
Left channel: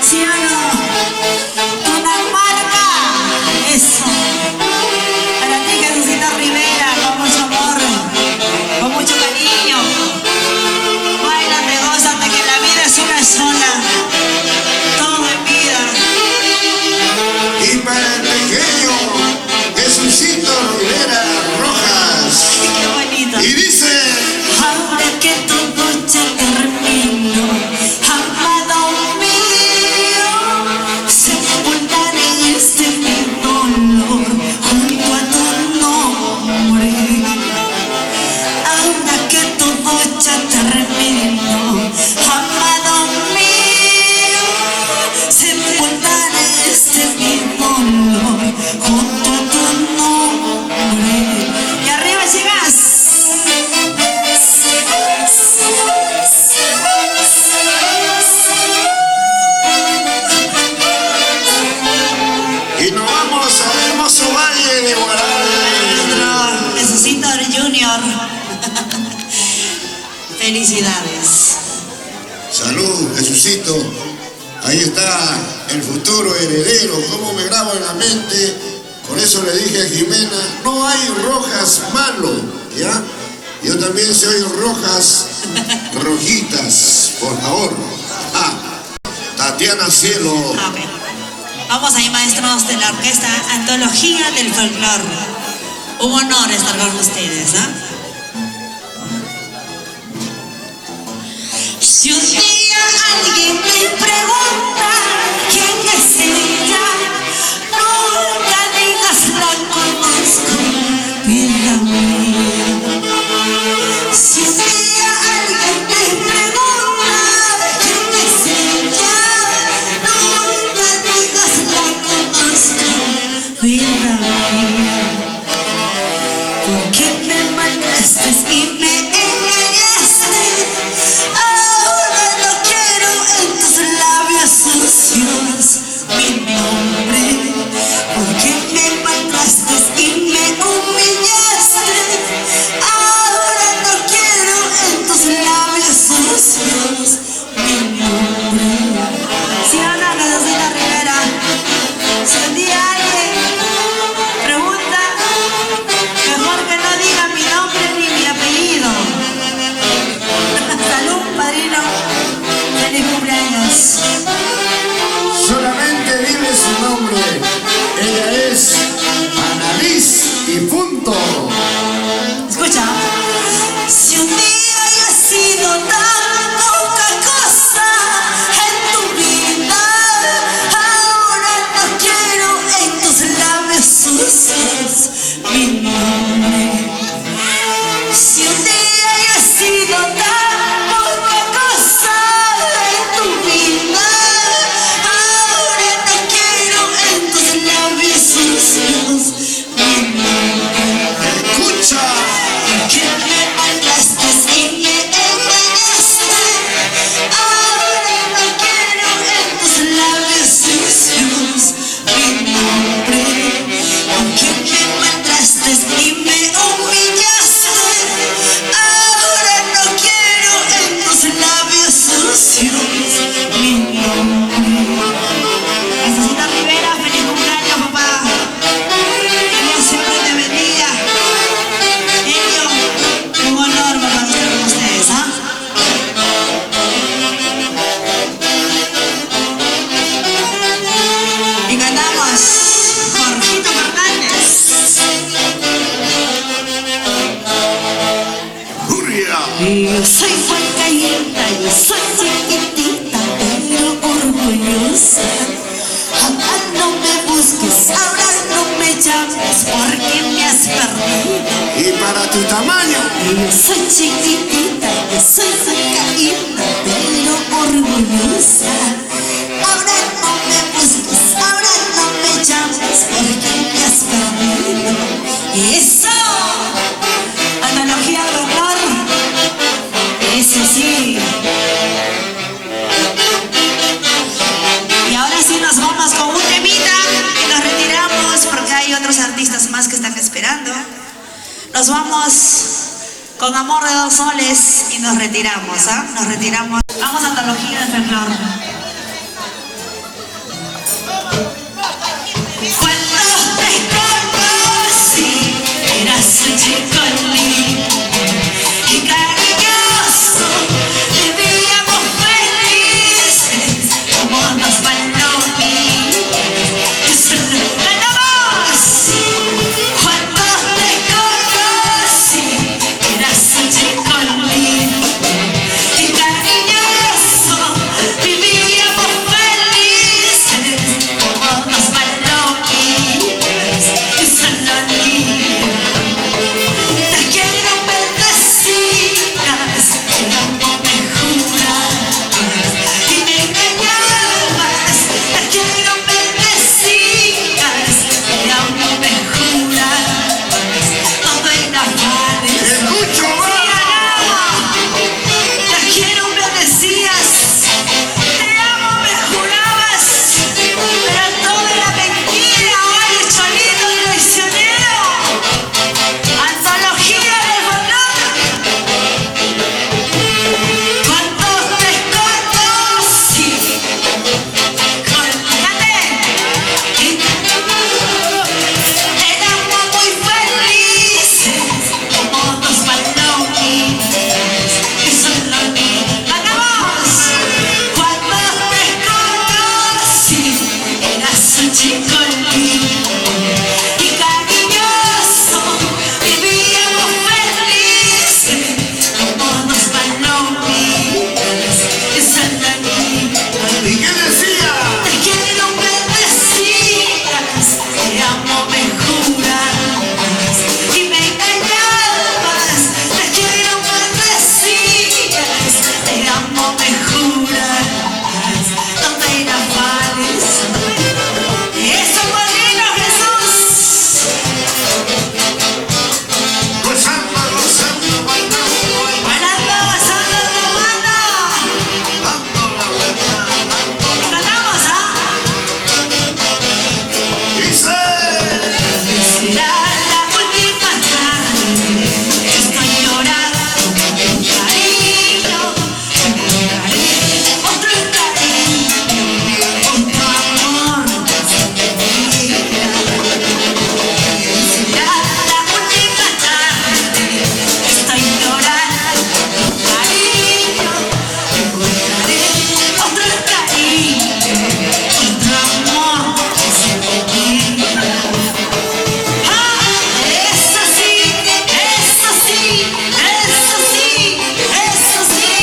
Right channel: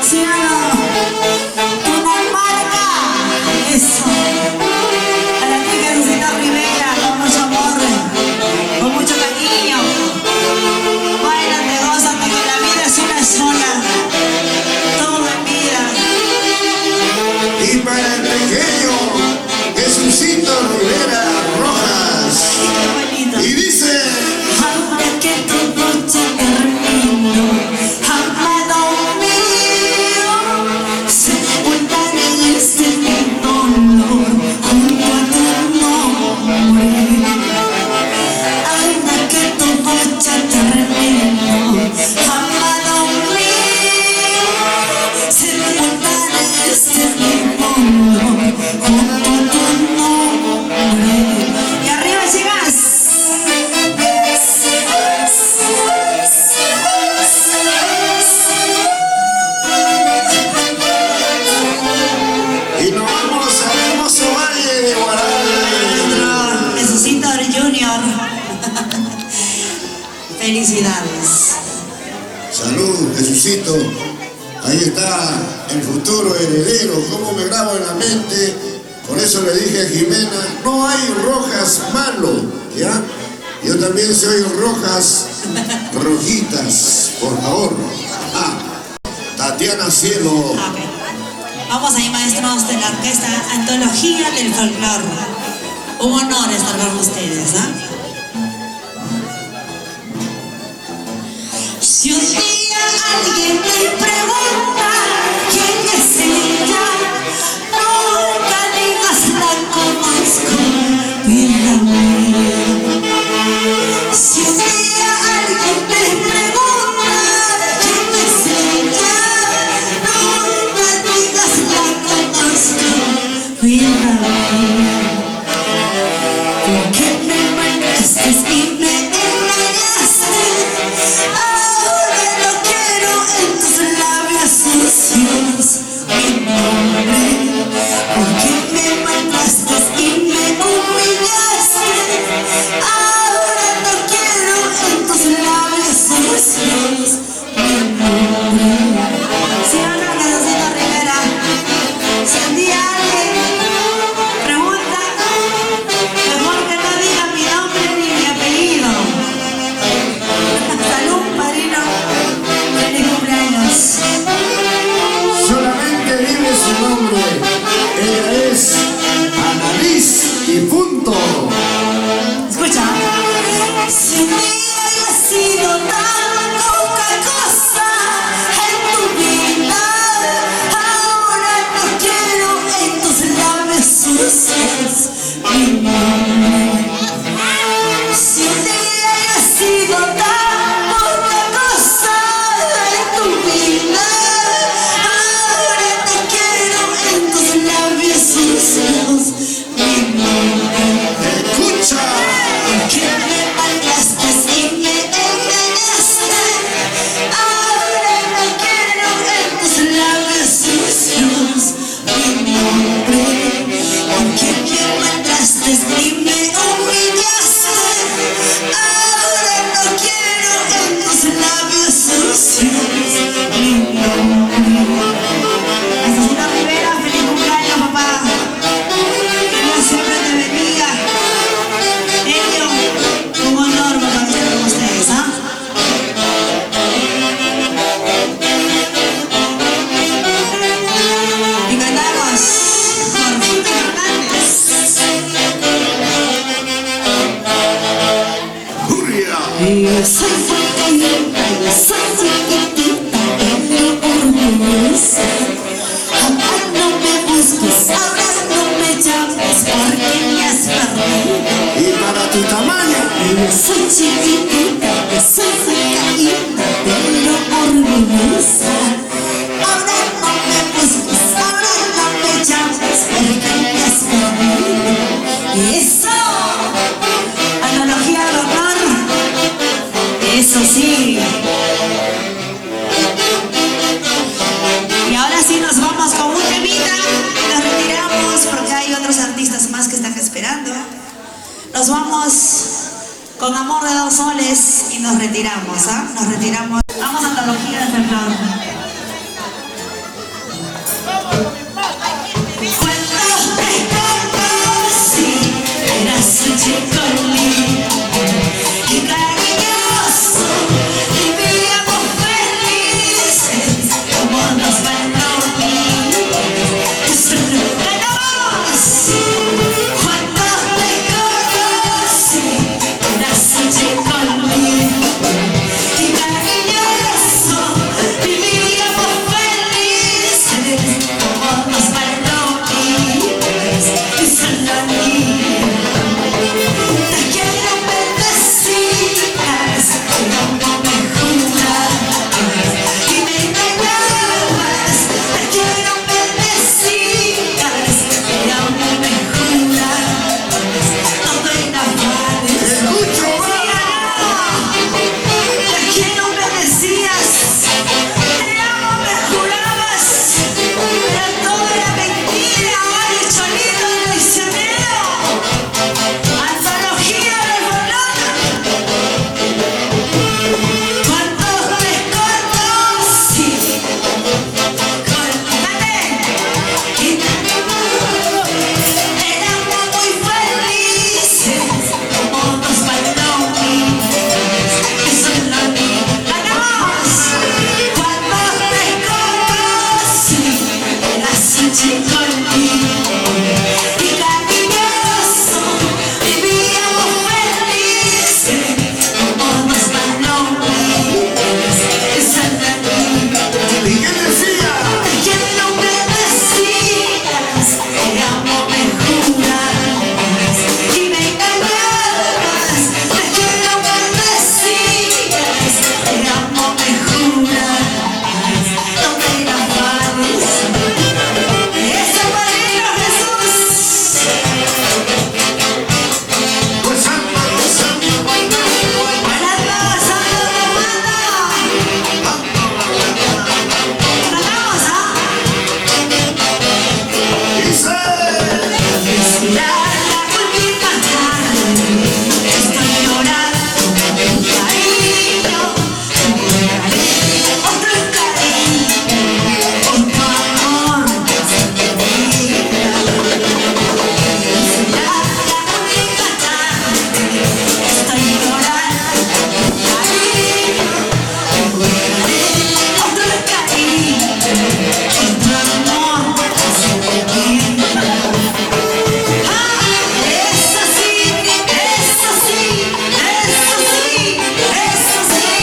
¿Sí o no? Una marca. Eso. Para ti, Jesucito Rivera, con mucho amor, con mucho cariño. Báilate, gózate, que la vida es una sola. Todo en vida. Y para el pequeño Jesucito Rivera Rojas. Qué bonito. Y dice: Ahora que todo se terminó, amado mío, sepultaré en este mi dolor junto a tu nombre. Ahora que todo ya terminó, amado mío, sepultaré en este mi dolor junto a tu nombre. Y arriba, chicas. y nos vamos al hermoso valle de Guadalajara. Jesucito Junior. Felicidades. Salud, Jesucito. Ahí está el futuro heredero. ¿Cómo me grabo en la mente? Con eso le dije a Jimena: no hay Rojas malo, ¿ya? Yo también soy Rojas Rojitas, por favor. Ah, Tatiana Cielo. Amén. Vamos ahí, maestros de la orquesta Antología del Folclore. Un honor estar con ustedes, ¿ah? Si un día alguien me pregunta quién es ella, nunca digas la conozco. Yo soy fuerte y yo soy chiquitita, pero orgullosa. Jamás no me busques, ahora no me llames porque me has perdido. Y para tu tamaño, Yo soy chiquitita, yo soy fuerte pero orgullosa. Ahora no me busques, ahora no me llames porque me has perdido. Eso, analogía de amor. Eso sí. Y ahora sí nos vamos con un temita. Nos retiramos porque hay otros artistas más que están esperando. Nos vamos con Amor de Dos Soles y nos retiramos, ¿ah? Nos retiramos. Vamos a antología de folclore. Cuando te conocí, eras un chico lindo y cariñoso, vivíamos felices como nos bailó Cuando te conocí, eras un chico lindo y cariñoso, vivíamos felices como nos bailó y Sanani. Te quiero bendecidas, te amo me juras y me engañabas. Te quiero bendecidas, te amo me juras, todo engañarles. Te quiero bendecidas, te amo me jurabas, pero toda mentira hoy hecho lindo y traicionero. Antología del valor. Cuando te conocí, éramos muy felices como dos palomitas que son la vida. ¡Acabamos! Cuando te conocí, eras un chico lindo y cariñoso, vivíamos felices como dos palomitas que son la vida. ¿y qué decía? Te quiero bendecidas, te amo me juras y me engañabas. Te quiero bendecidas, te amo me juras, no te enamores. Eso Molino Jesús. Gozando, gozando, bailando, Bailando, gozando, cantamos, ¿ah? dice. Será la última tarde, estoy llorando con cariño, te encontraré otro cariño, otro amor sin medida. Será la última tarde, estoy llorando con cariño, te encontraré otro cariño, otro amor sin medida. Eso sí, eso sí, eso sí, eso sí.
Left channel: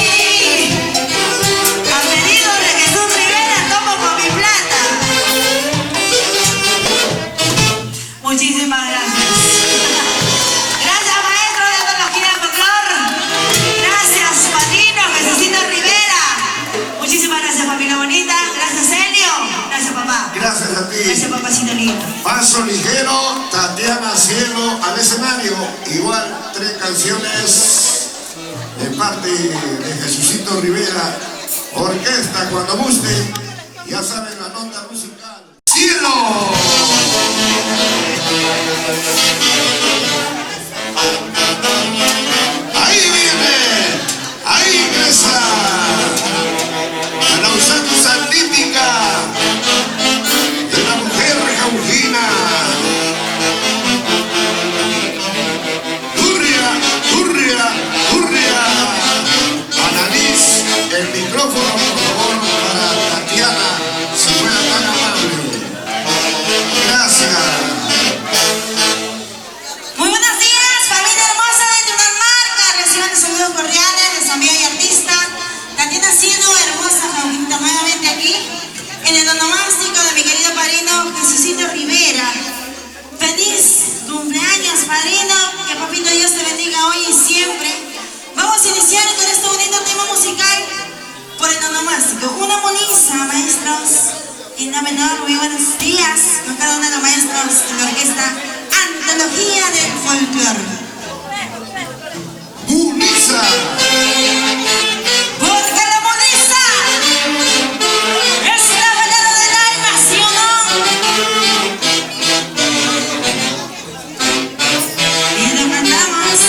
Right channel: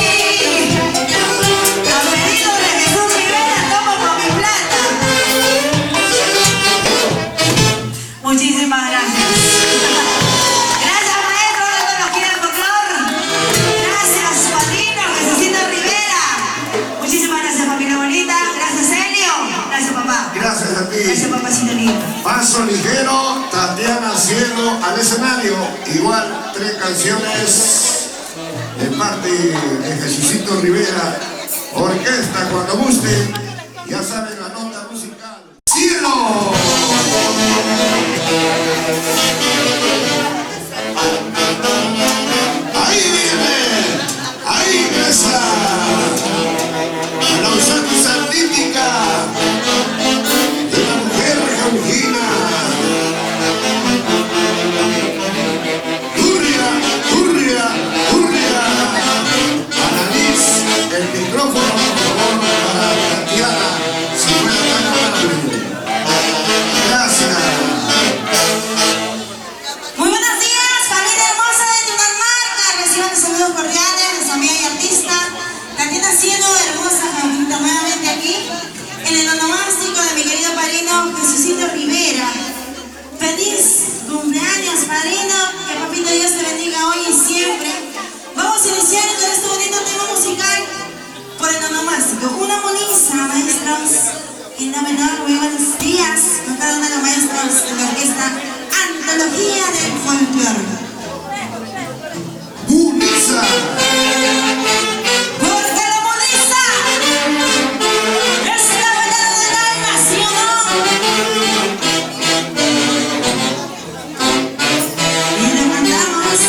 Al pedido de Jesús Rivera, tomo con mi plata. Muchísimas gracias. Gracias, maestro de antología de folclore. Gracias, padrino Jesucito Rivera. Muchísimas gracias, familia bonita. Gracias, Helio. Gracias, papá. Gracias a ti. Gracias, papacito lindo. Paso ligero, Tatiana Cielo al escenario. Igual 3 canciones de parte de Jesucito Rivera. Orquesta cuando guste. Ya saben la nota musical. ¡Cielo! Ahí viene, ahí ingresa la usanza típica de la mujer campina. Turria, turria, turria. Analiz el micrófono, por favor, para Tatiana, si fuera tan amable. Gracias. que Dios te bendiga hoy y siempre. Vamos a iniciar con este bonito tema musical por el onomástico. Una moniza, maestros. Y la menor, muy buenos días a cada uno de los maestros de la orquesta Antología del Folclore. ¡Moniza! Porque la moniza es la balada del alma, ¿sí o no? Y le mandamos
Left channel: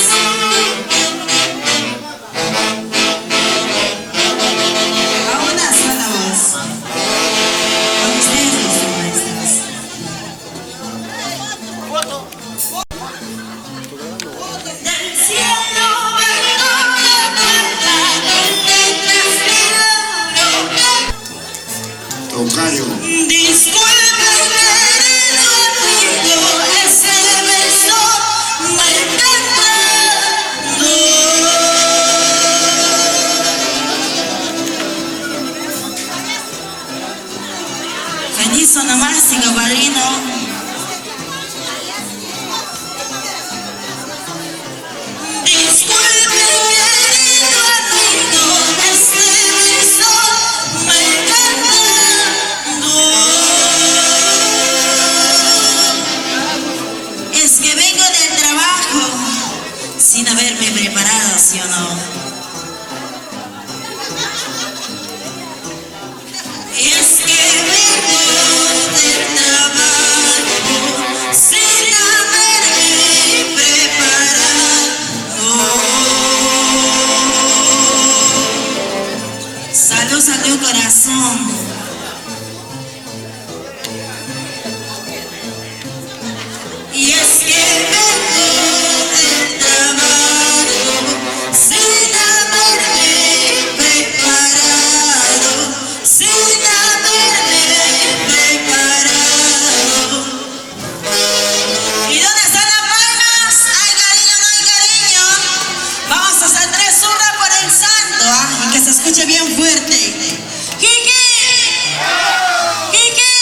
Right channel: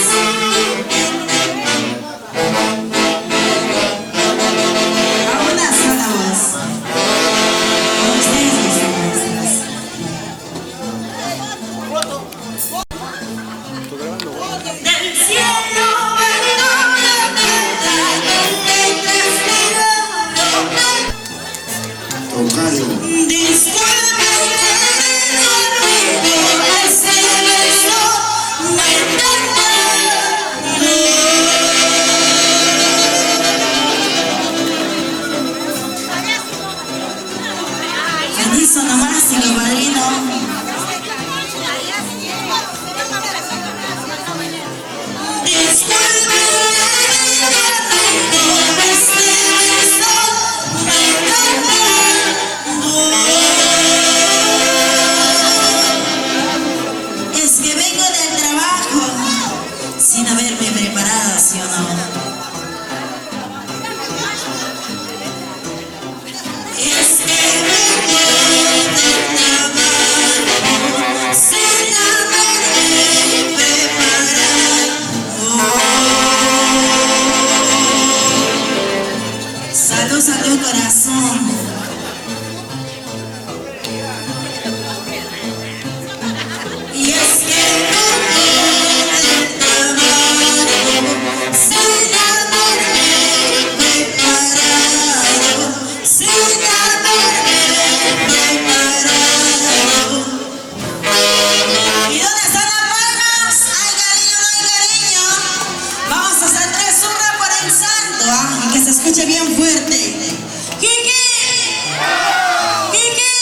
a una sola voz. Con ustedes, nuestros maestros. Del cielo bajó la planta con letras de oro. Tocayo. Disculpe ese beso me encanta. Feliz onomástico, padrino. Disculpe ese beso me encanta. Es que vengo del trabajo sin haberme preparado, ¿sí o no? Es que vengo del trabajo sin haberme preparado. Salud, salud, corazón. Y es que vengo del trabajo sin haberme preparado, sin haberme preparado. ¿Y dónde están las palmas? ¡Ay, cariño, no hay cariño! Vamos a hacer 3 1 por el santo, ¿ah? Y que se escuche bien fuerte. ¡Kiki! ¡Kiki!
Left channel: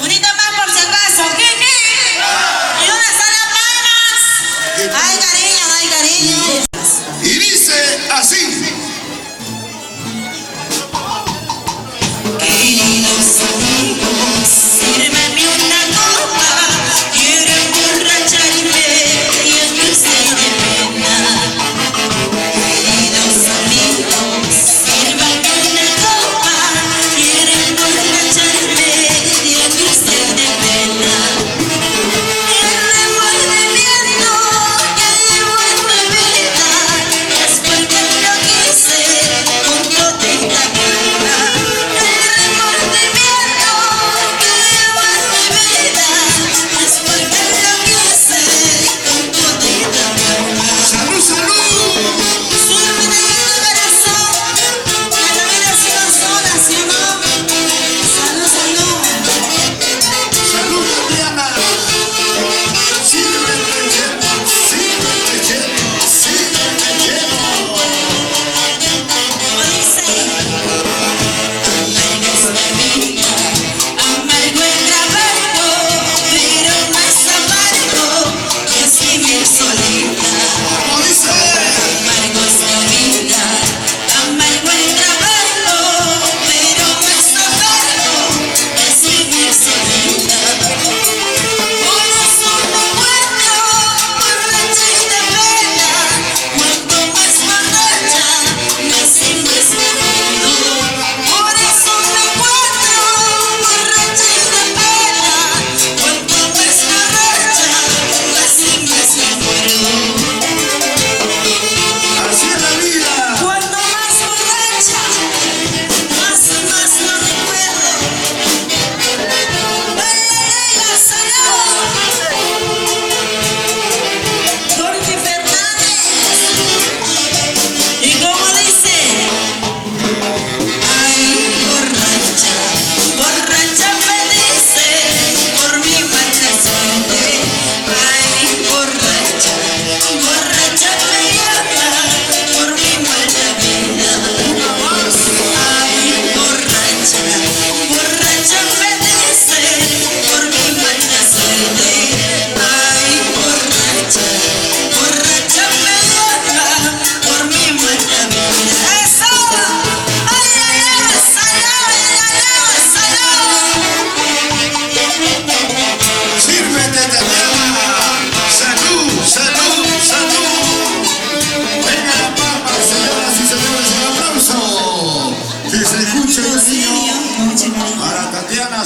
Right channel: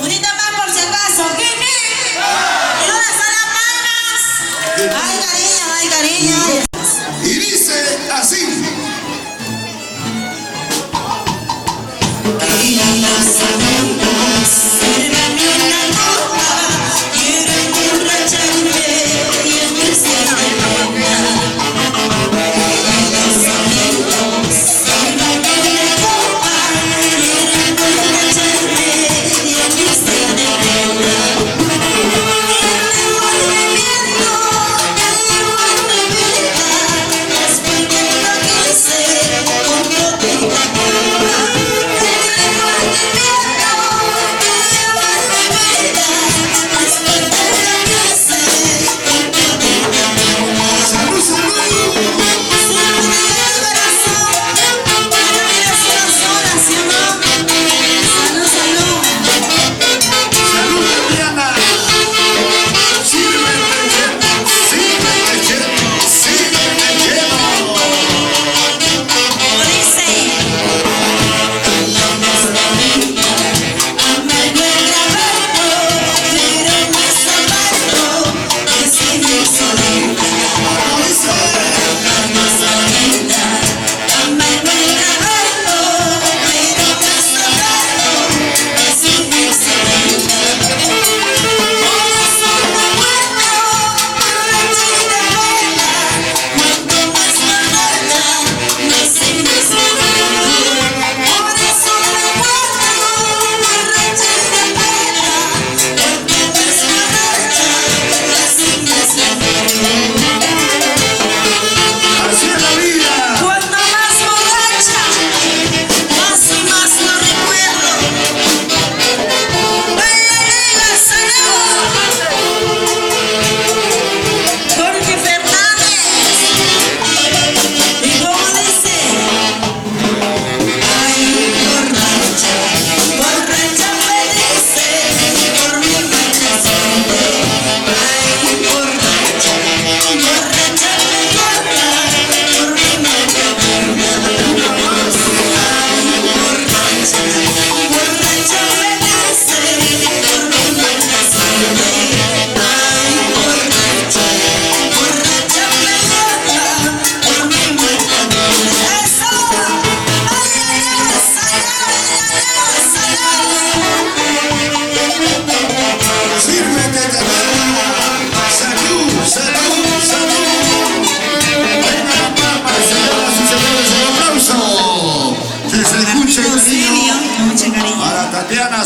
Unita más por si acaso. ¡Kiki! ¿Y dónde están las palmas? ¡Ay, cariño, no hay cariño! Y dice así. Queridos amigos, sírveme una copa, quiero emborracharme y aquí se me ponga. Queridos amigos, sírveme una copa, quiero emborracharme y aquí se me ponga. Y me vuelve viento, me vuelve vida, es porque yo quiero.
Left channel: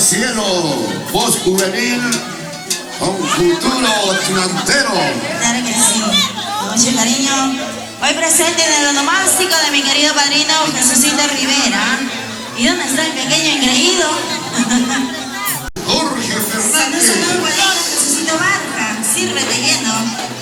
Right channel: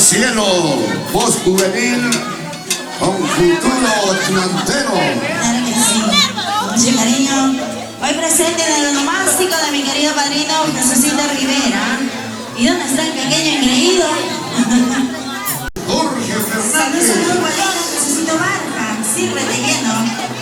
cielo, voz juvenil con futuro delantero. Claro que sí. Mucho cariño. Hoy presente en el onomástico de mi querido padrino Jesucito Rivera. ¿Y dónde está el pequeño engreído? Jorge Fernández. Saludos, padrino Jesucito Barca. Sírvete lleno.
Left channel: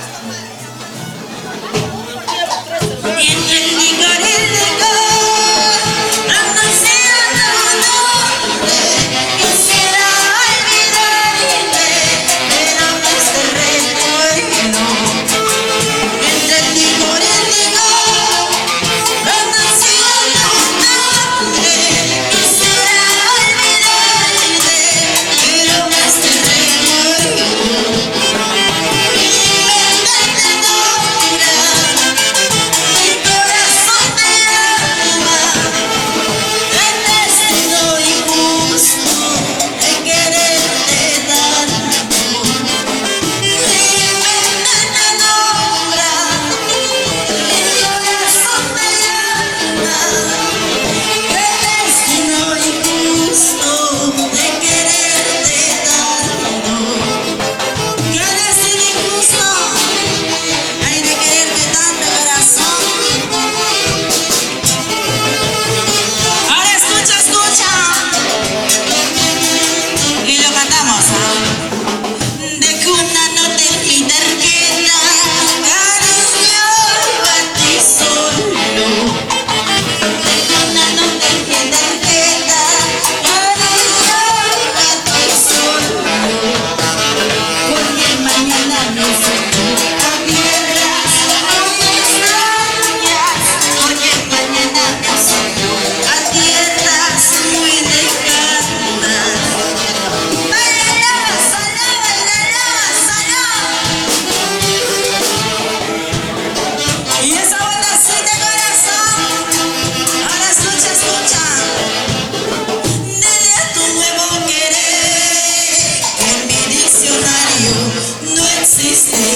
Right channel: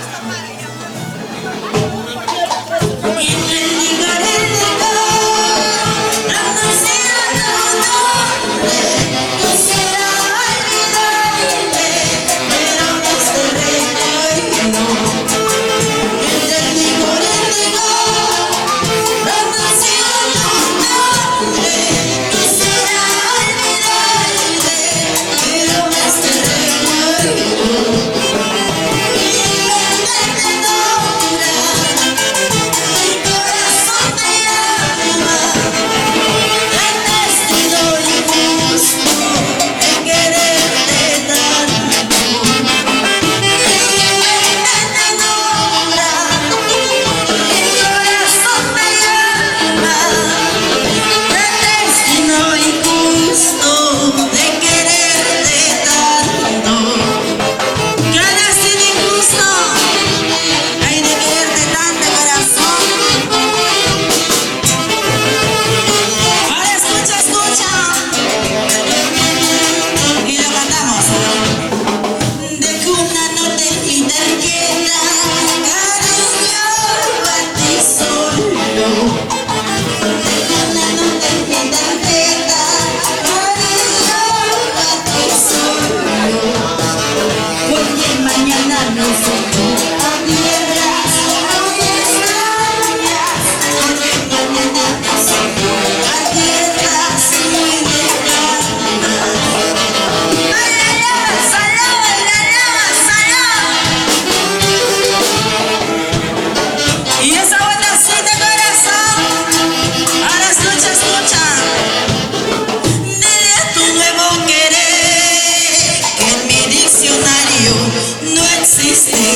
No existe.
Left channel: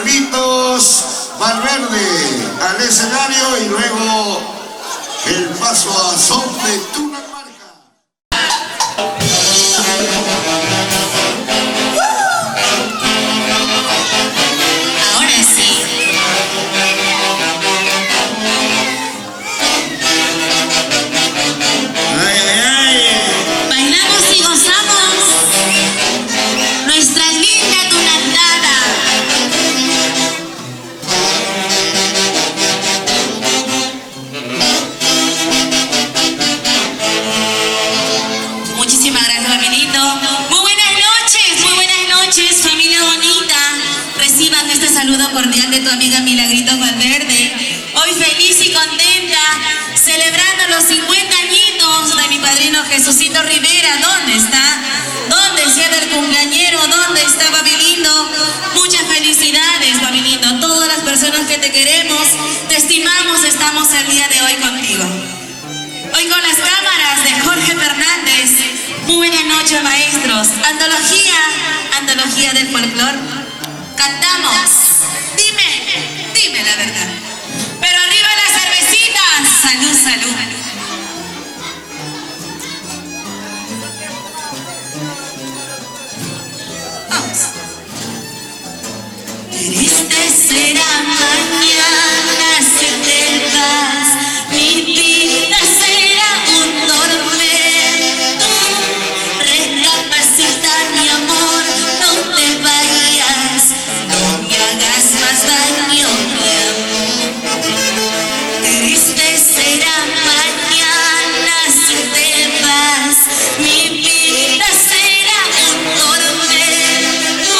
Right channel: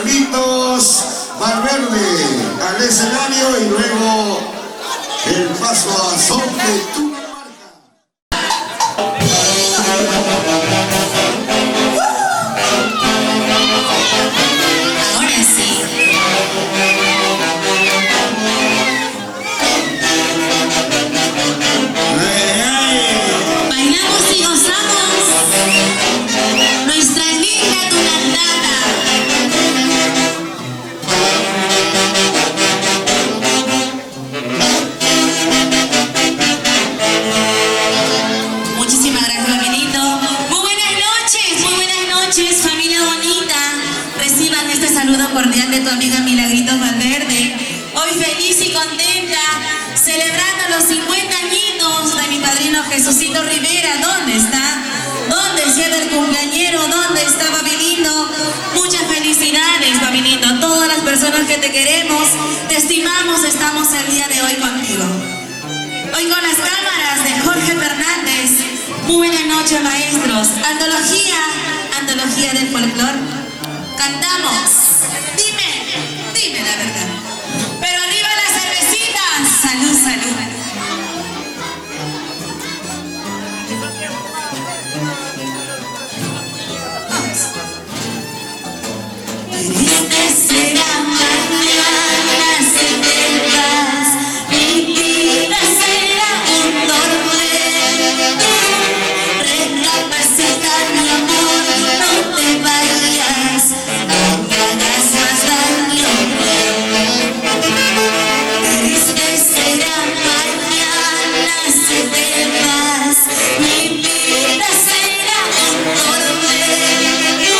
Carlitos Valverde al escenario y luego el paso a son de tu cordial de tu amiga Milagritos Valverde. Hoy feliz y contenta, celebrando los 50 añitos de mi padrino Jesucito Rivera. ¿Dónde está? ¿Dónde está el cumpleañero? ¿Dónde está, papi lindo? Muchas felicidades, papi lindo. Todas las personas que te queremos, te estimamos, estamos el día de hoy contigo. Hoy con las cámaras de Jorge Fernández. Muy buenas noches, maestros. Antología del folclor. Cantamos. Dime la verdad. Pero arriba las cervecitas. Salud, salud. Triste será mañana si te vas. Mi vida será un tormento. Recapacita, mi amor, no te vayas. No me hagas más daño. Triste será mañana si te vas. Mi vida será un tormento.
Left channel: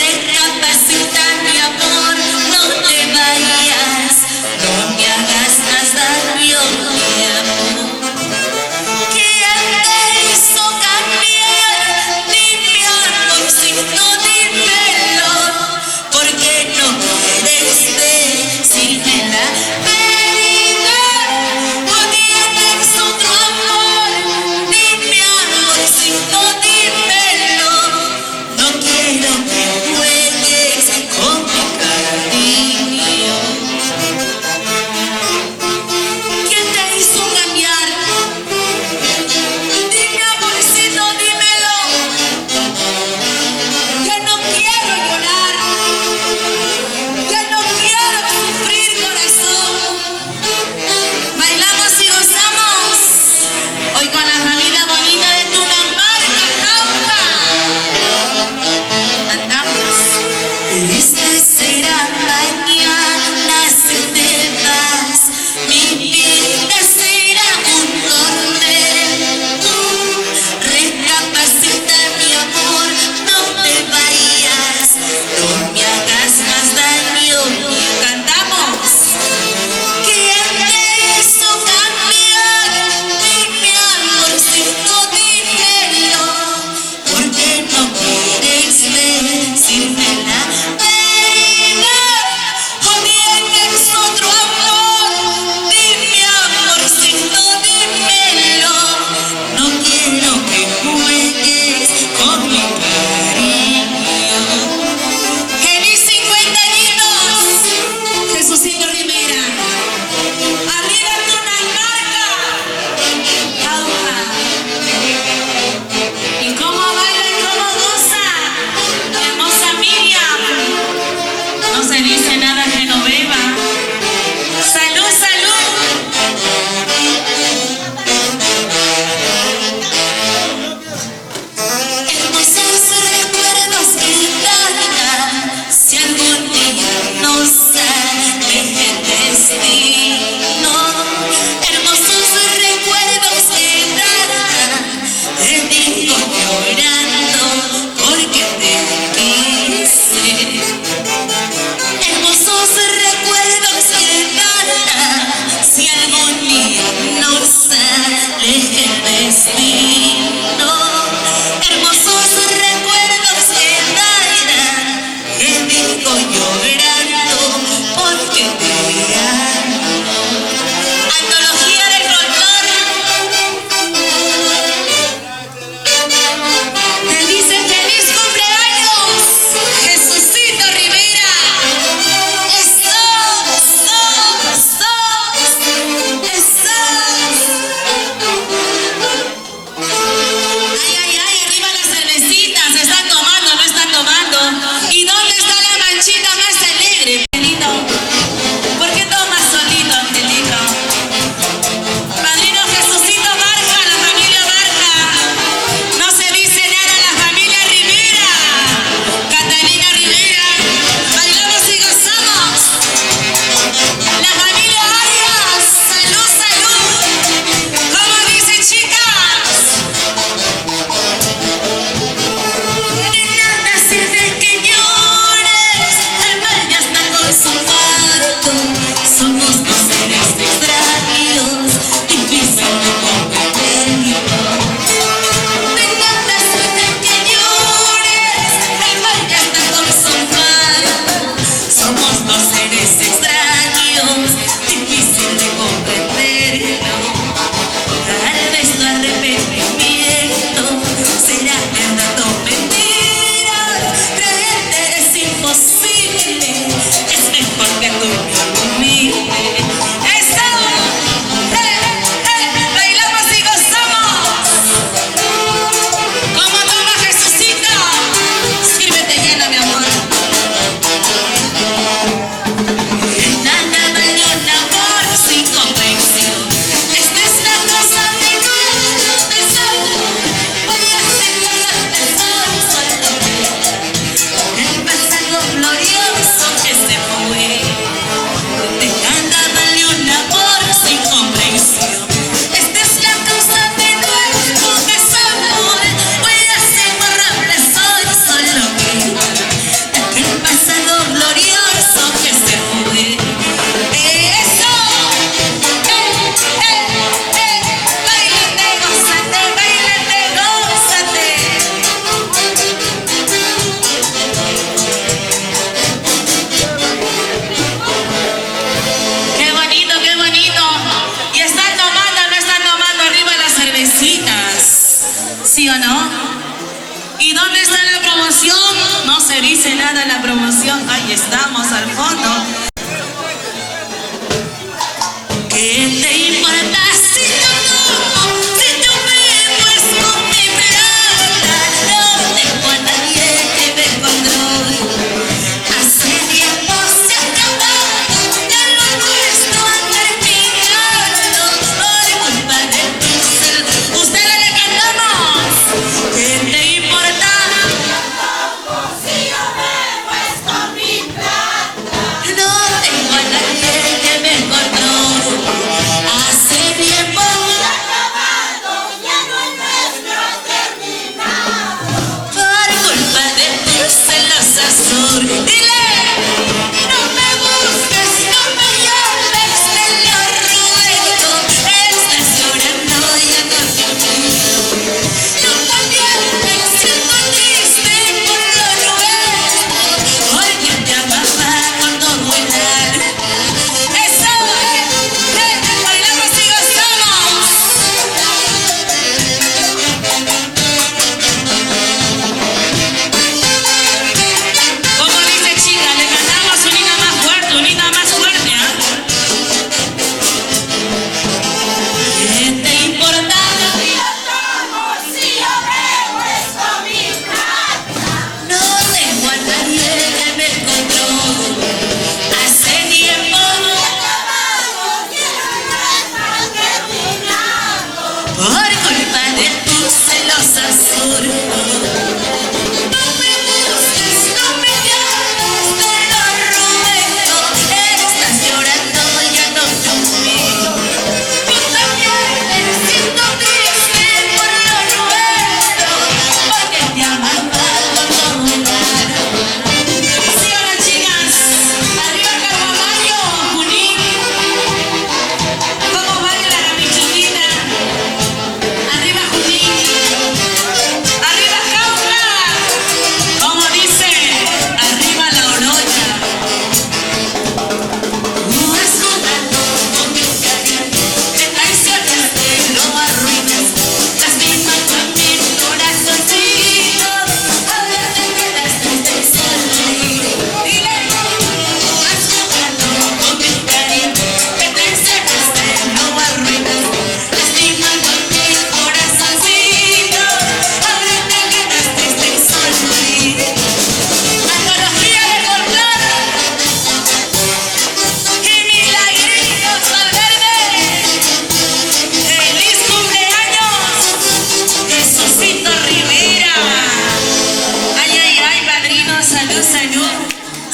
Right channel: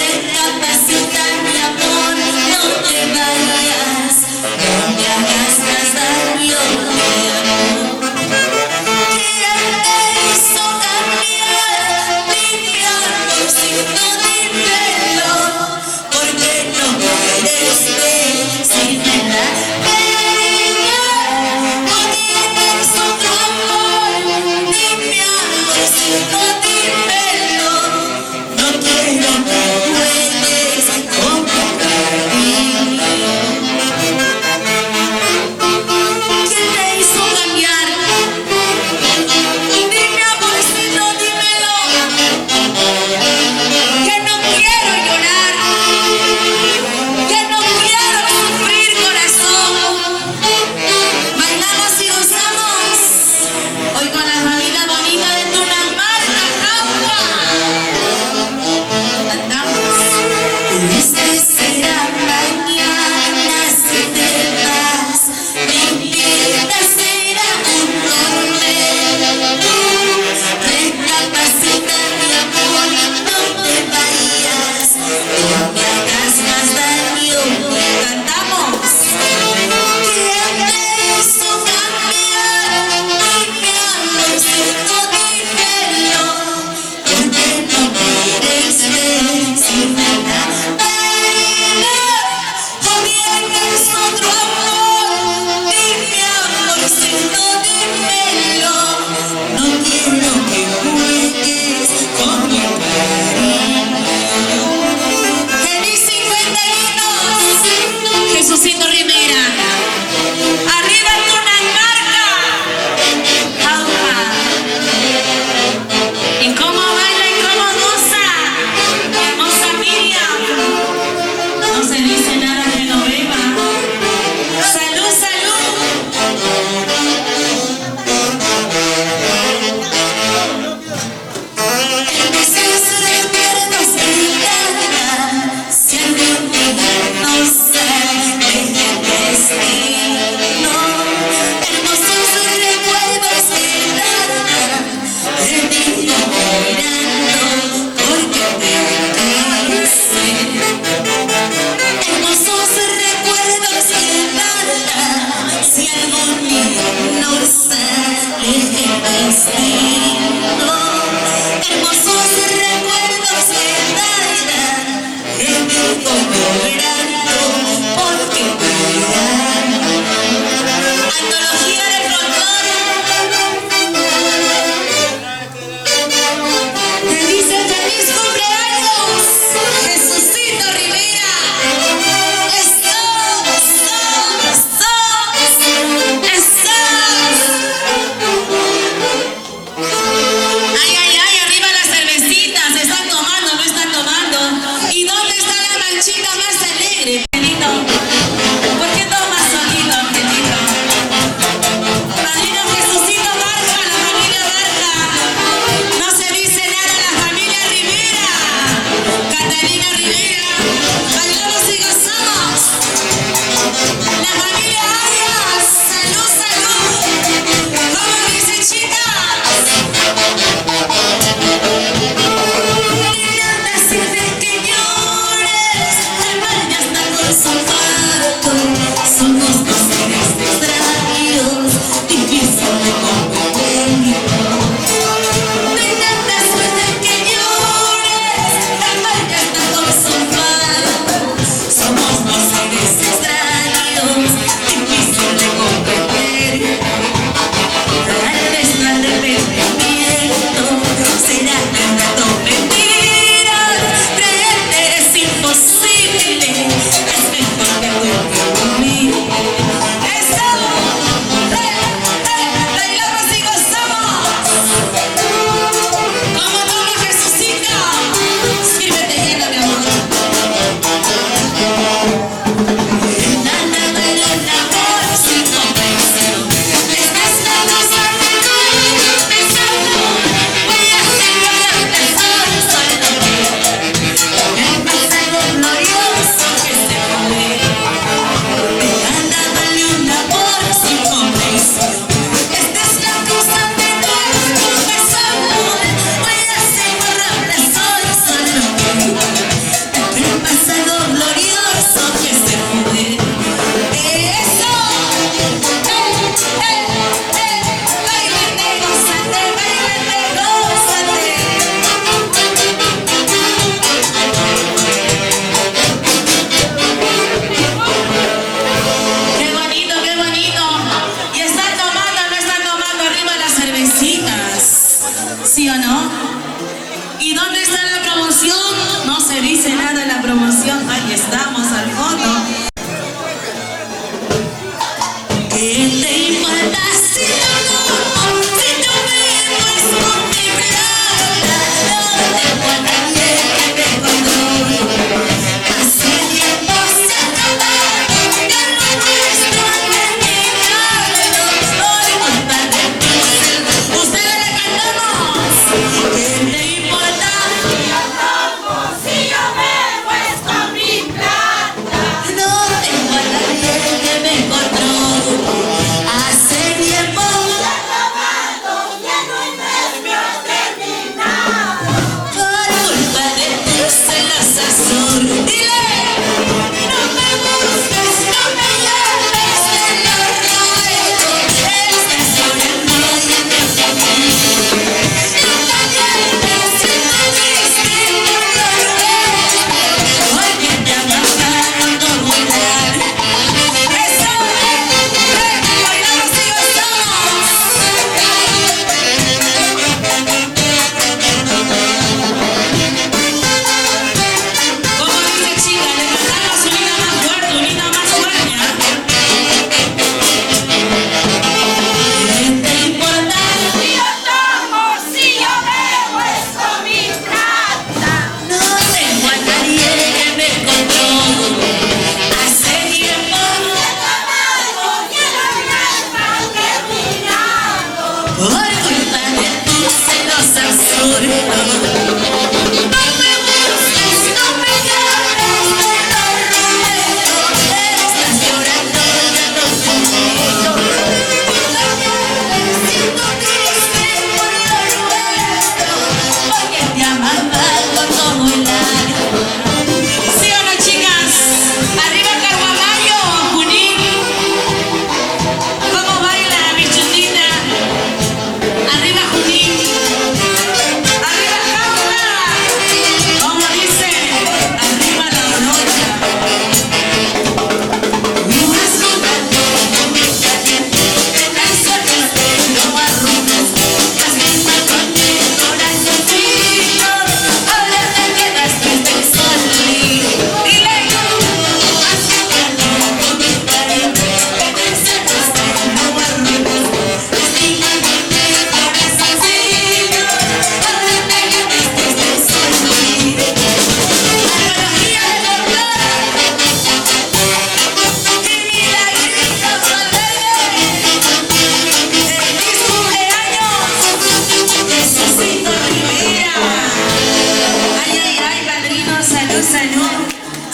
Recapacita, mi amor, no te vayas.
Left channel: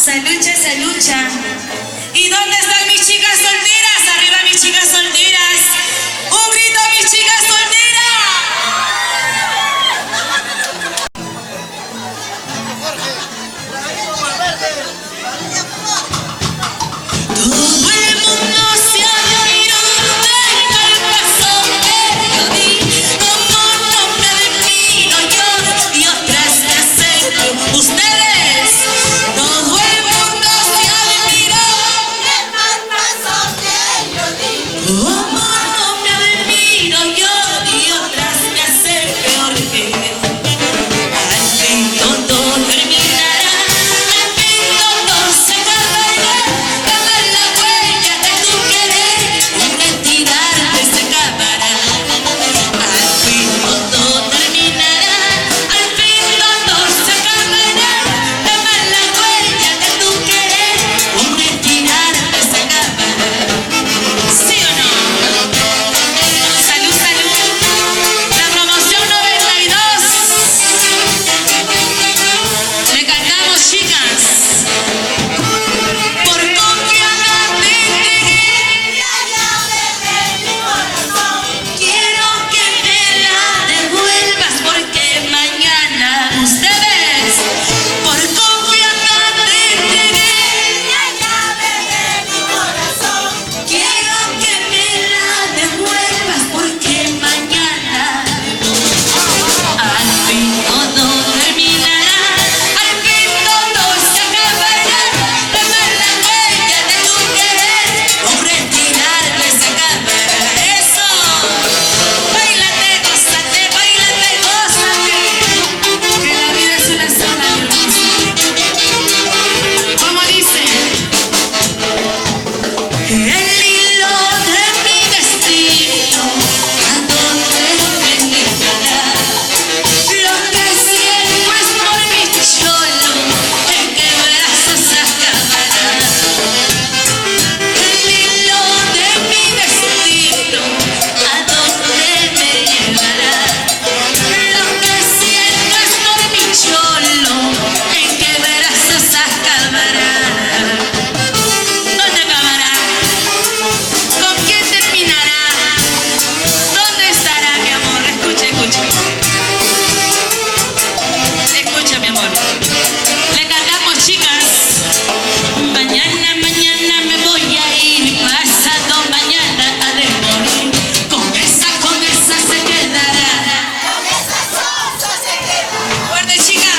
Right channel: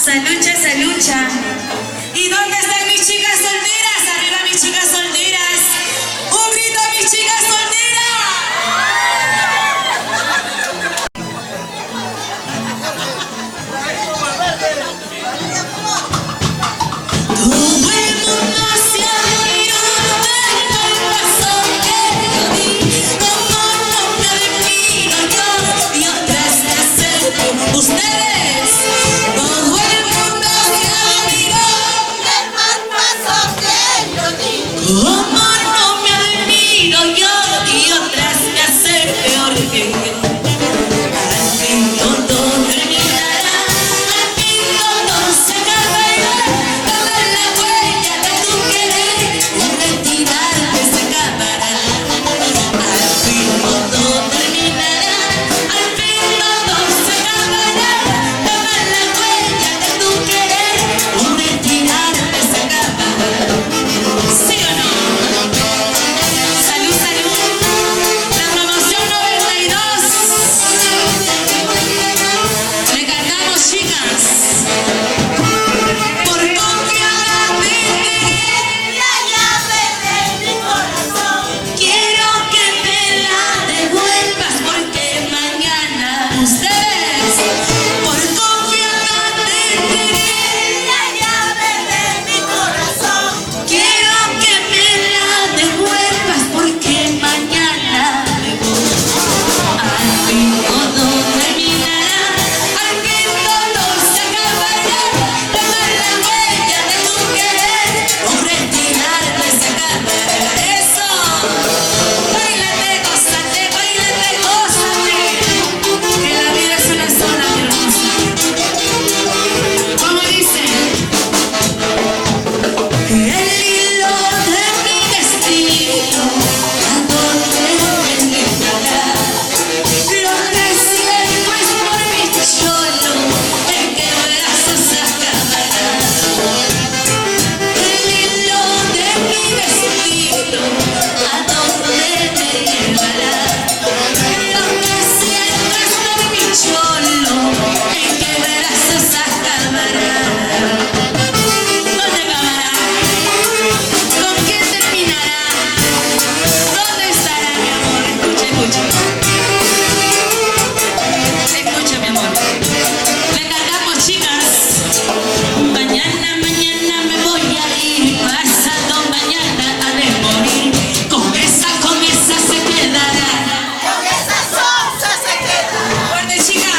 Salucha, salucha. ¿Y dónde están mis chicas solteras? Arriba mis chicas solteras. Un grito a mis chicas solteras. Todo el mundo se ha reído del corazón que yo di, como no me admiro yo y otras me acepto. Ustedes, todo el mundo se ha reído del corazón que yo di, como no me admiro yo y otras me hacen peor que al fin todo terminará, al fin todo se acabará. La huella de tu querer, la identidad se acabará. Al fin todo terminará, al fin todo se acabará. La huella de tu querer, una entidad se acabará. ¿Sí o no? Salud, salud. La promoción 92. Le cantamos, chicas. Por quiero que me la devuelvas porque mañana ustedes por confianza te entregué la llave de mi corazón. Quiero que me la devuelvas porque mañana al fin todo terminará, al fin todo se acabará. Tomar la huella de tu querer, con retirarle se acabará. Eso. Báilate, gózate, que la vida es una sola, mi hermosa. Como dice, el hilo de mi destino, a donde me llevará. Lo que siento es por mi cholo, en qué brazos se acabará. El hilo de mi destino, a donde me llevará. Lo que siento es por mi cholo, en qué brazos se acabará. ¿Dónde acabará? ¿Con quién terminará? ¿Dónde estará mi amor? Escucha, escucha. Escucha, mi amor. Le cantamos, chicas. Mañana, mañana me voy a ir, pasado mañana ha de morir. Con esa se quedará. Con esa cosa se quedará. Fuerte, chica.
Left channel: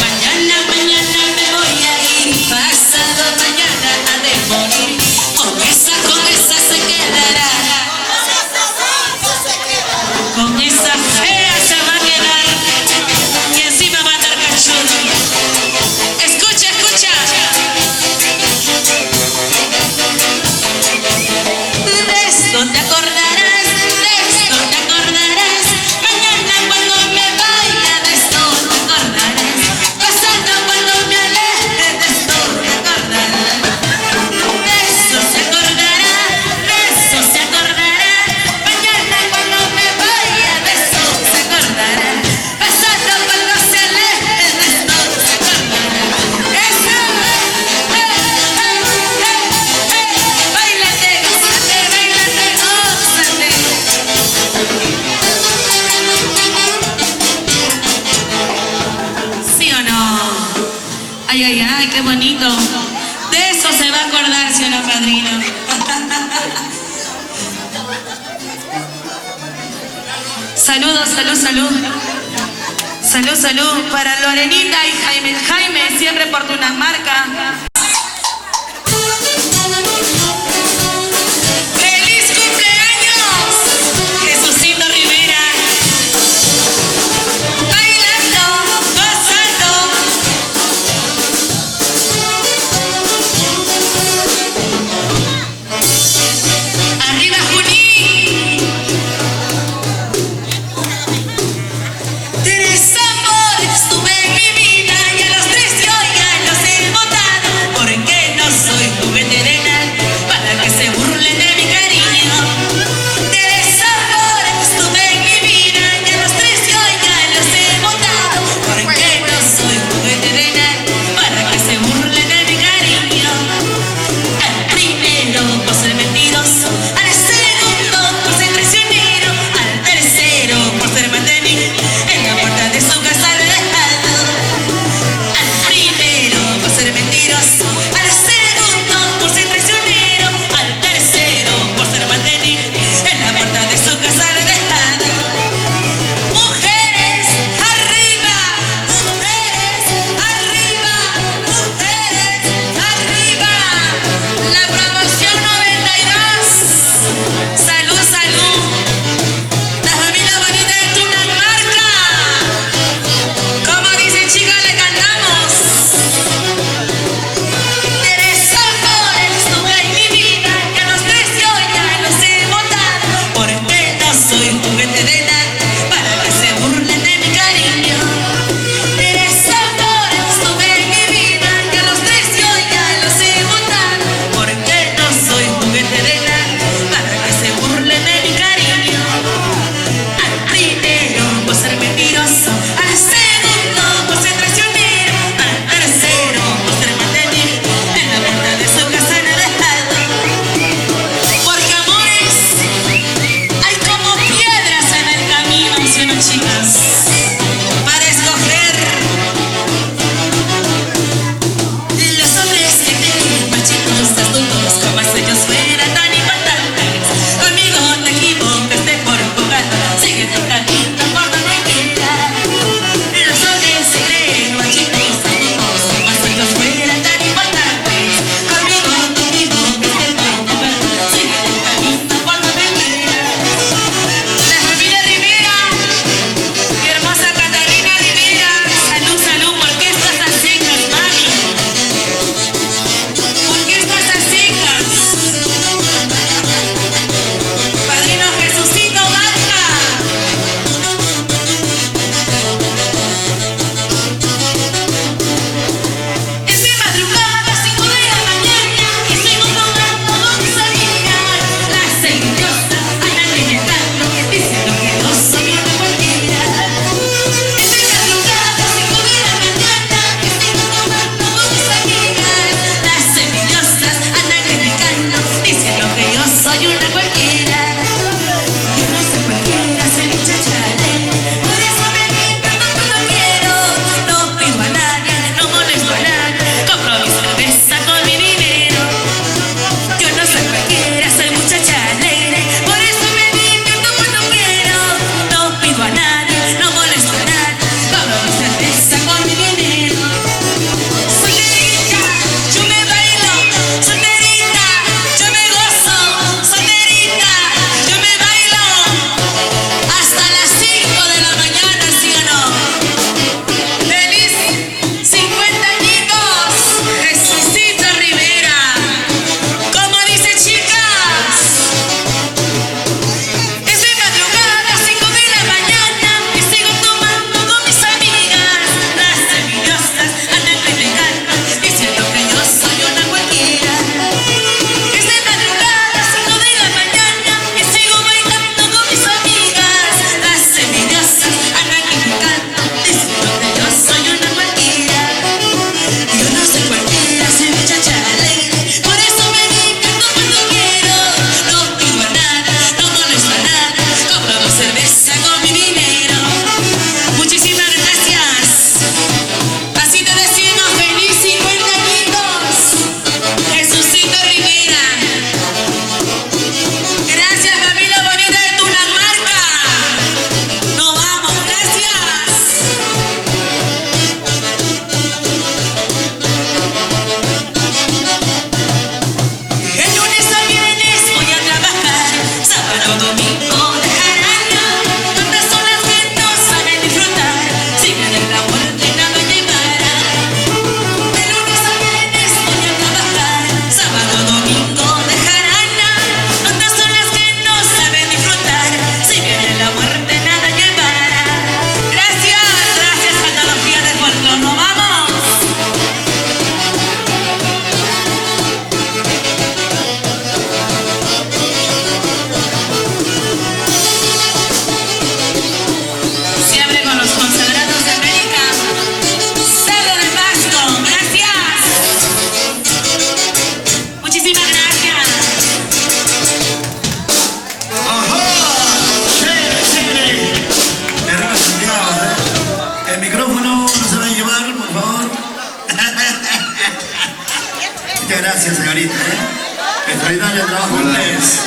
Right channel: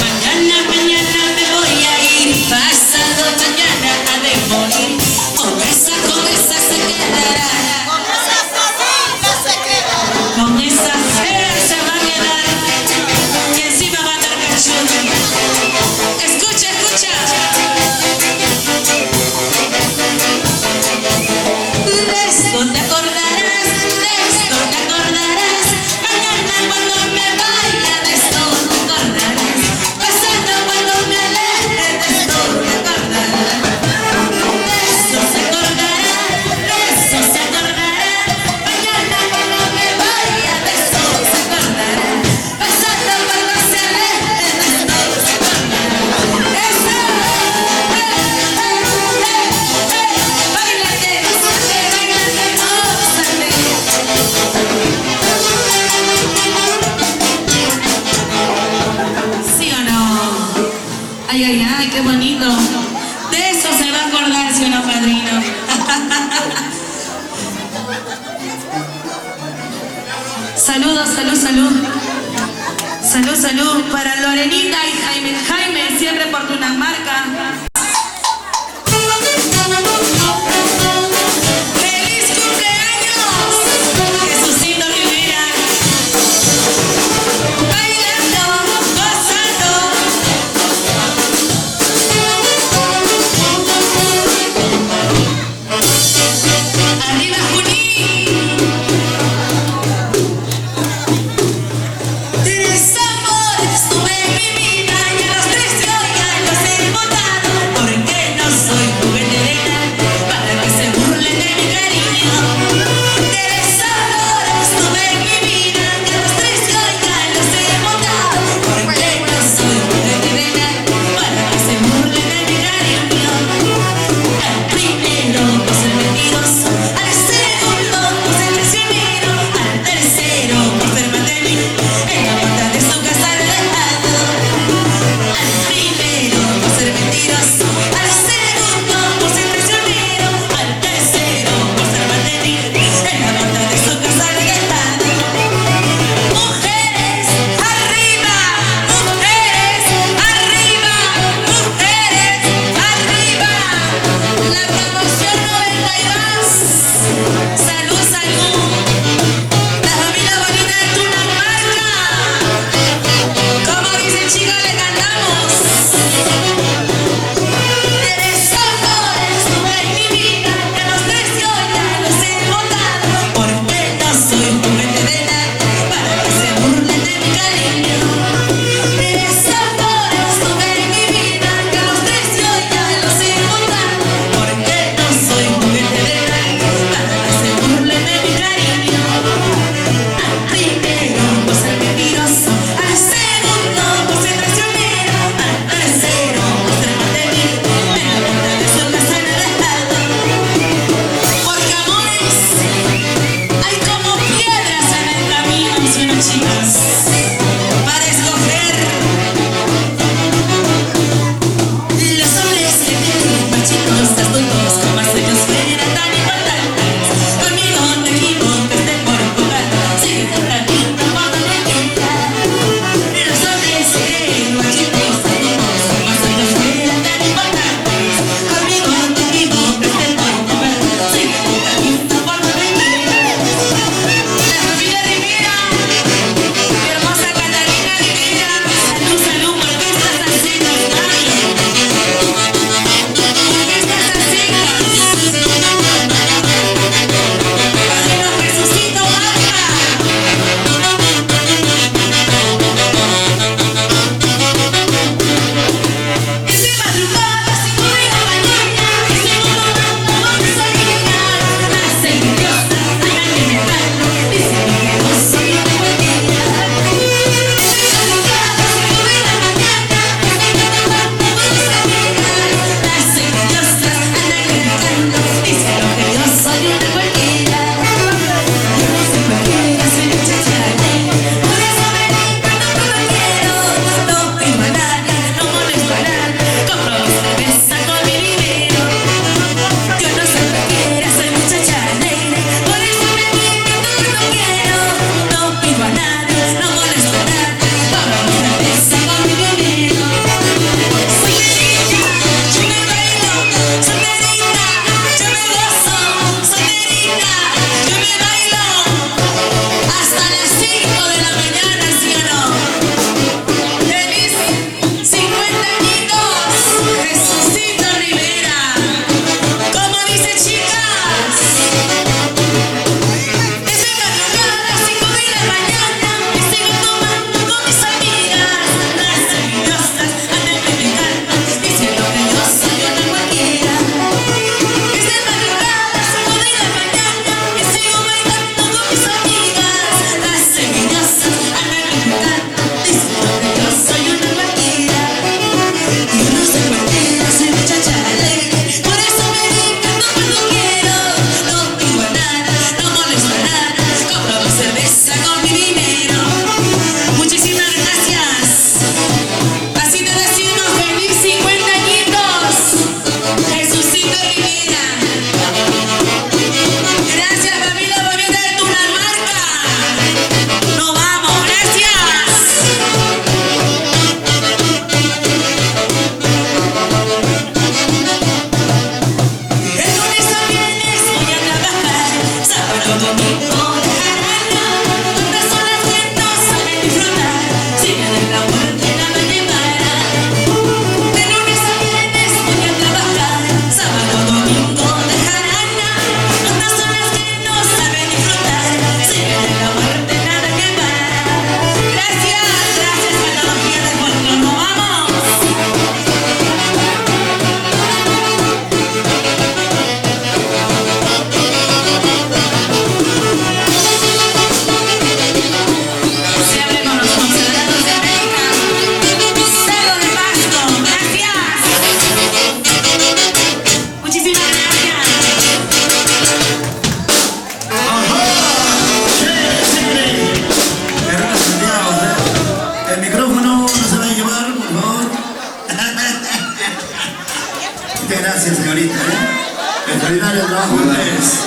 Mañana, mañana me voy a ir, pasado mañana ha de morir. Con esa se quedará. Con esa cosa se quedará. Con esa fea se va a quedar. Y encima va a dar cachorro. Escucha, escucha. De esto te acordarás, mañana cuando me vaya, de esto te acordarás, pasando cuando me aleje, de esto te acordarás, de esto se acordará, mañana cuando me vaya, de esto te acordarás, pasando cuando se aleje, de esto te acordarás. Báilate, gózate, gózate. ¿Sí o no? Ay, ay, ay, qué bonito. De eso se va a acordar, ¿sí o no, padrino? Saludos, salud, salud. Salud, salud para Lorenita y Jaime. Jaime, siempre por tu marca. ¡Feliz cumpleaños! Jesucito Rivera. Bailando, gozando. Arriba, Junín. Tres amores tuve en mi vida y a los tres yo ya los he botado. Muchas gracias, señorita. Extraordinario trabajo de ustedes.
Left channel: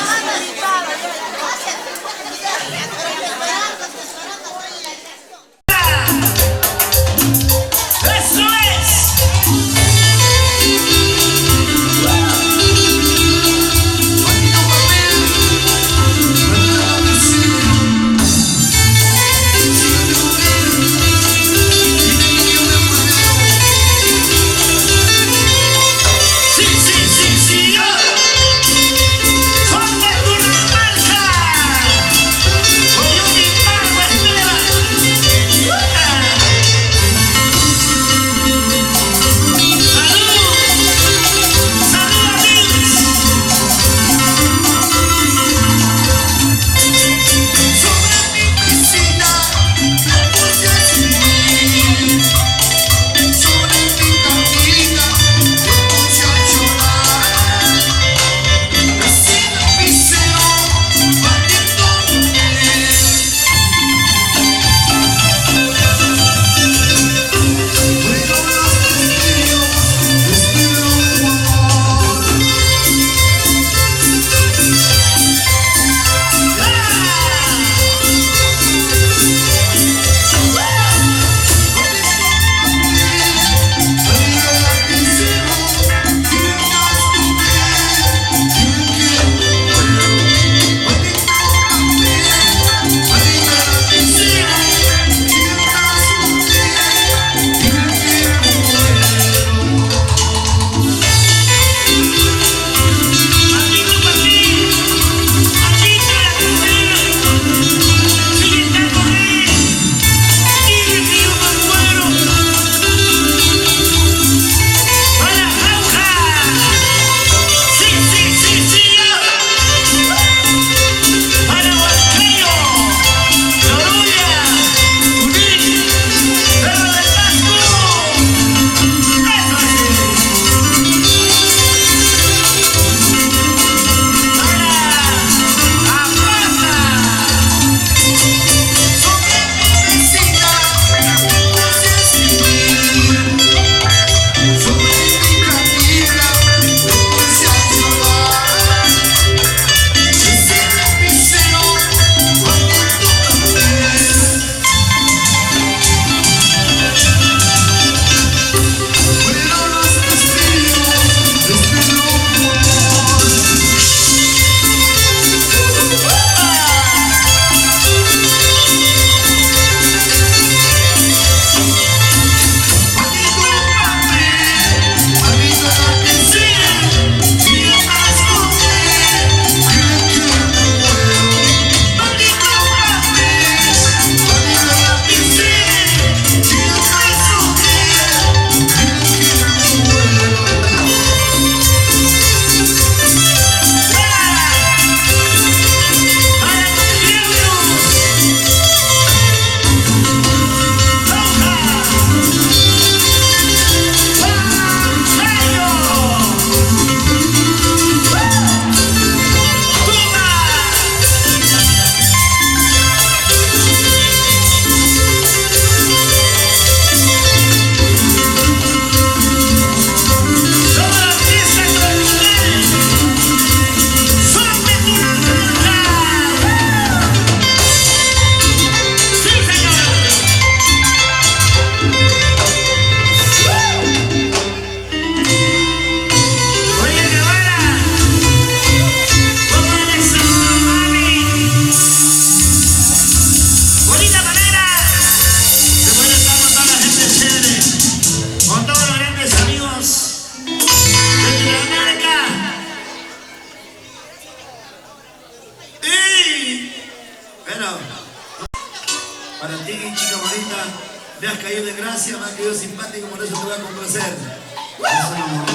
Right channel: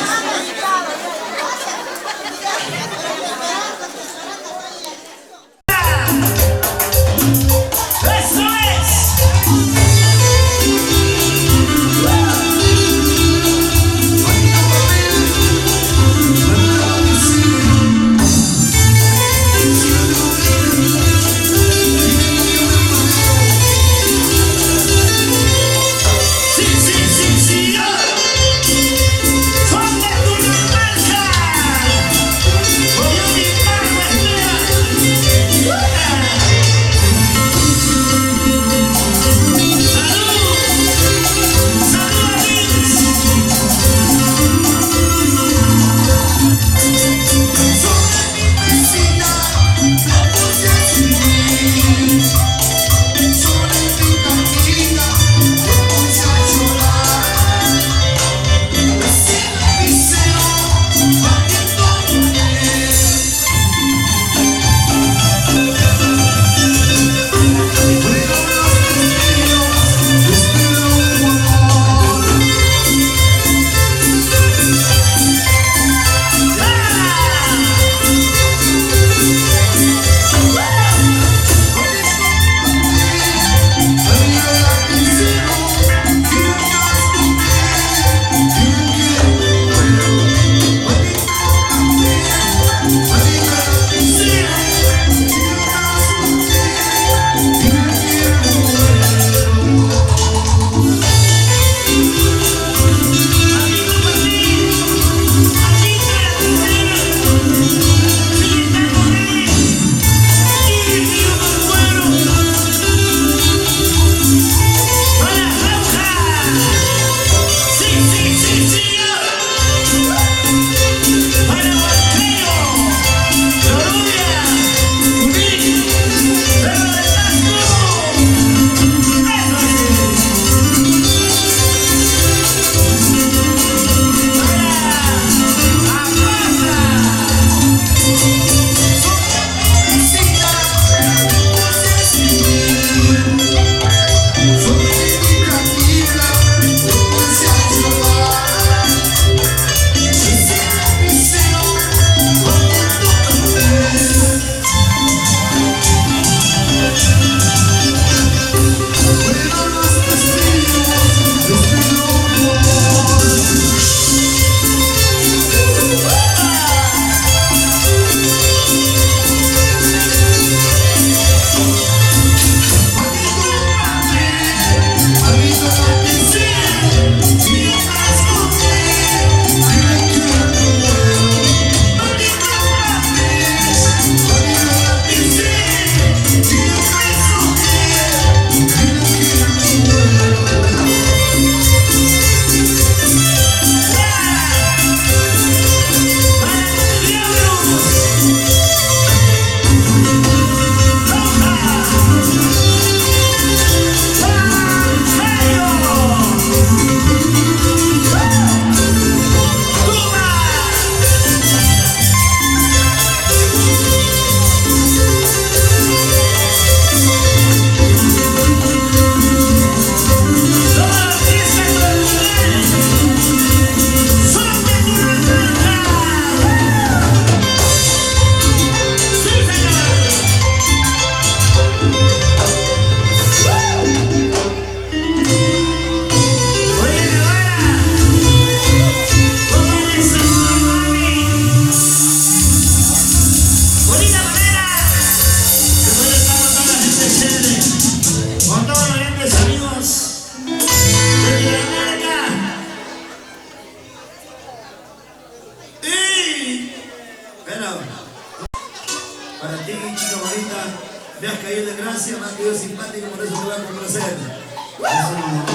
Para ti, chica bonita, me has caído de gracia, me has caído simpático, por eso te voy a complacer. ¡Vamos!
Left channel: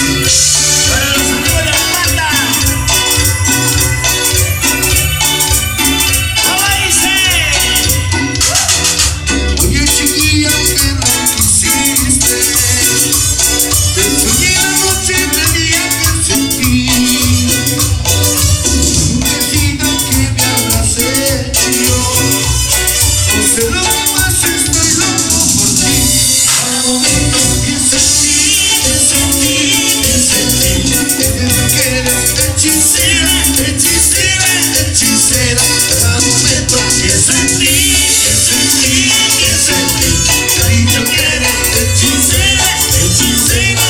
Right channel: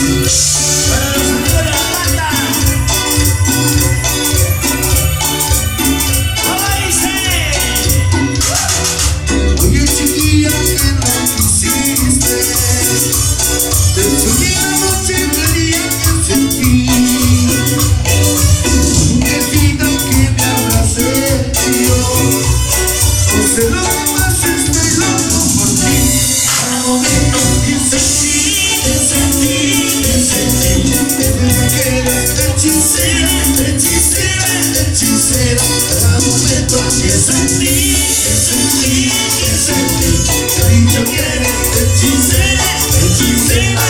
Para los amigos de la banda. ¿Cómo dice? Oye chiquilla, que no quisiste, te soñé la noche del día que sentí, un besito que me abracé yo, no sé lo que más estoy loco por ti. Al momento que sentí, que eres hechicera, hechicera, hechicera. Al momento que sentí, cariño, que eres hechicera, hechicera.